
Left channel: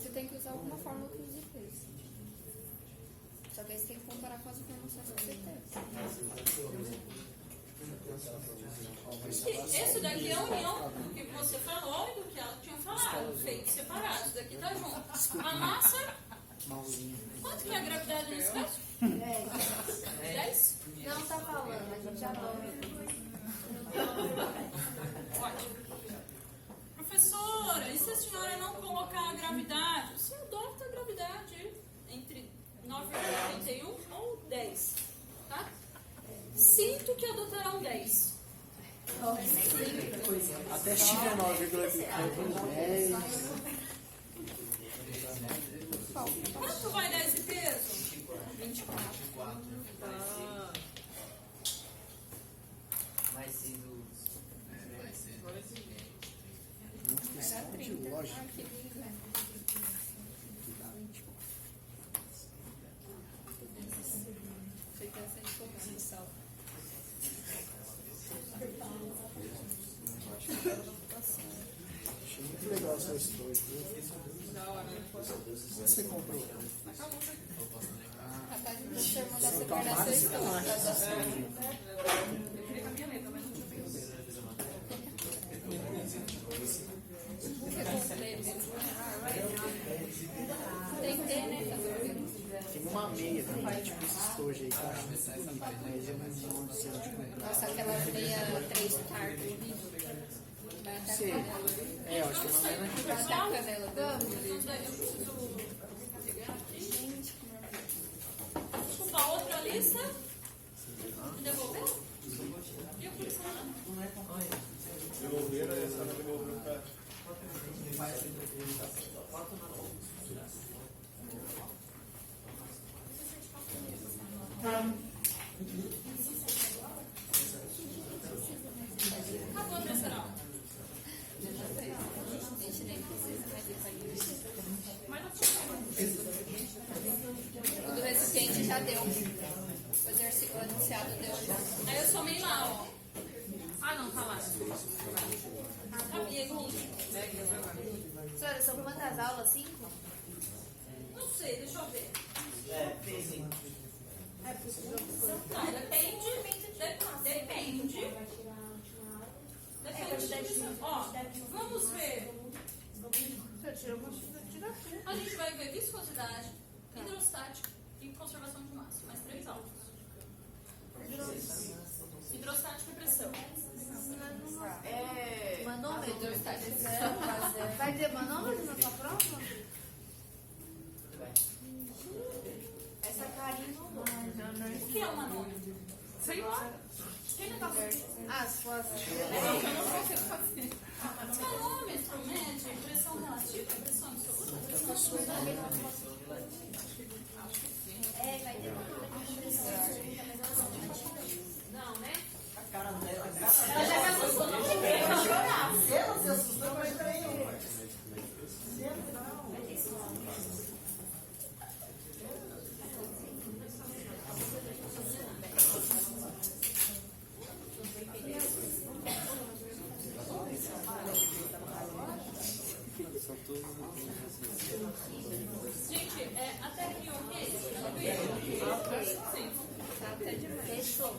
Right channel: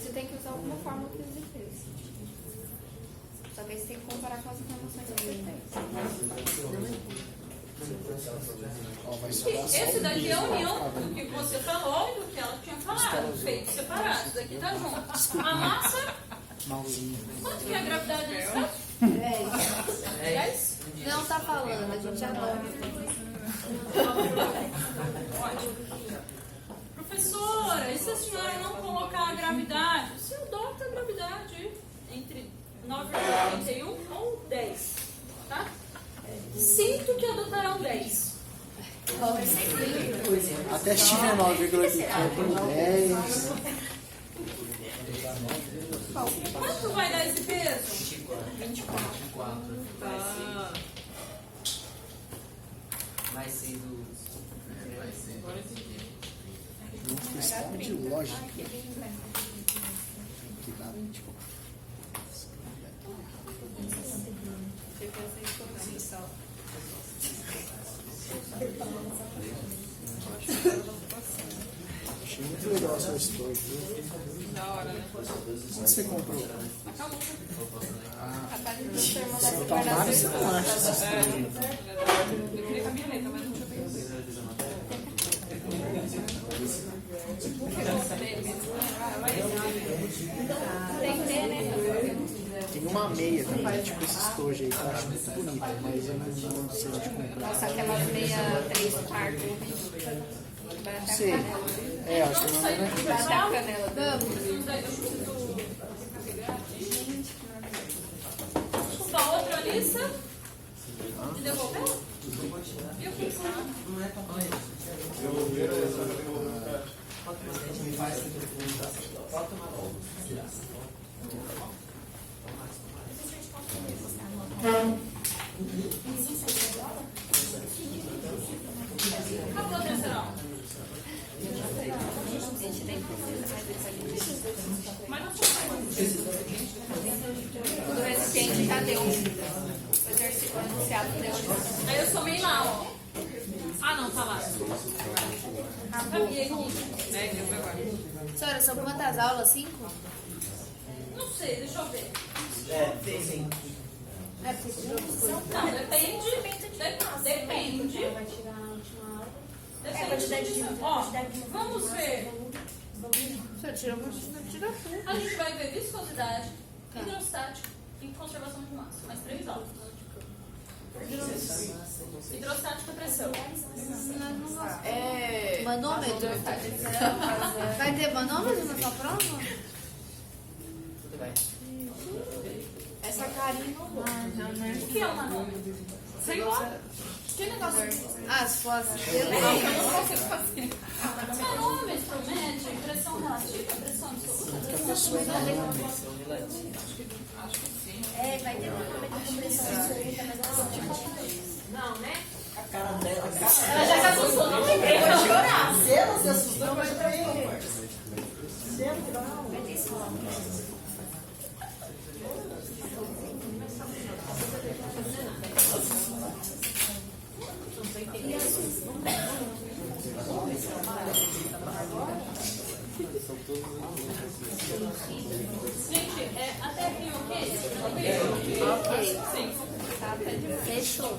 Você tem que usar alguma fórmula que use peso. Só que aí você tem que comparar com as informações que você tem. Ó, vai sobrar só Esse o daqui é a mesmo, união ó, tá do vendo? que você falou e do que ela tinha falado. Feito separado. Isso daqui tá junto. A massa, Malzinho. quanto que é a gravidade desse caso? 10? Não tá falando, a gente adora. Professora, e se a senhora não colocar a gravidade? Você adota a gravidade entre 9,81 ou 10, tá? Sinto que adotarão 10. Até se tiver 9,10. Quanto vai dar esse peso? 24. Tá. Mais 6 do. Agora entendi. Questão de lógica. Que dá 24. Fica sem informação. Achei muito legal a sua história, viu? Da hora, né? Onde você comprou? Acabou. São Tomás e Castro. Eu queria com a minha letra, mas não tinha pensado. Tem que ter, né? Tem uma meia também, tipo esse estojo aí, que eu acho muito bonito, mas eu não sei onde comprar. Nossa, aquela meia 3 quartos. Vai até a Sei. canela. É, acho que não é Vai até a canela. Desculpa, outra lista? E devolver? E o que você Não é tamanho. Bota uma logo. acabou a terceira aula? O enunciado teórico. Aí eu somei lá, ó. Ah, não, tá lá. Cabia aqui. É, que eu vou agora. Senhora, são quantas aulas? 5? Não sei, deixa eu ver. É, porque tirou Não, depende. Depende. vai tirar a última aula. É, quantidade de Ó, vamos ver. Você tirou uma tira tudo. A gente vai ver viscosidade, hidrostática e conservação de massa. Mais 3 aulas. Hidrostática e pressão. É. Manômetro? Vai ter manômetro na sua prova? Essa carinha não vou. O que é um manômetro? Sei lá. Que negócio? Ah, se fosse. Eu não consigo fazer. Manômetro mede pressão relativa, pressão absoluta, pressão absoluta. Acho que sim. É, vai ter uma momento com pressão absoluta, mas não é relativa. Não, né? Cara dela. Ela já se assustou, não vai ter, vai chorar. Se ela se assustou, vai ter. Vai ter escola. Gente, até aqui ok? Sim. Fechou.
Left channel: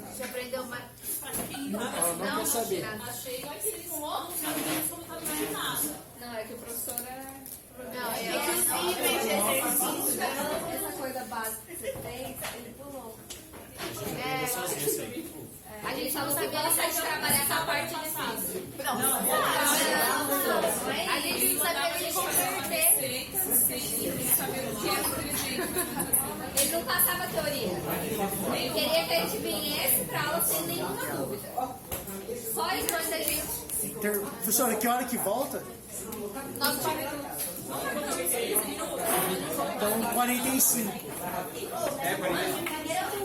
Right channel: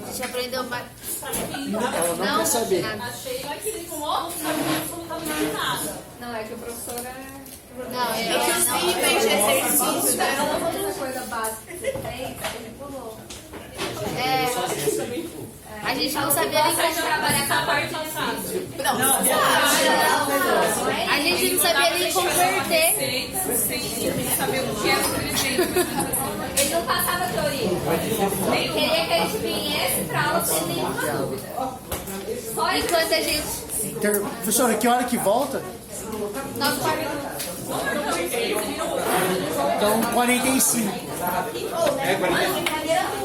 A gente aprendeu mais. Ela não quer saber. Achei que com outro não tá dando nada. Não, é que o professor é. Não, É que os níveis de exercício, né? outra coisa básica que você fez, ele pulou. A gente não sabia nem como trabalhar com a parte difícil. A gente não sabia nem converter. Receita, sem saber o que era inteligente. Ele não passava teoria. Queria que a gente viesse pra aula sem nenhuma dúvida. Só enquanto a gente. Professora, que hora que volta? Nós Então, 45.